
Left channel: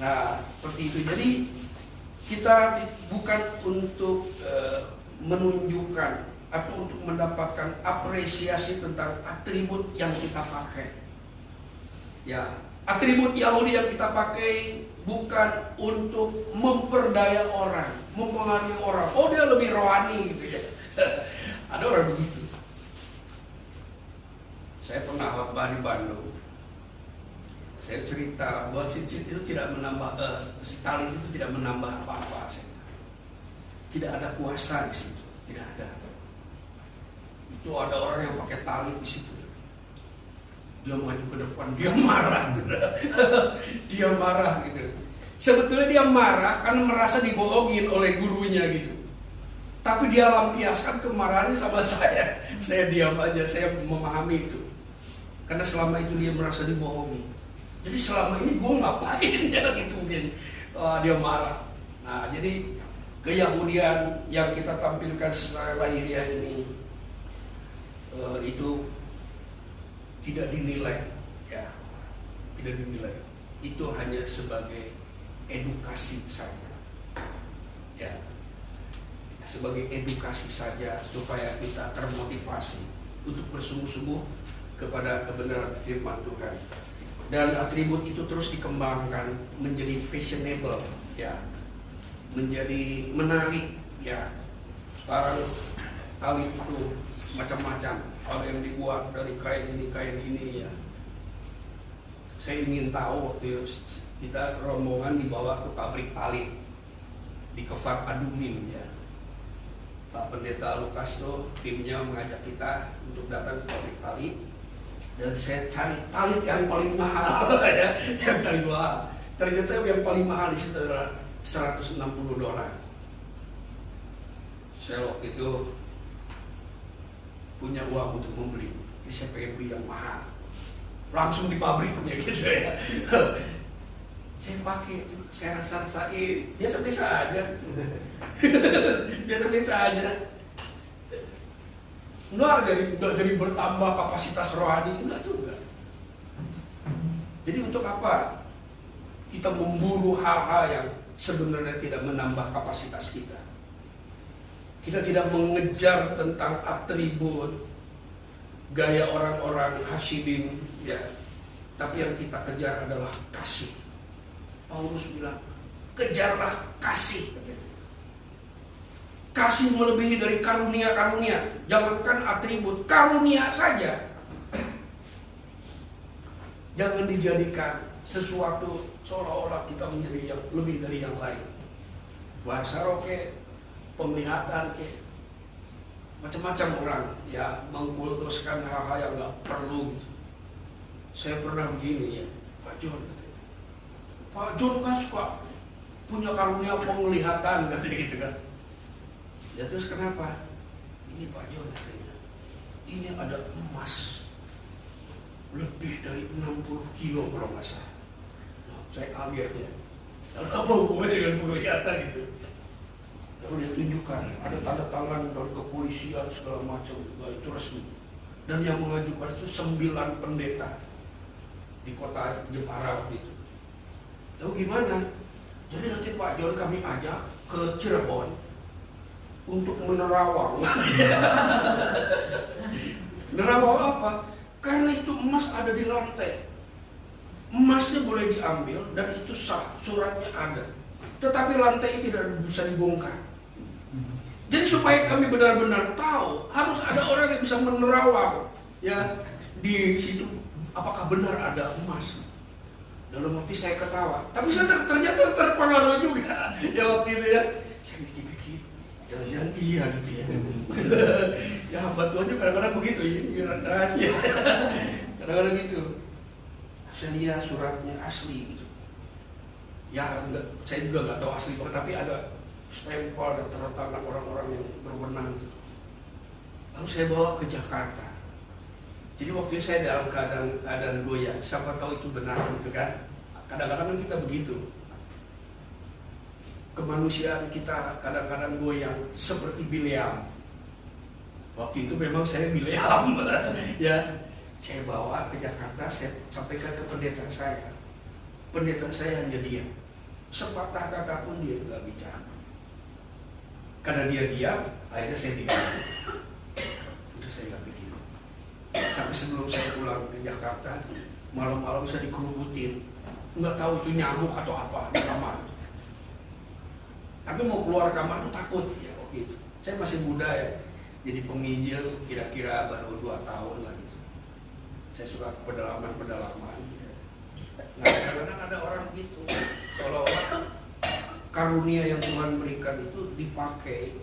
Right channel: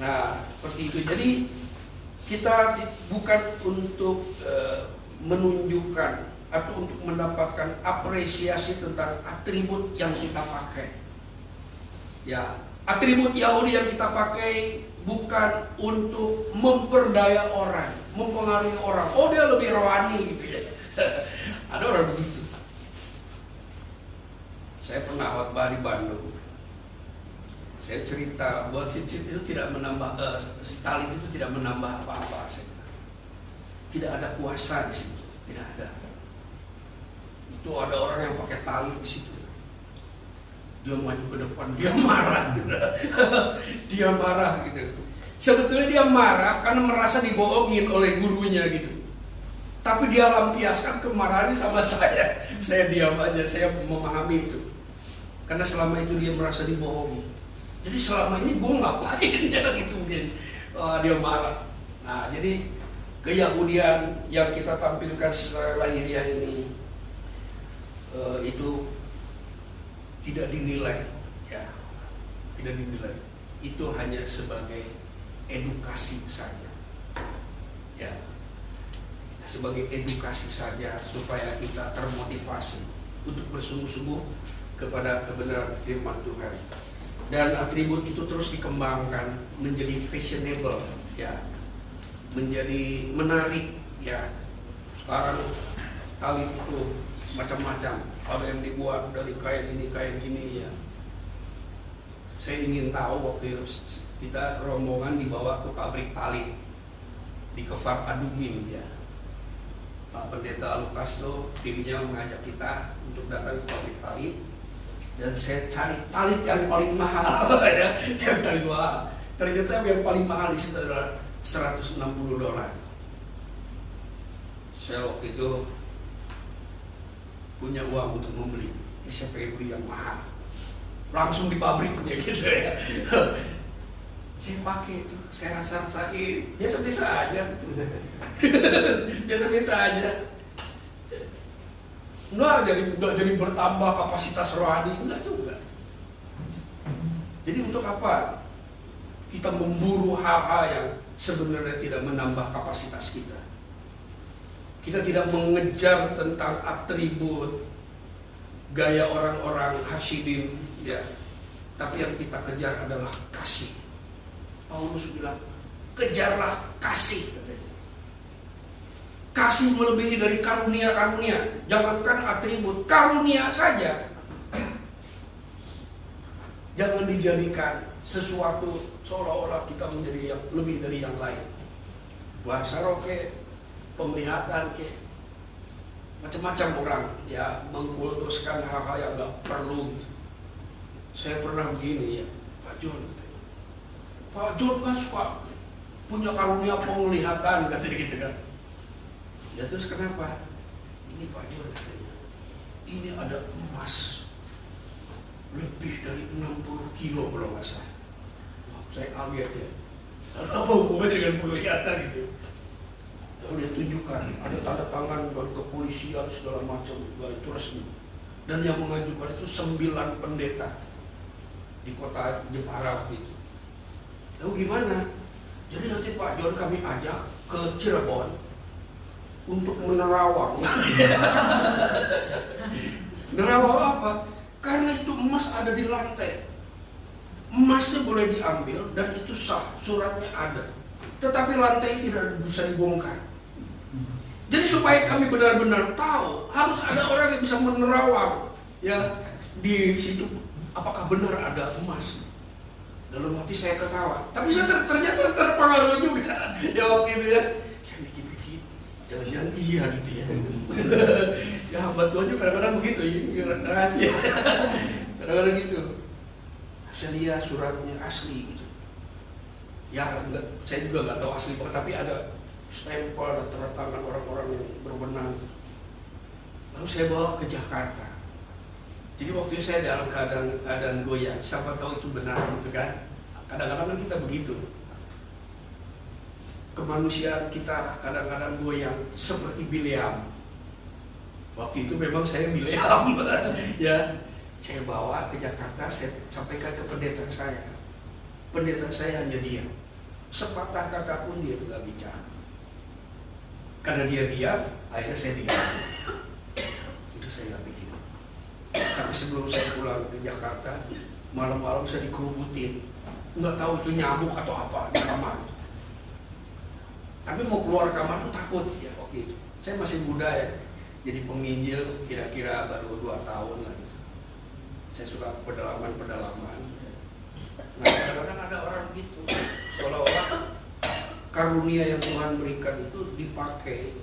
Nah, seperti itu. Jadi kita bukan untuk menunjukkan atau untuk mendapatkan apresiasi tentang atribut yang kita pakai. Ya, atribut Yahudi yang kita pakai bukan untuk memperdaya orang, mempengaruhi orang. Oh, dia lebih rohani gitu ya. Ada orang begitu. Saya pernah khotbah di Bandung. Saya cerita bahwa sit-sit itu tidak menambah, tali itu tidak menambah apa-apa. Tidak ada kuasa di situ, tidak ada. Itu ada orang yang pakai tali di situ. Dia maju ke depan, dia marah gitu. Dia marah gitu. Sebetulnya dia marah karena merasa dibohongin oleh gurunya gitu. Tapi dia lampiaskan kemarahannya sama saya. Saya diam aja, saya memahami itu. Karena selama itu dia merasa dibohongi. Jadi selama ini gue ngapain ya gitu mungkin. Dia marah. Nah jadi keyahudian yang kita tampilkan secara lahiriah ini itu tidak dinilai, ya, tidak dinilai. Itu hanya sebagai edukasi saja, ya, sebagai edukasi saja supaya kita termotivasi untuk bersungguh-sungguh kepada kebenaran firman Tuhan. Dan atribut itu terus dikembangkan menjadi fashionable, ya, menjadi menarik, ya. Sekarang tali itu macam-macam, ada yang dibuat dari kain ini, ya. Saya ingin tahu waktu kita rombongan dibawa ke pabrik tali di Kefar Adumim, ya. Pak Pendeta Lukas tuh timnya mengajak kita untuk datang ke pabrik tali, dan saya cari tali yang paling mahal, ya, yang tali mahal. Ternyata yang paling mahal di situ adalah $160. Saya waktu itu punya uang untuk membeli, jadi saya pengen beli yang mahal, langsung di pabriknya gitu ya. Saya pakai itu, saya rasa biasa-biasa aja, biasa-biasa aja. Enggak jadi bertambah kapasitas rohani, enggak juga. Jadi untuk apa kita memburu hal-hal yang sebenarnya tidak menambah kapasitas kita? Kita tidak mengejar tentang atribut gaya orang-orang Hasidim, ya. Tapi yang kita kejar adalah kasih. Paulus bilang, kejarlah kasih, katanya. Kasih melebihi dari karunia-karunia. Jangankan atribut, karunia saja. Jangan dijadikan sesuatu seolah-olah kita menjadi yang lebih dari yang lain. Bahasa roke, penglihatan ke, macam-macam orang ya mengkultuskan hal-hal yang nggak perlu. Saya pernah begini, ya, Pak John, katanya. Pak John kan suka punya karunia penglihatan, katanya gitu kan. Ya terus kenapa? Ini Pak John, katanya, ini ada emas lebih dari 60 kilo kalau nggak salah. Saya kaget ya. Lalu apa hubungannya dengan penglihatan gitu? Lalu dia tunjukkan ada tanda tangan dari kepolisian segala macam, itu resmi. Dan yang mengajukan itu 9 pendeta di kota Jepara waktu itu. Lalu gimana? Jadi nanti Pak John kami ajak ke Cirebon untuk menerawang. Nerawang apa? Karena itu emas ada di lantai. Emasnya boleh diambil dan itu sah, suratnya ada. Tetapi lantai tidak bisa dibongkar. Jadi supaya kami benar-benar tahu, harus ada orang yang bisa menerawang, ya, di situ apakah benar ada emas. Dalam hati saya ketawa, tapi saya ternyata terpengaruh juga. Ya waktu itu ya, saya mikir-mikir, jangan-jangan iya gitu ya. Ya hamba Tuhan juga kadang-kadang begitu, ya, rahasia. Kadang-kadang gitu. Saya lihat suratnya asli gitu. Ya enggak, saya juga nggak tahu asli, tapi ada stempel dan tanda tangan orang-orang yang berwenang. Lalu saya bawa ke Jakarta. Jadi waktu itu saya dalam keadaan goyang. Siapa tahu itu benar gitu kan? Kadang-kadang kita begitu. Kemanusiaan kita kadang-kadang goyang seperti Bileam. Waktu itu memang saya Bileam. Ya, saya bawa ke Jakarta, saya sampaikan ke pendeta saya. Pendeta saya hanya diam. Sepatah kata pun dia tidak bicara. Karena dia diam, akhirnya saya diam. Itu saya nggak pikir. Tapi sebelum saya pulang ke Jakarta, malam-malam saya dikerubutin. Nggak tahu itu nyamuk atau apa di kamar. Tapi mau keluar kamar tuh takut ya waktu itu. Saya masih muda ya, jadi penginjil kira-kira baru 2 tahun lah gitu. Saya suka pedalaman-pedalaman. Nah kadang-kadang ada orang gitu, seolah-olah karunia yang Tuhan berikan itu dipakai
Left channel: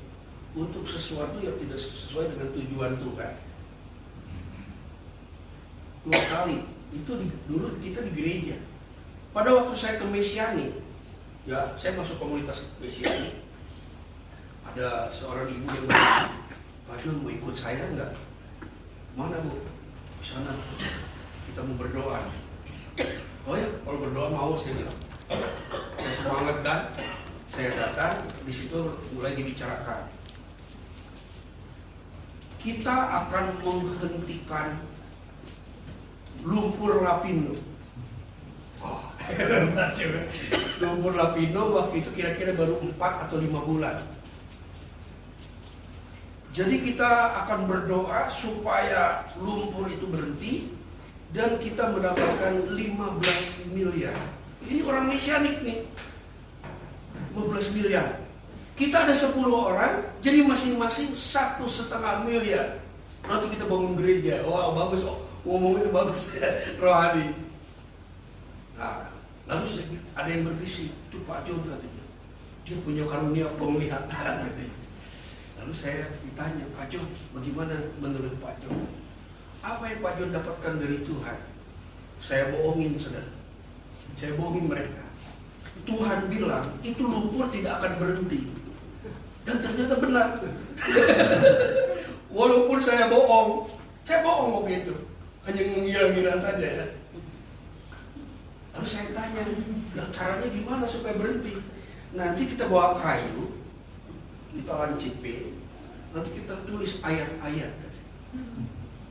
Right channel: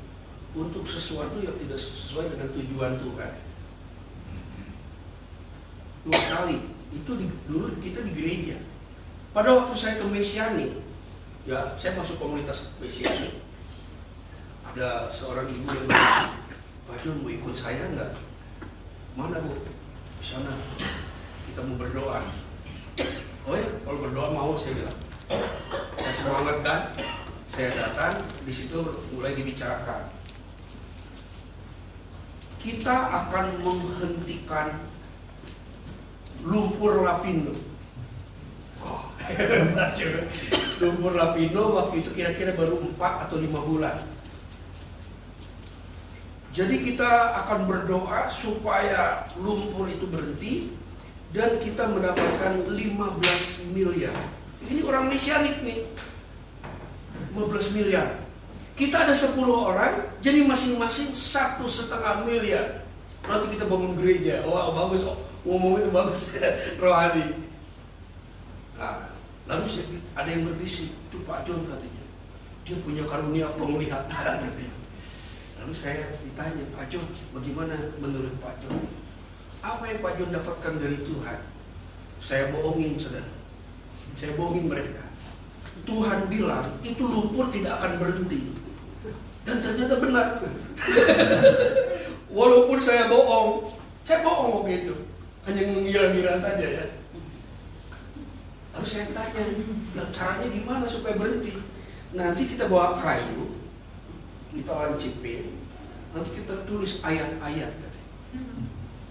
untuk sesuatu yang tidak sesuai dengan tujuan Tuhan. 2 kali itu dulu kita di gereja. Pada waktu saya ke Mesianik, Ya, saya masuk komunitas Mesianik. Ada seorang ibu yang bilang, Pak John mau ikut saya nggak? Mana Bu? Di sana. Kita mau berdoa. Oh ya, kalau berdoa mau, saya bilang. Saya semangat kan? Saya datang, di situ mulai dibicarakan. Kita akan menghentikan lumpur lapindo. Oh, lumpur lapindo waktu itu kira-kira baru 4 atau 5 bulan. Jadi kita akan berdoa supaya lumpur itu berhenti dan kita mendapatkan 15 miliar. Ini orang Mesianik nih. 15 miliar. Kita ada 10 orang, jadi masing-masing 1,5 miliar. Nanti kita bangun gereja. Wah, bagus. Ngomong itu bagus. Rohani. Nah, lalu ada yang berbisik. Itu Pak John katanya. Dia punya karunia penglihatan katanya. Lalu saya ditanya, Pak John, bagaimana menurut Pak John? Apa yang Pak John dapatkan dari Tuhan? Saya bohongin, saudara. Saya bohongin mereka. Tuhan bilang, itu lumpur tidak akan berhenti. Dan ternyata benar. Walaupun saya bohong waktu itu. Hanya mengira-ngira saja ya. Lalu saya tanya, caranya gimana supaya berhenti? Nanti kita bawa kayu, kita lancipin, nanti kita tulis ayat-ayat.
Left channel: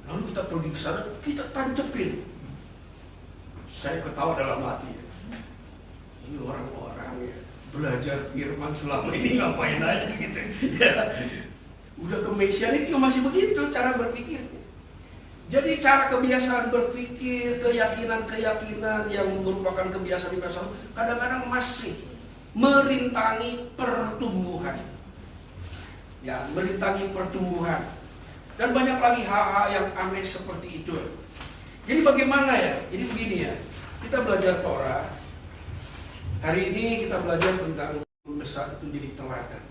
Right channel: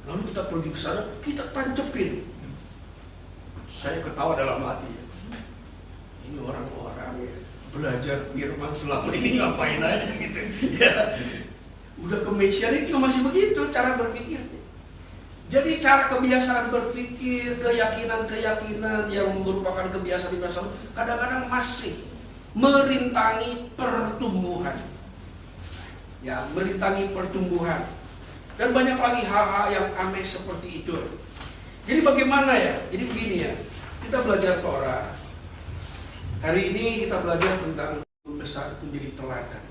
Lalu kita pergi ke sana, kita tancepin. Saya ketawa dalam hati ya. Ini orang-orang ya belajar firman selama ini ngapain aja gitu. Ya, udah ke Mesianik juga masih begitu cara berpikirnya. Jadi cara kebiasaan berpikir, keyakinan-keyakinan yang merupakan kebiasaan-kebiasaan kadang-kadang masih merintangi pertumbuhan. Ya, merintangi pertumbuhan. Dan banyak lagi hal-hal yang aneh seperti itu. Jadi bagaimana ya? Jadi begini ya. Kita belajar Torah. Hari ini kita belajar tentang besar itu menjadi teladan.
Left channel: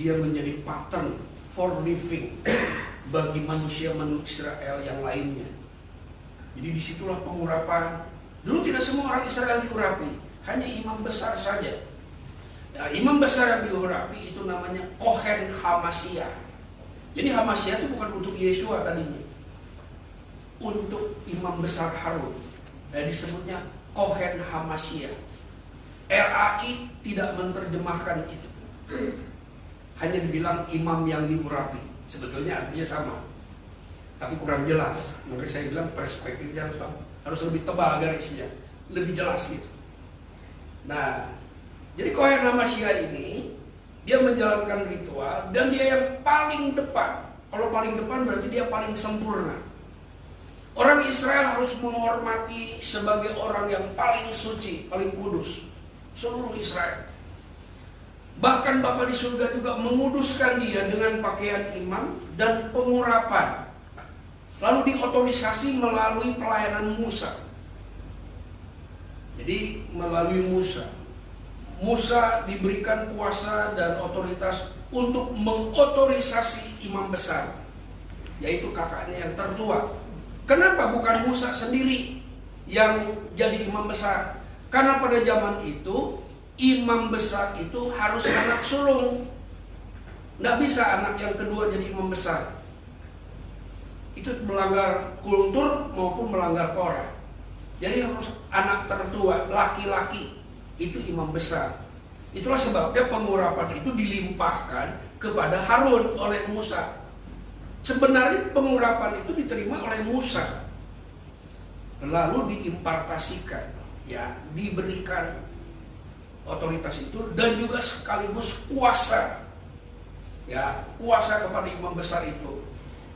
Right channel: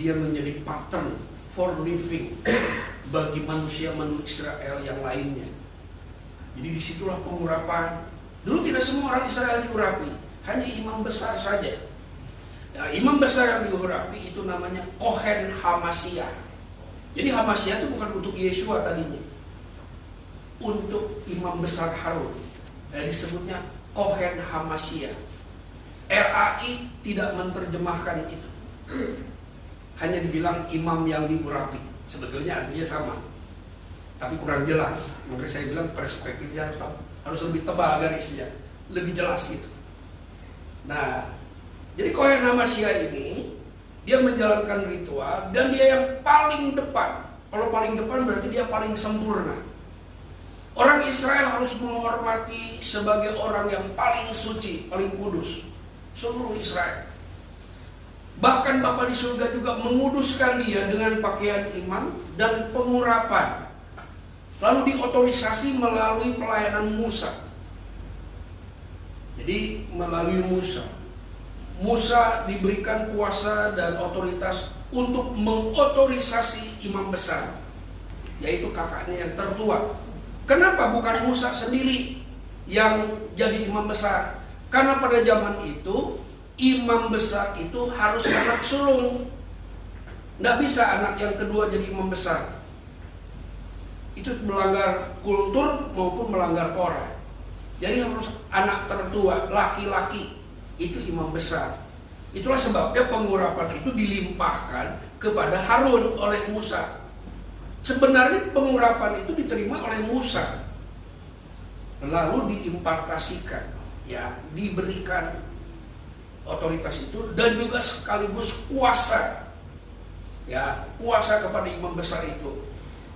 Dia menjadi pattern for living bagi manusia Israel yang lainnya. Jadi disitulah pengurapan. Dulu tidak semua orang Israel diurapi, hanya imam besar saja. Ya, imam besar yang diurapi itu namanya Kohen Hamasiah. Jadi Hamasiah itu bukan untuk Yesua tadinya, untuk imam besar Harun. Disebutnya Kohen Hamasiah. RAI tidak menerjemahkan itu, hanya dibilang imam yang diurapi. Sebetulnya artinya sama, tapi kurang jelas. Makanya saya bilang perspektifnya harus lebih tebal garisnya, lebih jelas gitu. Nah, jadi Kohen Hamasiah ini dia menjalankan ritual dan dia yang paling depan. Kalau paling depan berarti dia paling sempurna. Orang Israel harus menghormati sebagai orang yang paling suci, paling kudus. Seluruh Israel. Bahkan Bapa di surga juga menguduskan dia dengan pakaian imam dan pengurapan. Lalu diotorisasi melalui pelayanan Musa. Jadi melalui Musa. Musa diberikan kuasa dan otoritas untuk mengotorisasi imam besar, yaitu kakaknya yang tertua. Kenapa bukan Musa sendiri yang jadi imam besar? Karena pada zaman itu imam besar itu harus anak sulung. Tidak bisa anak yang kedua jadi imam besar. Itu melanggar kultur maupun melanggar Torah. Jadi harus anak tertua, laki-laki, itu imam besar. Itulah sebabnya pengurapan itu dilimpahkan kepada Harun oleh Musa. Sebenarnya pengurapan itu diterima oleh Musa, lalu diimpartasikan. Ya, diberikan otoritas itu dan juga sekaligus kuasa. Ya, kuasa kepada imam besar itu.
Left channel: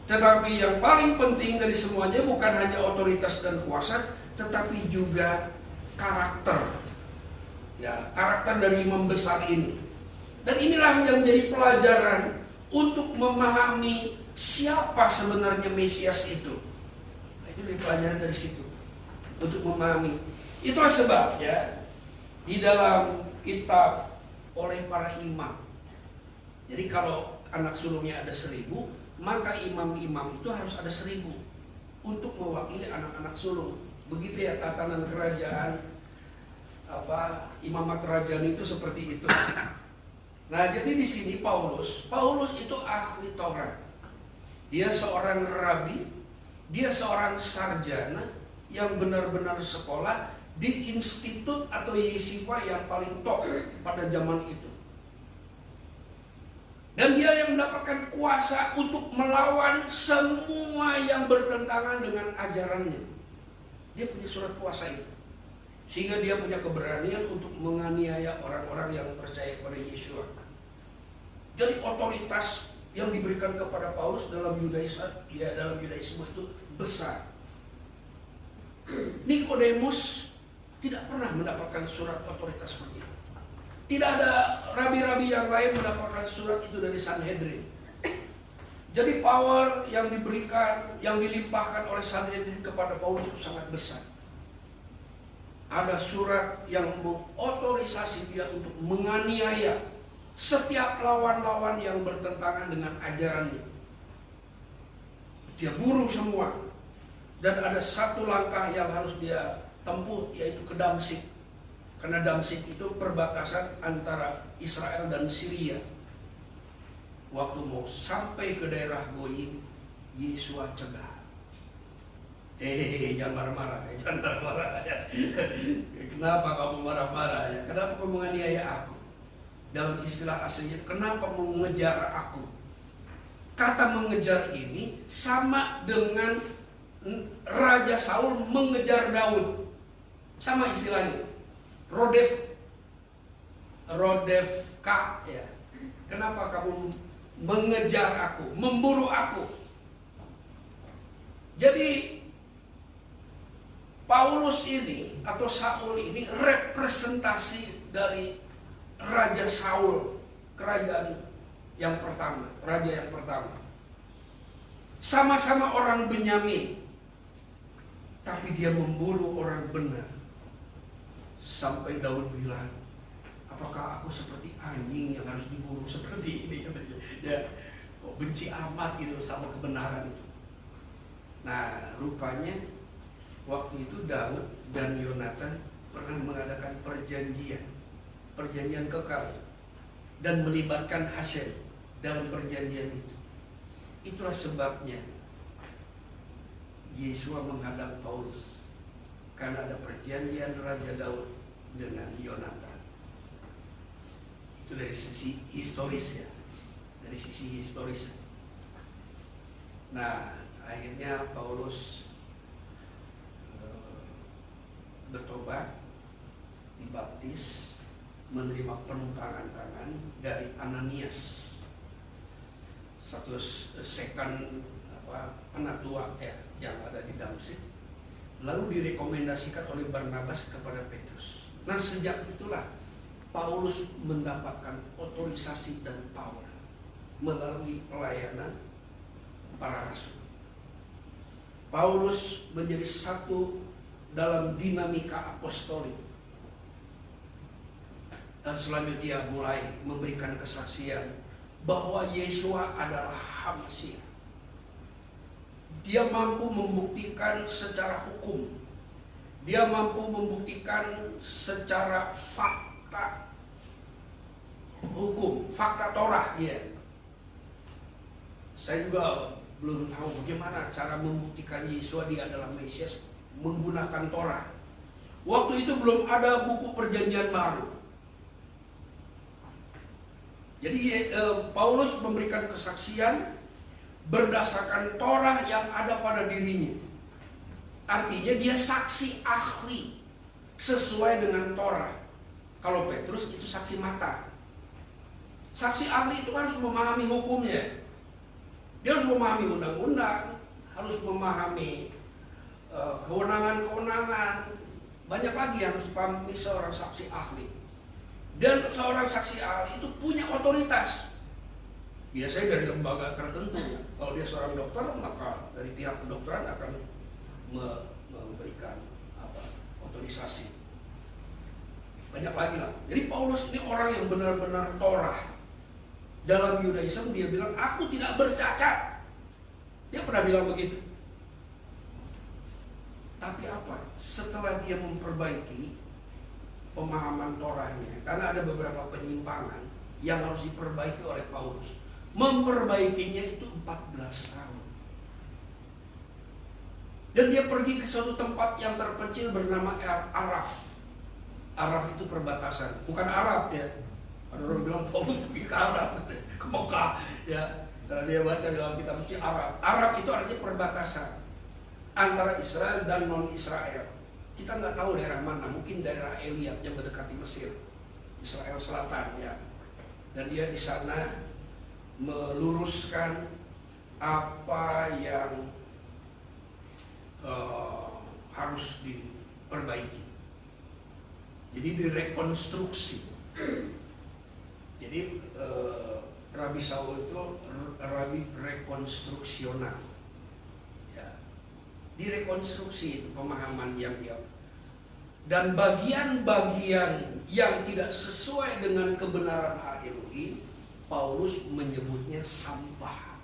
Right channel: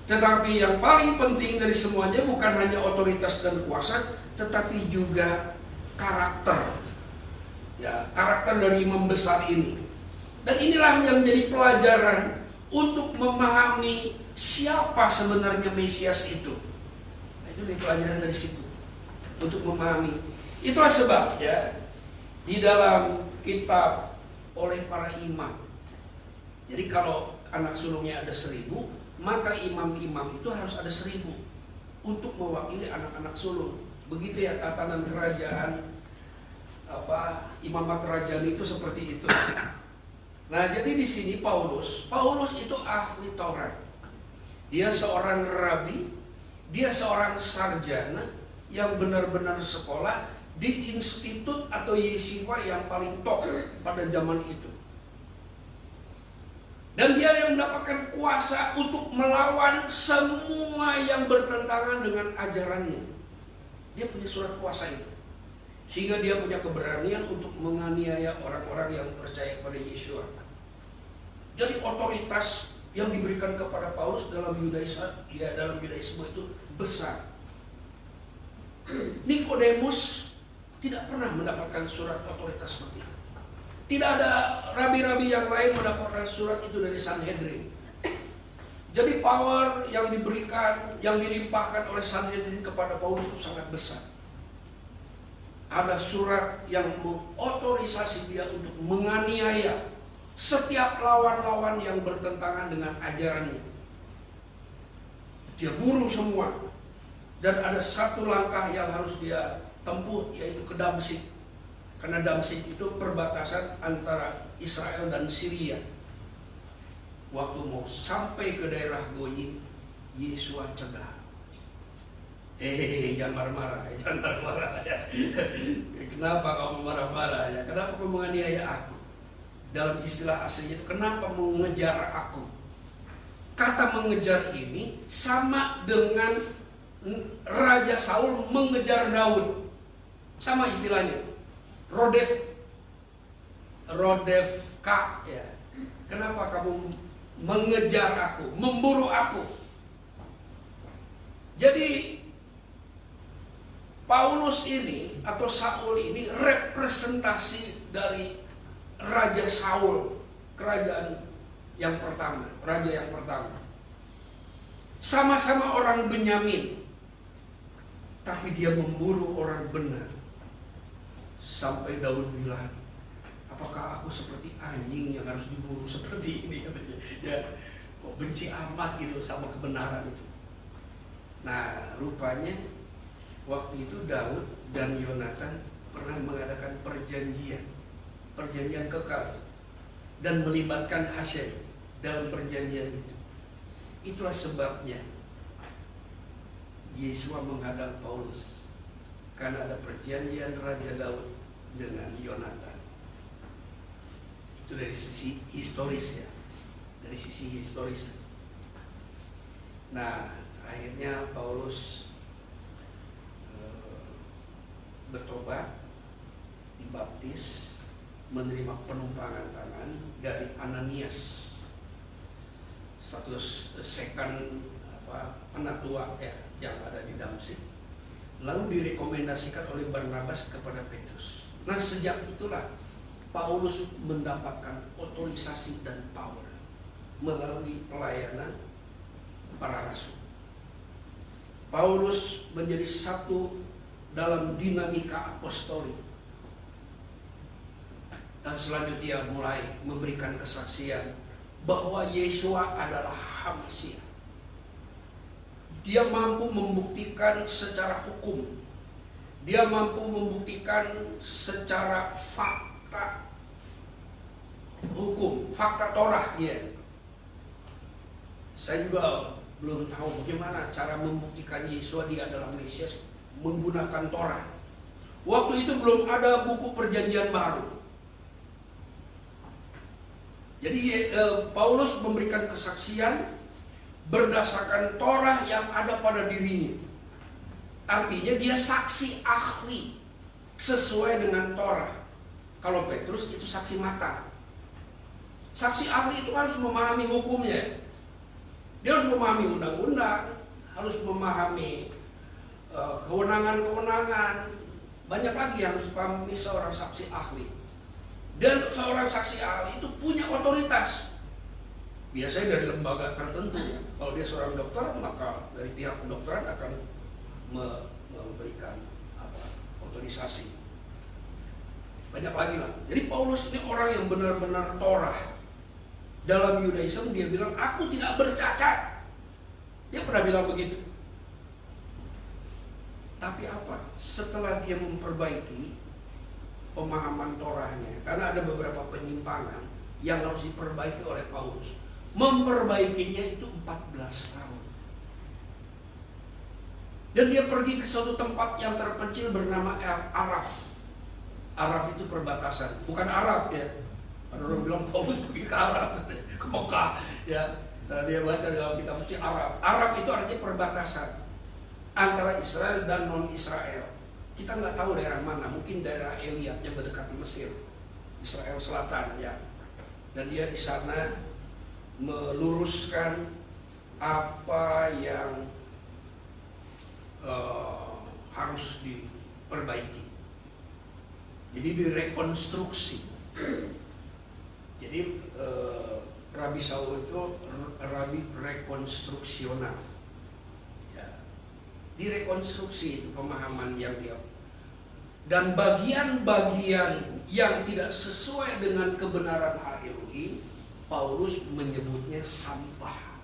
Tetapi yang paling penting dari semuanya bukan hanya otoritas dan kuasa, tetapi juga karakter. Ya, karakter dari imam besar ini. Dan inilah yang menjadi pelajaran untuk memahami siapa sebenarnya Mesias itu. Nah, itu dari pelajaran dari situ untuk memahami. Itulah sebabnya di dalam kitab oleh para imam. Jadi kalau anak sulungnya ada 1000, maka imam-imam itu harus ada 1000 untuk mewakili anak-anak sulung. Begitu ya tatanan kerajaan imamat kerajaan itu seperti itu. Nah, jadi di sini Paulus itu ahli Taurat. Dia seorang rabi, dia seorang sarjana yang benar-benar sekolah di institut atau yeshiva yang paling top pada zaman itu. Dan dia yang mendapatkan kuasa untuk melawan semua yang bertentangan dengan ajarannya. Dia punya surat kuasa itu. Sehingga dia punya keberanian untuk menganiaya orang-orang yang percaya kepada Yeshua. Jadi otoritas yang diberikan kepada Paulus dalam Yudaisme itu besar. Nikodemus tidak pernah mendapatkan surat otoritas seperti itu. Tidak ada rabi-rabi yang lain mendapatkan surat itu dari Sanhedrin. Jadi power yang diberikan, yang dilimpahkan oleh Sanhedrin kepada Paulus itu sangat besar. Ada surat yang mengotorisasi dia untuk menganiaya setiap lawan-lawan yang bertentangan dengan ajarannya. Dia bunuh semua. Dan ada satu langkah yang harus dia tempuh, yaitu ke Damsyik. Karena Damsyik itu perbatasan antara Israel dan Syria. Waktu mau sampai ke daerah Goyim, Yeshua cegah. Jangan marah-marah ya. Kenapa kamu marah-marah ya? Kenapa kamu menganiaya aku? Dalam istilah aslinya itu, kenapa mengejar aku? Kata mengejar ini sama dengan Raja Saul mengejar Daud. Sama istilahnya. Rodefka ya. Kenapa kamu mengejar aku, memburu aku? Jadi Paulus ini atau Saul ini representasi dari Raja Saul, kerajaan yang pertama, raja yang pertama. Sama-sama orang Benyamin, tapi dia memburu orang benar. Sampai Daud bilang, apakah aku seperti anjing yang harus diburu seperti ini? Katanya. Ya, kok benci amat gitu sama kebenaran itu. Nah, rupanya waktu itu Daud dan Yonatan pernah mengadakan perjanjian kekal, dan melibatkan Hashem dalam perjanjian itu. Itulah sebabnya Yeshua menghadang Paulus, karena ada perjanjian Raja Daud dengan Yonatan. Itu dari sisi historis ya, dari sisi historis. Nah, akhirnya Paulus bertobat, dibaptis, menerima penumpangan tangan dari Ananias, satu second penatua ya, yang ada di Damsyik. Lalu direkomendasikan oleh Barnabas kepada Petrus. Nah, sejak itulah Paulus mendapatkan otorisasi dan power melalui pelayanan para rasul. Paulus menjadi satu dalam dinamika apostolik. Dan selanjutnya mulai memberikan kesaksian bahwa Yeshua adalah Hamasiah. Dia mampu membuktikan secara hukum. Dia mampu membuktikan secara fakta hukum, fakta Torah dia. Saya juga belum tahu bagaimana cara membuktikan Yeshua dia adalah Mesias menggunakan Torah. Waktu itu belum ada buku perjanjian baru. Jadi Paulus memberikan kesaksian berdasarkan Torah yang ada pada dirinya. Artinya dia saksi ahli sesuai dengan Torah. Kalau Petrus itu saksi mata. Saksi ahli itu harus memahami hukumnya. Dia harus memahami undang-undang, harus memahami kewenangan-kewenangan. Banyak lagi yang harus dipahami seorang saksi ahli. Dan seorang saksi ahli itu punya otoritas. Biasanya dari lembaga tertentu ya. Kalau dia seorang dokter, maka dari pihak kedokteran akan memberikan otorisasi. Banyak lagi lah. Jadi Paulus ini orang yang benar-benar Torah. Dalam Yudaisme dia bilang, aku tidak bercacat. Dia pernah bilang begitu. Tapi apa? Setelah dia memperbaiki pemahaman Torahnya, karena ada beberapa penyimpangan yang harus diperbaiki oleh Paulus. Memperbaikinya itu 14 tahun. Dan dia pergi ke suatu tempat yang terpencil bernama Araf. Araf itu perbatasan, bukan Arab ya. Ada orang bilang Paulus pergi ke Arab, ke Mekah ya. Karena dia baca dalam kitab suci Arab. Arab itu artinya perbatasan antara Israel dan non-Israel. Kita nggak tahu daerah mana, mungkin daerah Eliat yang mendekati Mesir, Israel Selatan ya. Dan dia di sana meluruskan apa yang harus diperbaiki. Jadi direkonstruksi. Jadi Rabi Saul itu rabi rekonstruksional. Ya. Direkonstruksi itu pemahaman yang dia. Dan bagian-bagian yang tidak sesuai dengan kebenaran hak Elohim, Paulus menyebutnya sampah.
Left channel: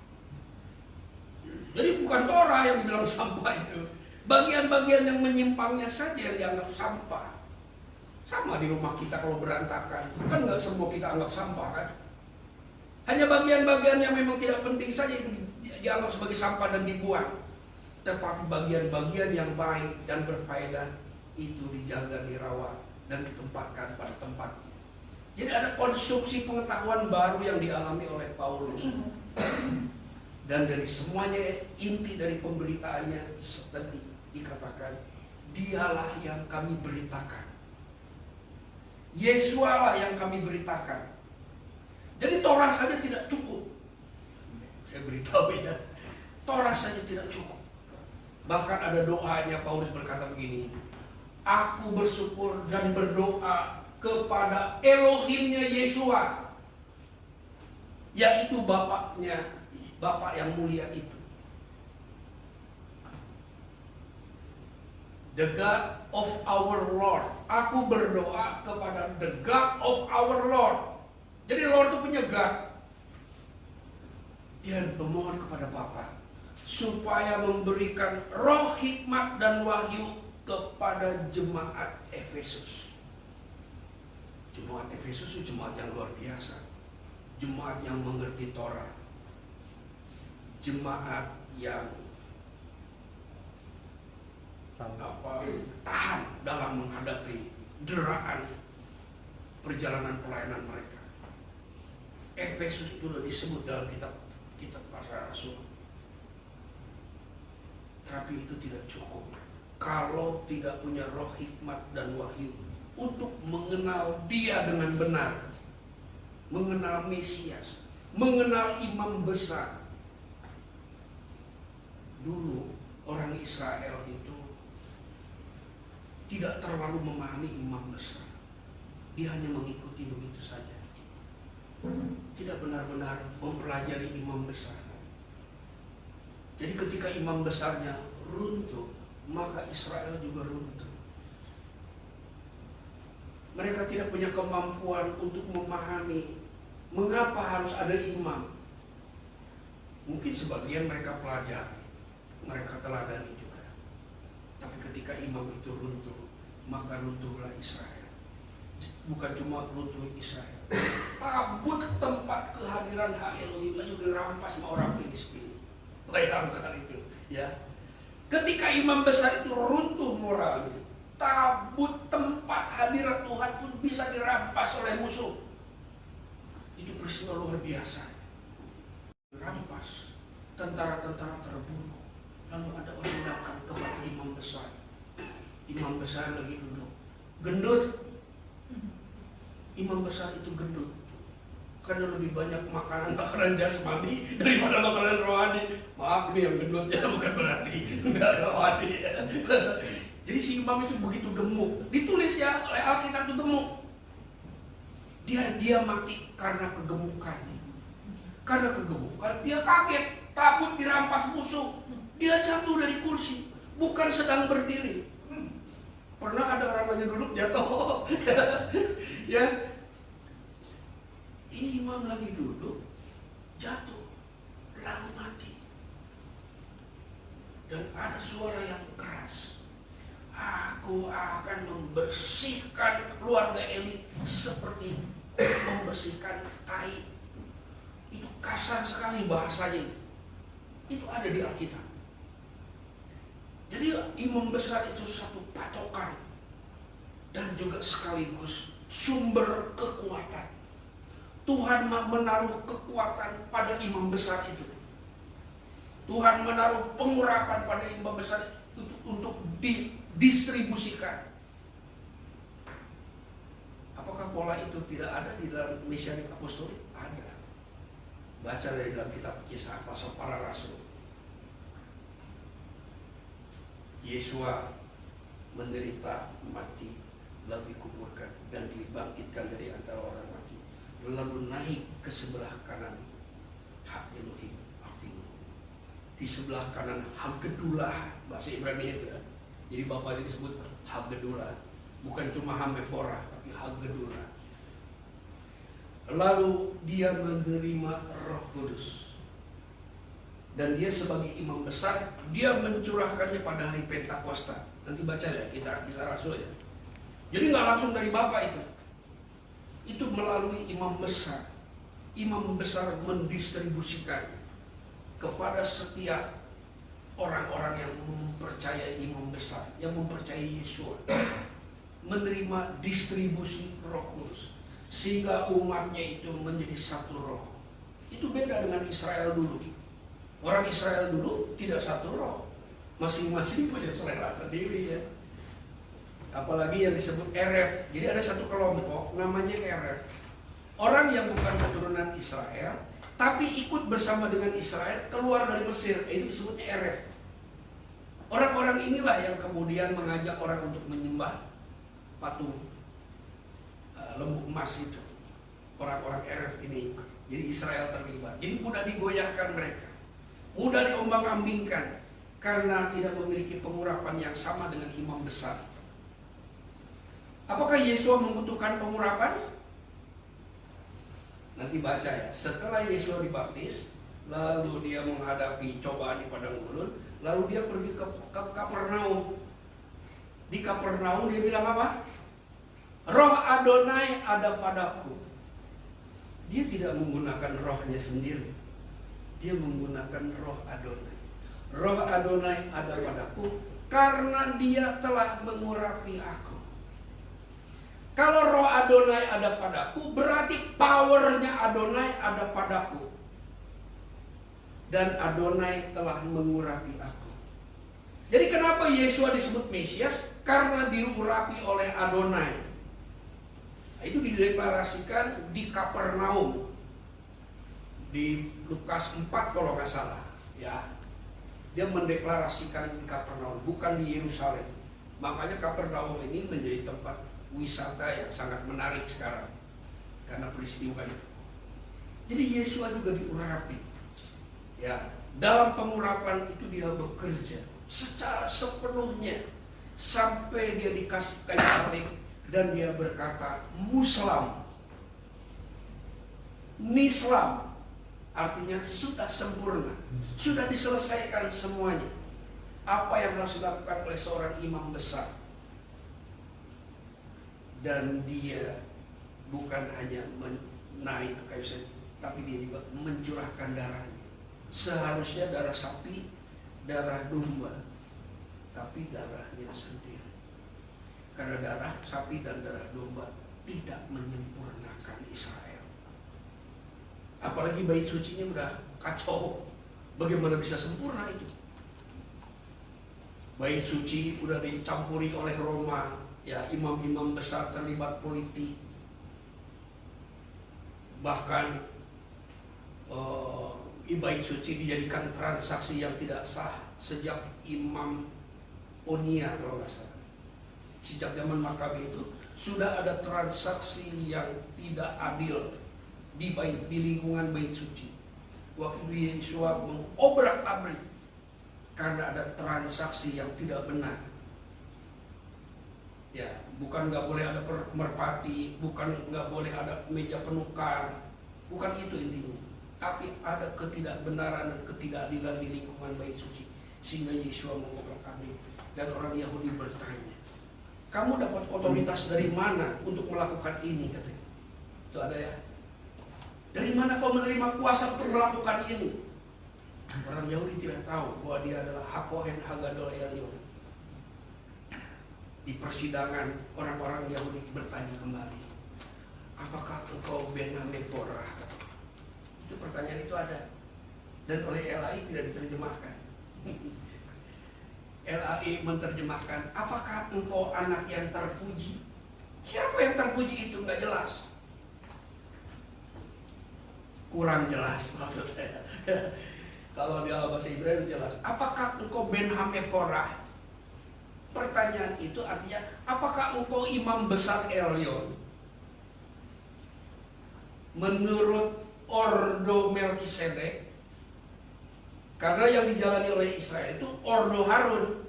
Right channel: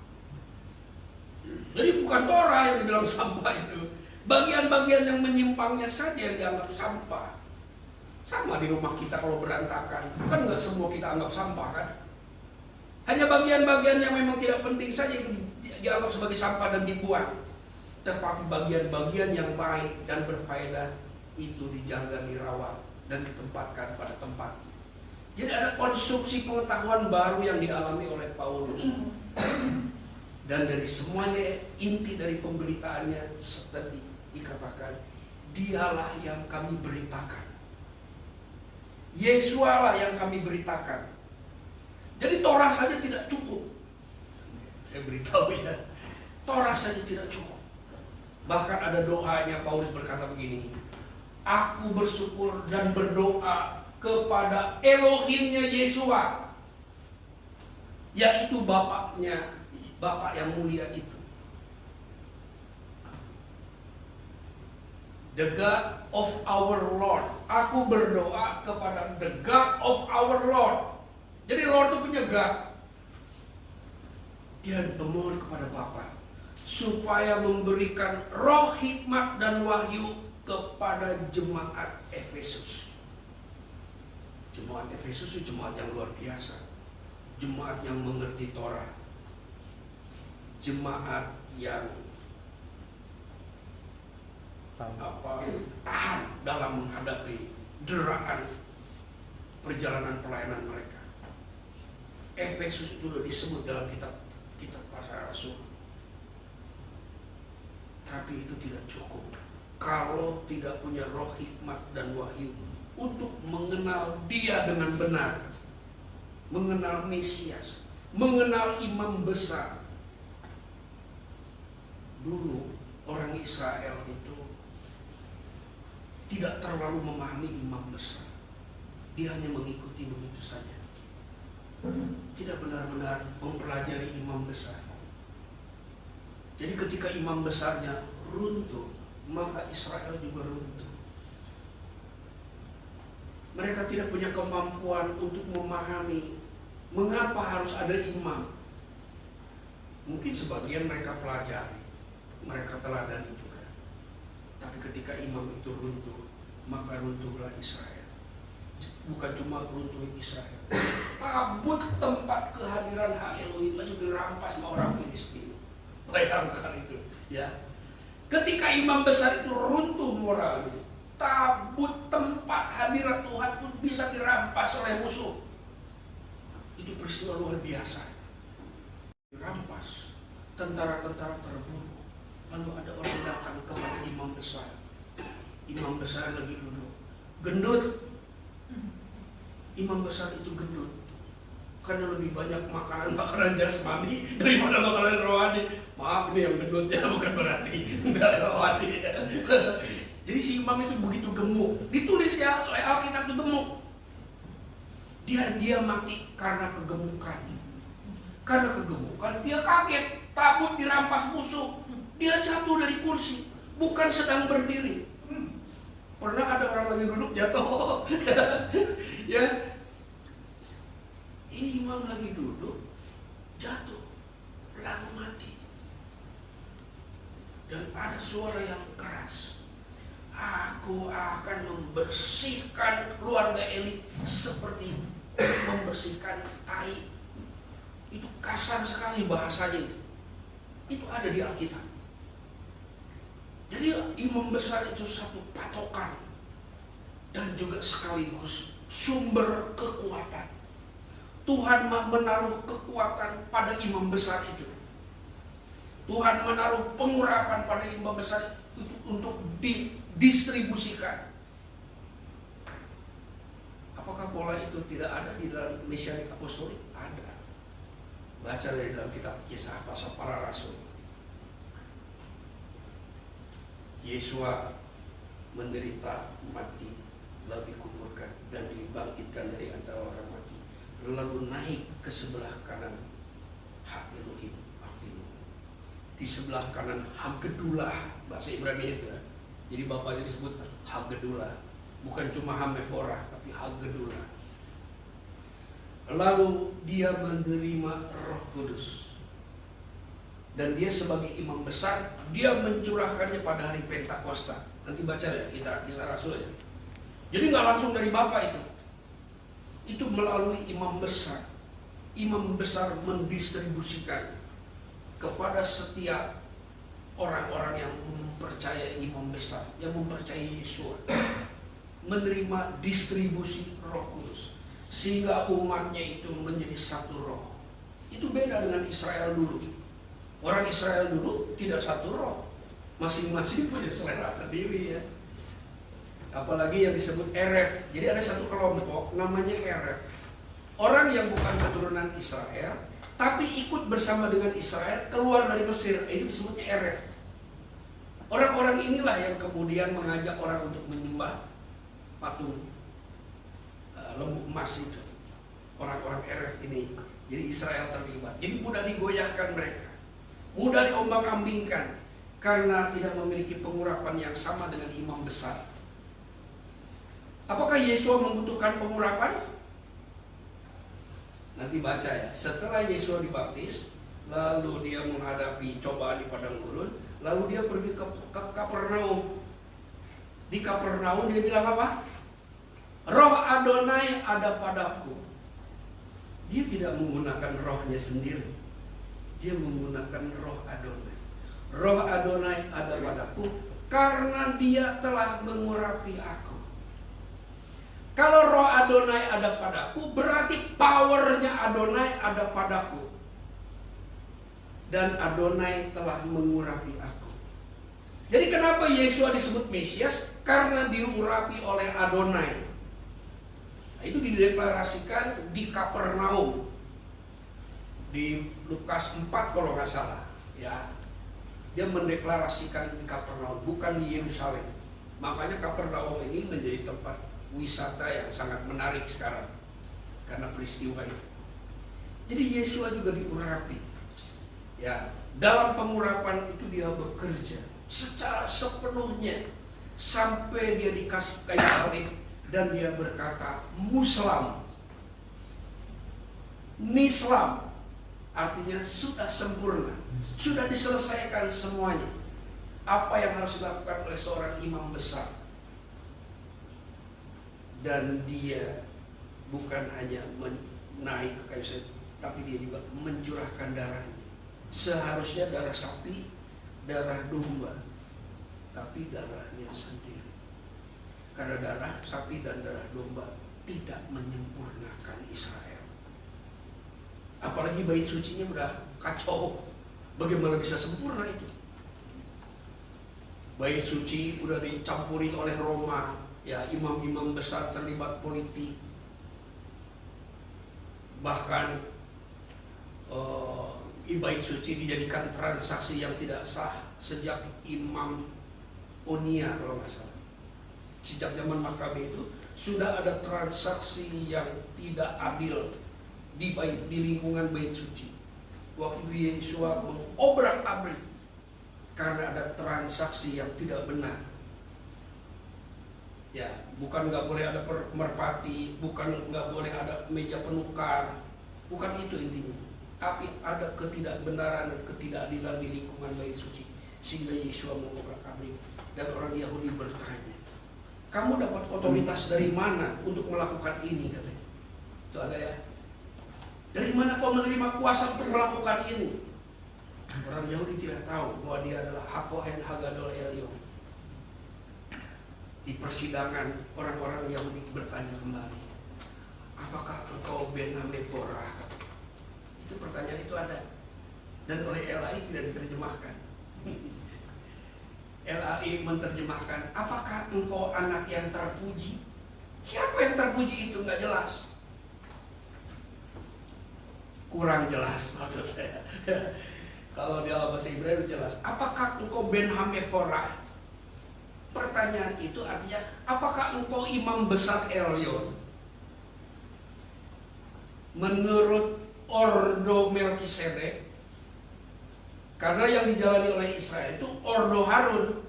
Jadi bukan Torah yang dibilang sampah itu. Bagian-bagian yang menyimpangnya saja yang dianggap sampah. Sama di rumah kita kalau berantakan, kan nggak semua kita anggap sampah kan? Hanya bagian-bagian yang memang tidak penting saja itu dianggap sebagai sampah dan dibuang. Tetapi bagian-bagian yang baik dan berfaedah itu dijaga, dirawat, dan ditempatkan pada tempatnya. Jadi ada konstruksi pengetahuan baru yang dialami oleh Paulus. Dan dari semuanya inti dari pemberitaannya tadi dikatakan, dialah yang kami beritakan. Yesualah yang kami beritakan. Jadi Torah saja tidak cukup. Saya beritahu ya, Torah saja tidak cukup. Bahkan ada doanya, Paulus berkata begini, aku bersyukur dan berdoa kepada Elohimnya Yesua, yaitu Bapaknya, Bapak yang mulia itu. The God of our Lord. Aku berdoa kepada the God of our Lord. Jadi Lord itu punya God. Dia memohon kepada Bapa supaya memberikan roh hikmat dan wahyu kepada jemaat Efesus. Jemaat Efesus itu jemaat yang luar biasa. Jemaat yang mengerti Torah. Jemaat yang tahan dalam menghadapi deraan perjalanan pelayanan mereka. Efesus itu sudah disebut dalam kitab para rasul. Tapi itu tidak cukup kalau tidak punya roh hikmat dan wahyu untuk mengenal Dia dengan benar, mengenal Mesias, mengenal imam besar. Dulu orang Israel itu tidak terlalu memahami imam besar. Dia hanya mengikuti begitu saja. Tidak benar-benar mempelajari imam besar. Jadi ketika imam besarnya runtuh, maka Israel juga runtuh. Mereka tidak punya kemampuan untuk memahami mengapa harus ada imam. Mungkin sebagian mereka pelajari, mereka teladani juga. Tapi ketika imam itu runtuh, maka runtuhlah Israel. Bukan cuma runtuh Israel, tabut tempat kehadiran hak Elohim itu dirampas sama orang Filistin. Bayangkan itu, ya. Ketika imam besar itu runtuh moralnya, tabut tempat hadirat Tuhan pun bisa dirampas oleh musuh. Itu peristiwa luar biasa. Dirampas, tentara-tentara terbunuh. Lalu ada orang datang kepada imam besar. Imam besar lagi duduk, gendut. Imam besar itu gendut karena lebih banyak makanan jasmani daripada makanan rohani. Maaf, ini yang gendut ya, bukan berarti enggak rohani ya. Jadi si imam itu begitu gemuk. Ditulis ya oleh Alkitab itu gemuk. Dia mati karena kegemukan. Karena kegemukan dia kaget, tabut dirampas musuh. Dia jatuh dari kursi, bukan sedang berdiri. Pernah ada orang lagi duduk jatuh. Ya. Ini imam lagi duduk, jatuh, lalu mati. Dan ada suara yang keras. Aku akan membersihkan keluarga Eli seperti membersihkan tai. Itu kasar sekali bahasanya itu. Itu ada di Alkitab. Jadi imam besar itu satu patokan dan juga sekaligus sumber kekuatan. Tuhan menaruh kekuatan pada imam besar itu. Tuhan menaruh pengurapan pada imam besar itu untuk didistribusikan. Apakah pola itu tidak ada di dalam Mesianik Apostolik? Ada. Baca dari dalam kitab Kisah Pasal Para Rasul. Yesua menderita, mati, lalu dikuburkan dan dibangkitkan dari antara orang mati, lalu naik ke sebelah kanan hak Elohim Avinu, di sebelah kanan Haggedulah, bahasa Ibrani itu ya. Jadi bapaknya disebut Haggedulah, bukan cuma Hameforah tapi Haggedulah. Lalu dia menerima Roh Kudus. Dan dia sebagai imam besar, dia mencurahkannya pada hari Pentakosta. Nanti baca ya, kita Kisah Rasul ya. Jadi nggak langsung dari Bapa itu. Itu melalui imam besar. Imam besar mendistribusikan kepada setiap orang-orang yang mempercayai imam besar, yang mempercayai Yesua, menerima distribusi Roh Kudus, sehingga umatnya itu menjadi satu roh. Itu beda dengan Israel dulu. Orang Israel dulu tidak satu roh, masing-masing punya selera sendiri ya. Apalagi yang disebut Eref. Jadi ada satu kelompok namanya Eref. Orang yang bukan keturunan Israel, tapi ikut bersama dengan Israel keluar dari Mesir, itu disebutnya Eref. Orang-orang inilah yang kemudian mengajak orang untuk menyembah patung lembu emas itu. Orang-orang Eref ini, jadi Israel terlibat. Jadi mudah digoyahkan mereka, mudah diombang-ambingkan karena tidak memiliki pengurapan yang sama dengan imam besar. Apakah Yesua membutuhkan pengurapan? Nanti baca ya. Setelah Yesua dibaptis, lalu dia menghadapi cobaan di padang gurun, lalu dia pergi ke Kapernaum. Di Kapernaum dia bilang apa? Roh Adonai ada padaku. Dia tidak menggunakan rohnya sendiri. Dia menggunakan roh Adonai. Roh Adonai ada padaku karena dia telah mengurapi aku. Kalau roh Adonai ada padaku, berarti powernya Adonai ada padaku. Dan Adonai telah mengurapi aku. Jadi kenapa Yesua disebut Mesias? Karena diurapi oleh Adonai. Nah, itu dideklarasikan di Kapernaum. Di Lukas 4 kalau nggak salah. Ya, dia mendeklarasikan di Kapernaum, bukan di Yerusalem. Makanya Kapernaum ini menjadi tempat wisata yang sangat menarik sekarang karena peristiwa itu. Jadi Yesua juga diurapi. Ya, dalam pengurapan itu dia bekerja secara sepenuhnya sampai dia dikasih kayu salib dan dia berkata Muslam, Nislam, artinya sudah sempurna, sudah diselesaikan semuanya. Apa yang harus dilakukan oleh seorang imam besar. Dan dia bukan hanya naik ke kayu salib, tapi dia juga mencurahkan darahnya. Seharusnya darah sapi, darah domba, tapi darahnya sendiri. Karena darah sapi dan darah domba tidak menyempurnakan Israel. Apalagi bait sucinya udah kacau. Bagaimana bisa sempurna itu? Bait suci udah dicampuri oleh Roma. Ya, imam-imam besar terlibat politik. Bahkan bait suci dijadikan transaksi yang tidak sah sejak Imam Onia kalau nggak salah. Sejak zaman Makabe itu sudah ada transaksi yang tidak adil di lingkungan bait suci. Waktu Yesua mengobrak-abrik karena ada transaksi yang tidak benar. Ya, bukan nggak boleh ada merpati, bukan nggak boleh ada meja penukar, bukan itu intinya. Tapi ada ketidakbenaran dan ketidakadilan di lingkungan bait suci, sehingga Yesua mengobrak-abrik dan orang Yahudi bertanya, kamu dapat otoritas dari mana untuk melakukan ini, katanya. Itu ada ya. Dari mana kau menerima kuasa untuk melakukan ini? Orang Yahudi tidak tahu bahwa dia adalah Hakohen Hagadol Elyon. Di persidangan orang-orang Yahudi bertanya kembali, apakah engkau Ben Hameforah? Itu pertanyaan itu ada. Dan oleh LAI tidak diterjemahkan. LAI menerjemahkan, apakah engkau anak yang terpuji? Siapa yang terpuji itu nggak jelas. Kurang jelas maksud saya. Kalau di dalam bahasa Ibrani jelas. Apakah engkau Ben Hameforah? Pertanyaan itu artinya, apakah engkau imam besar Elyon? Menurut Ordo Melkisedek, karena yang dijalani oleh Israel itu Ordo Harun.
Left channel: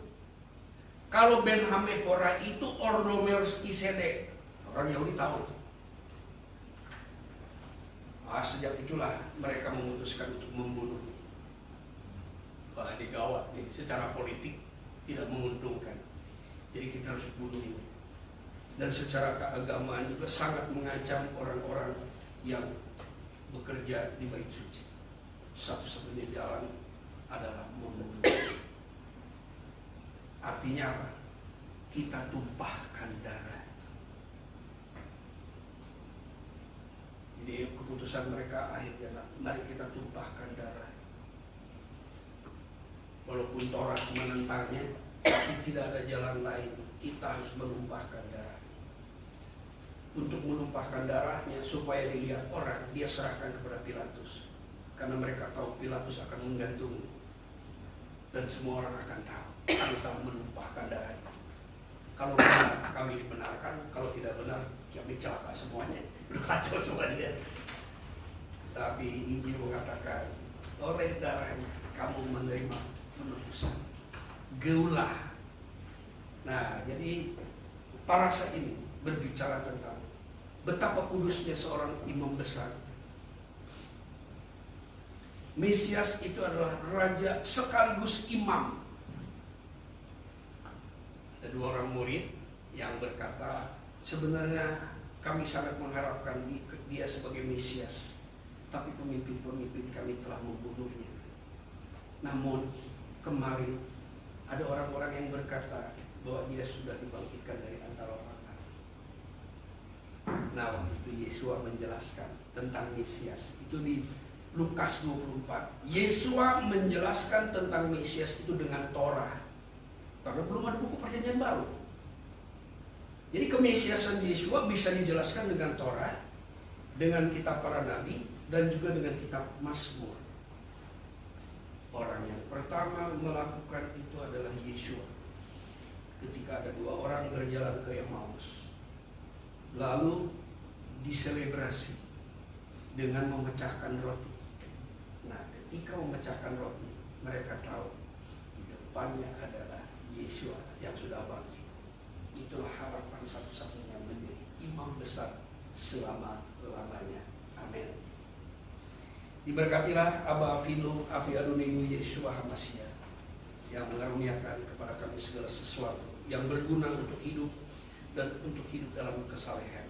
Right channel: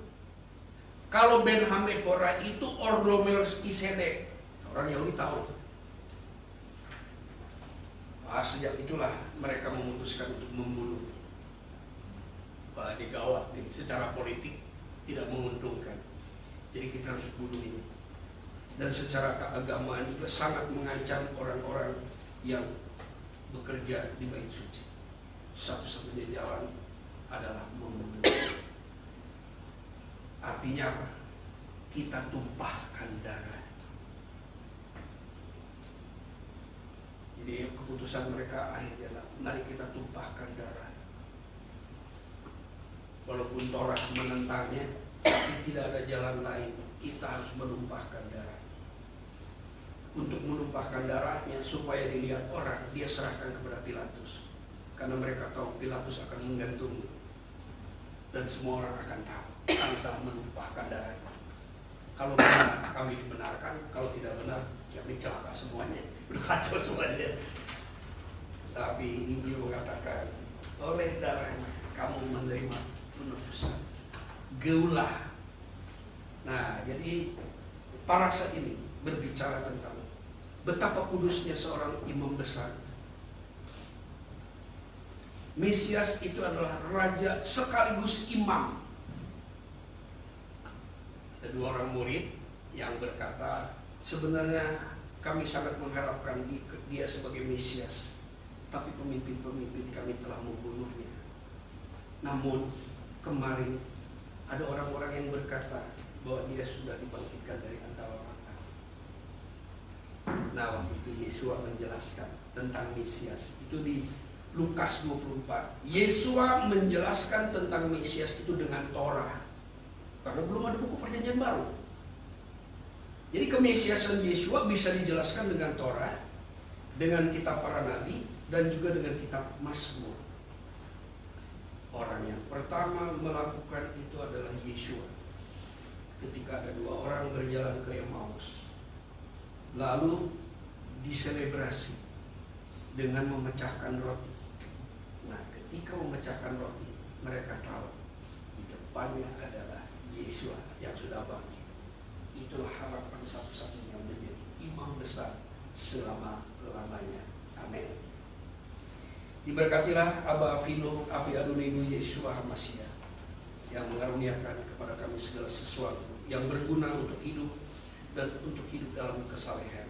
Kalau Ben Hameforah itu Ordo Melkisedek. Orang Yahudi tahu itu. Sejak itulah mereka memutuskan untuk membunuh. Wah, ini gawat nih, secara politik tidak menguntungkan. Jadi kita harus bunuh ini. Dan secara keagamaan juga sangat mengancam orang-orang yang bekerja di bait suci. Satu-satunya jalan adalah membunuh. Artinya apa? Kita tumpahkan darah. Jadi keputusan mereka akhirnya, mari kita tumpahkan darah. Walaupun Torah menentangnya, tapi tidak ada jalan lain. Kita harus menumpahkan darah. Untuk menumpahkan darahnya supaya dilihat orang, dia serahkan kepada Pilatus. Karena mereka tahu Pilatus akan menggantungnya. Dan semua orang akan tahu kami telah menumpahkan darahnya. Kalau benar, kami dibenarkan. Kalau tidak benar, kami celaka semuanya. Udah kacau semuanya. Tapi Injil mengatakan, oleh darahnya kamu menerima penebusan. Geulah. Nah, jadi parasa ini berbicara tentang betapa kudusnya seorang imam besar. Mesias itu adalah raja sekaligus imam. Ada dua orang murid yang berkata, sebenarnya kami sangat mengharapkan dia sebagai Mesias, tapi pemimpin-pemimpin kami telah membunuhnya. Namun kemarin ada orang-orang yang berkata bahwa dia sudah dibangkitkan dari antara orang mati. Nah, waktu itu Yesua menjelaskan tentang Mesias. Itu di Lukas 24. Yesua menjelaskan tentang Mesias itu dengan Torah. Karena belum ada buku perjanjian baru. Jadi kemesiasan Yesua bisa dijelaskan dengan Torah, dengan kitab para nabi, dan juga dengan kitab Mazmur. Orang yang pertama melakukan itu adalah Yesua. Ketika ada dua orang berjalan ke Emmaus, lalu diselebrasi dengan memecahkan roti. Nah, ketika memecahkan roti, mereka tahu di depannya adalah Yesua yang sudah bangkit. Itulah harapan satu-satunya menjadi imam besar selama-lamanya. Amin. Diberkatilah Aba Avinu, Api Adonenu Yeshua HaMashiach, yang mengaruniakan kepada kami segala sesuatu yang berguna untuk hidup dan untuk hidup dalam kesalehan.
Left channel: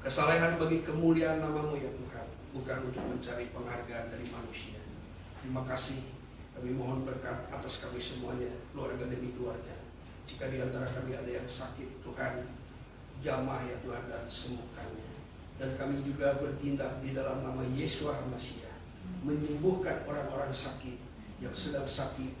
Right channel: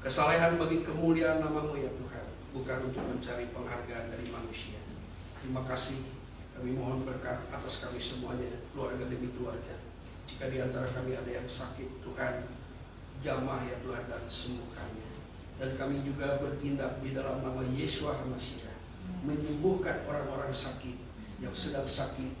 Kesalehan bagi kemuliaan nama-Mu ya Tuhan, bukan untuk mencari penghargaan dari manusia. Terima kasih. Kami mohon berkat atas kami semuanya, keluarga demi keluarga. Jika di antara kami ada yang sakit, Tuhan, jamah ya Tuhan dan sembuhkannya. Dan kami juga bertindak di dalam nama Yeshua HaMashiach, menyembuhkan orang-orang sakit yang sedang sakit,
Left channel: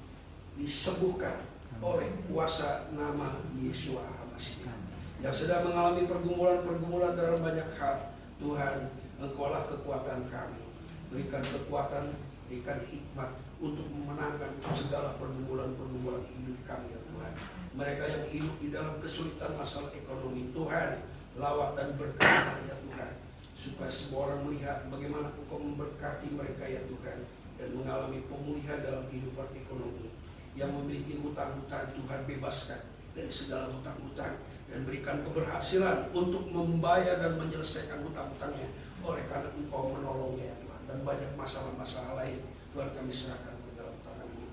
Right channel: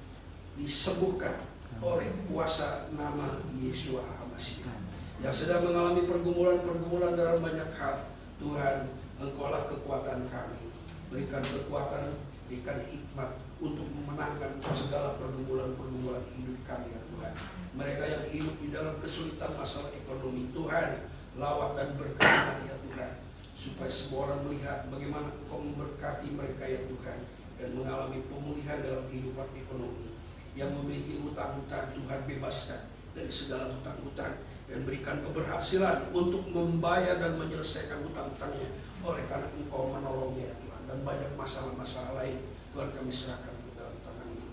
disembuhkan oleh kuasa nama Yeshua HaMashiach. Yang sedang mengalami pergumulan-pergumulan dalam banyak hal, Tuhan, Engkaulah kekuatan kami. Berikan kekuatan, berikan hikmat untuk memenangkan segala pergumulan-pergumulan hidup kami ya Tuhan. Mereka yang hidup di dalam kesulitan masalah ekonomi, Tuhan, lawat dan berkati ya Tuhan, supaya semua orang melihat bagaimana Engkau memberkati mereka ya Tuhan, dan mengalami pemulihan dalam kehidupan ekonomi. Yang memiliki hutang-hutang, Tuhan bebaskan dari segala hutang-hutang, dan berikan keberhasilan untuk membayar dan menyelesaikan hutang-hutangnya, oleh karena Engkau menolongnya ya Tuhan. Dan banyak masalah-masalah lain, Tuhan, kami serahkan ke dalam tangan-Mu.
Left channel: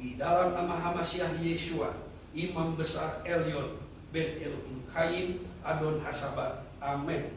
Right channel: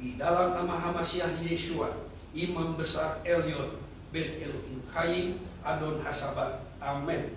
Di dalam nama HaMashiach Yeshua, Imam Besar Elyon, Ben Elohim Kain Adon Hasabat. Amin.